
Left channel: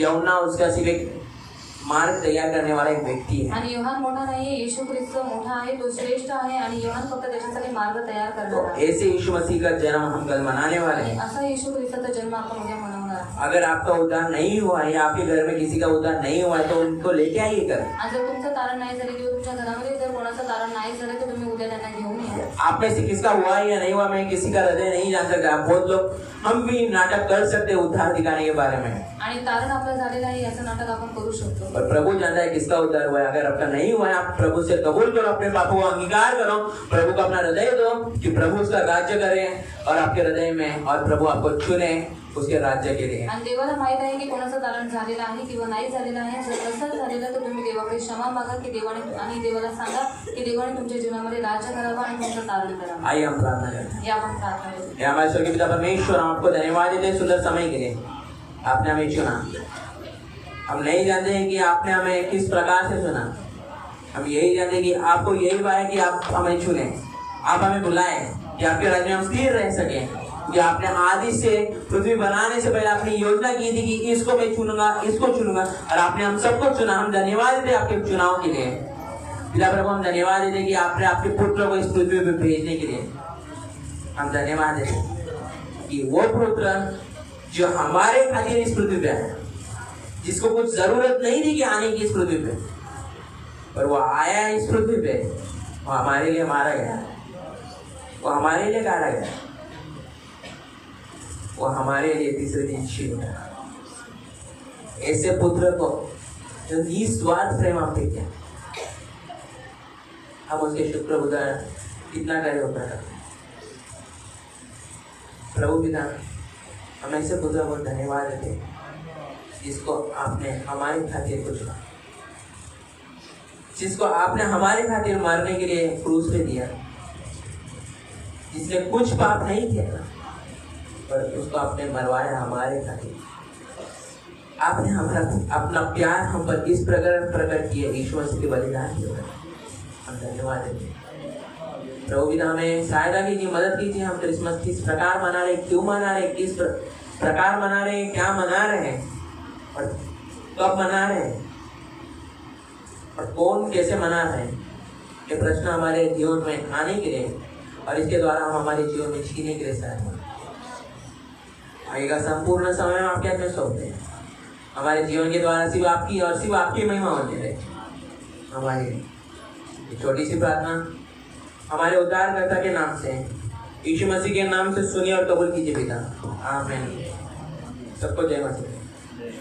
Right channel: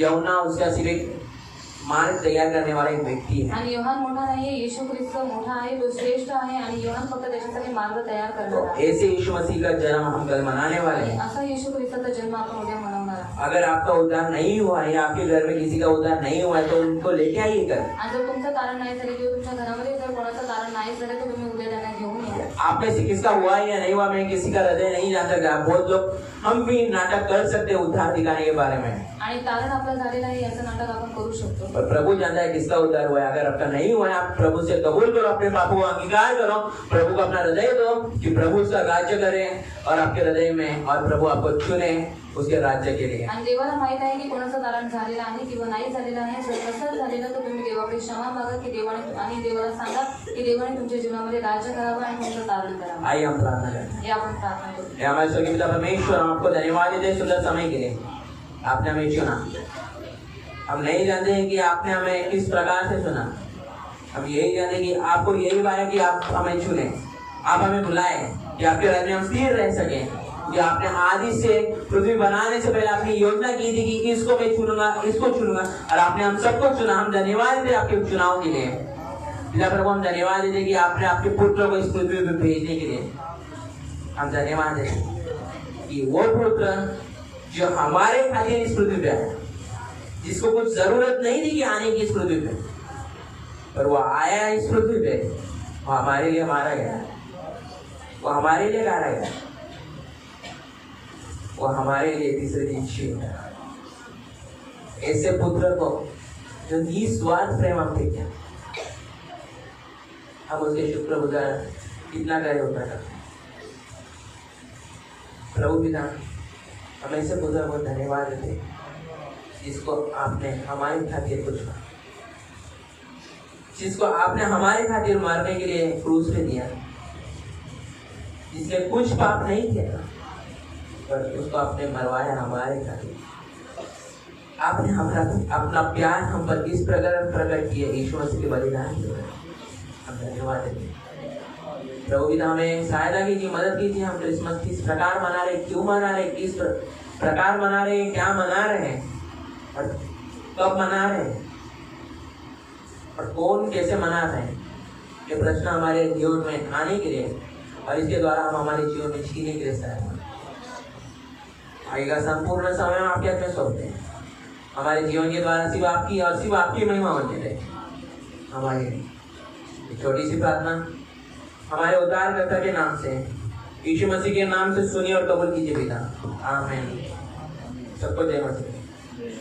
यमुना उसका सिर्फ एक मार्ग तैयार करने वाला एक व्यक्ति है. आणि योहान मोठा नाहीये, येशू ख्रिस्त मोठा आहे, तो श्रेष्ठ आहे आणि योहान फक्त त्याच्यासाठी मार्ग तयार तो करणार आहे. ऐसे यीशु मसीह का जन्म हम कल मनाने वाले आणि हैं. असा येशू ख्रिस्ताचा जन्म आपण उद्या मनवणार आहे. अगर आपका उद्धार नहीं हुआ है या आपके घर में किसी का उद्धार नहीं हुआ है तो उनको लेके आइए कर. आणि जर तुमचं तारण नाही झाले किंवा तुमच्या घरामध्ये जर कोणाचं तारण नाही झालं तर तुम्ही उद्या त्यांना घेऊन या. आप में से किसका हुआ है या नहीं हुआ, मैं किसी का हृदय नहीं जान सकता. बहुत लोग हम भी नाटक कर सकते हैं उद्धार दिखाने के बारे में, आणि तारण आपलं झालेलं आहे याचं नाटक आपण करू शकतो. पर प्रभु जानता है किसका उद्धार हुआ है. अगर आपका नहीं हुआ है, आप प्रभु से कबूल करो, अपने पापों को अंगीकार करो, प्रभु को अपना हृदय दो कि प्रभु उसका राज्य करे और आपके हृदय में, और प्रभु आपको चुने उसके राज्य के लिए. आणि देवाला माहित आहे की कोणाचं तारण झालेलं आहे किंवा नाही झालेलं आहे. जर नसेल झालेलं तर तुम्ही देवाकडे क्षमा मागा की देवाने, आणि देवाला सांगा की देवाने तुमच्या जीवनामध्ये राज्य करावं आणि तुमचं तारण करावं. आइए हम प्रार्थना करते हैं. हे आपण प्रार्थना करू. हे हमारे स्वर्गीय पिता परमेश्वर, हम आपको धन्यवाद देते हैं सुंदर समय के लिए. आपने हमें चुना. हम नहीं जानते हैं कि आपने हमें किस प्रकार से चुना. हम यही जानते हैं कि आपको यही हुआ है कि आप हमें चुने, आप हमें बुलाए कि आपके राज्य में हम स्थिर रह सके. कि आपने आदि से पृथ्वी बनाने से पहले अपनी योजना की थी कि इसको मैं चुनूंगा, इसको चुनूंगा, और आपने हम सबको चुना. हम धन्यवाद देते आपके चुनाव के लिए. पिता प्रभु, हम धन्यवाद देते कि आपने आपके पुत्र को इस पृथ्वी पर भेजने के लिए. हम धन्यवाद देते कि वो पुत्र जो हमारे खातिर इस पृथ्वी पे आया, जिसको कुछ जरूरत नहीं थी कि आने की इस पृथ्वी पे, पर वो आया इस पृथ्वी पे, वो हमारे लिए मारा गया, वो हमारे लिए गाड़ा गया, वो हमारे लिए तीसरे दिन जी उठा. ऐसे पुत्र को जो निस्वार्थ प्रेम हम देते हैं, हम उसके शुक्रगुजार कितना करे होता है. प्रभु पिता, हम ऐसे पुत्र को धन्यवाद देते हैं जिसको आपने हमारे खातिर को चुना, जिसको आपने हमारे खातिर मारने के लिए क्रूस पे दिया, जिसने कुछ पाप नहीं किया पर उसको आपने मरवाया हमारे खातिर. आपने हमारा अपना प्यार हम पर इस प्रकार प्रकट किया यीशु मसीह के बलिदान के द्वारा. हम धन्यवाद देते हैं. प्रभु पिता, हमें सहायता कीजिए, मदद कीजिए. हम क्रिसमस किस प्रकार मना रहे, क्यों मना रहे, किस प्रकार मना रहे हैं, क्या मना रहे हैं, और कब मना रहे हैं, और कौन कैसे मना रहे हैं, ये प्रश्न हमारे जीवन में आने के लिए और इसके द्वारा हम हमारे जीवन में जीने के लिए सहायता आएगा. संपूर्ण समय हम आपके हाथ सौंपते हैं. हमारे जीवन के द्वारा सिर्फ आपकी और सिर्फ आपकी महिमा होती है. हमारी छोटी सी प्रार्थना हमारे उद्धारकर्ता के नाम से, यीशु मसीह के नाम से सुनिए और कबूल कीजिए पिता. आमीन. सबको जय मसीह.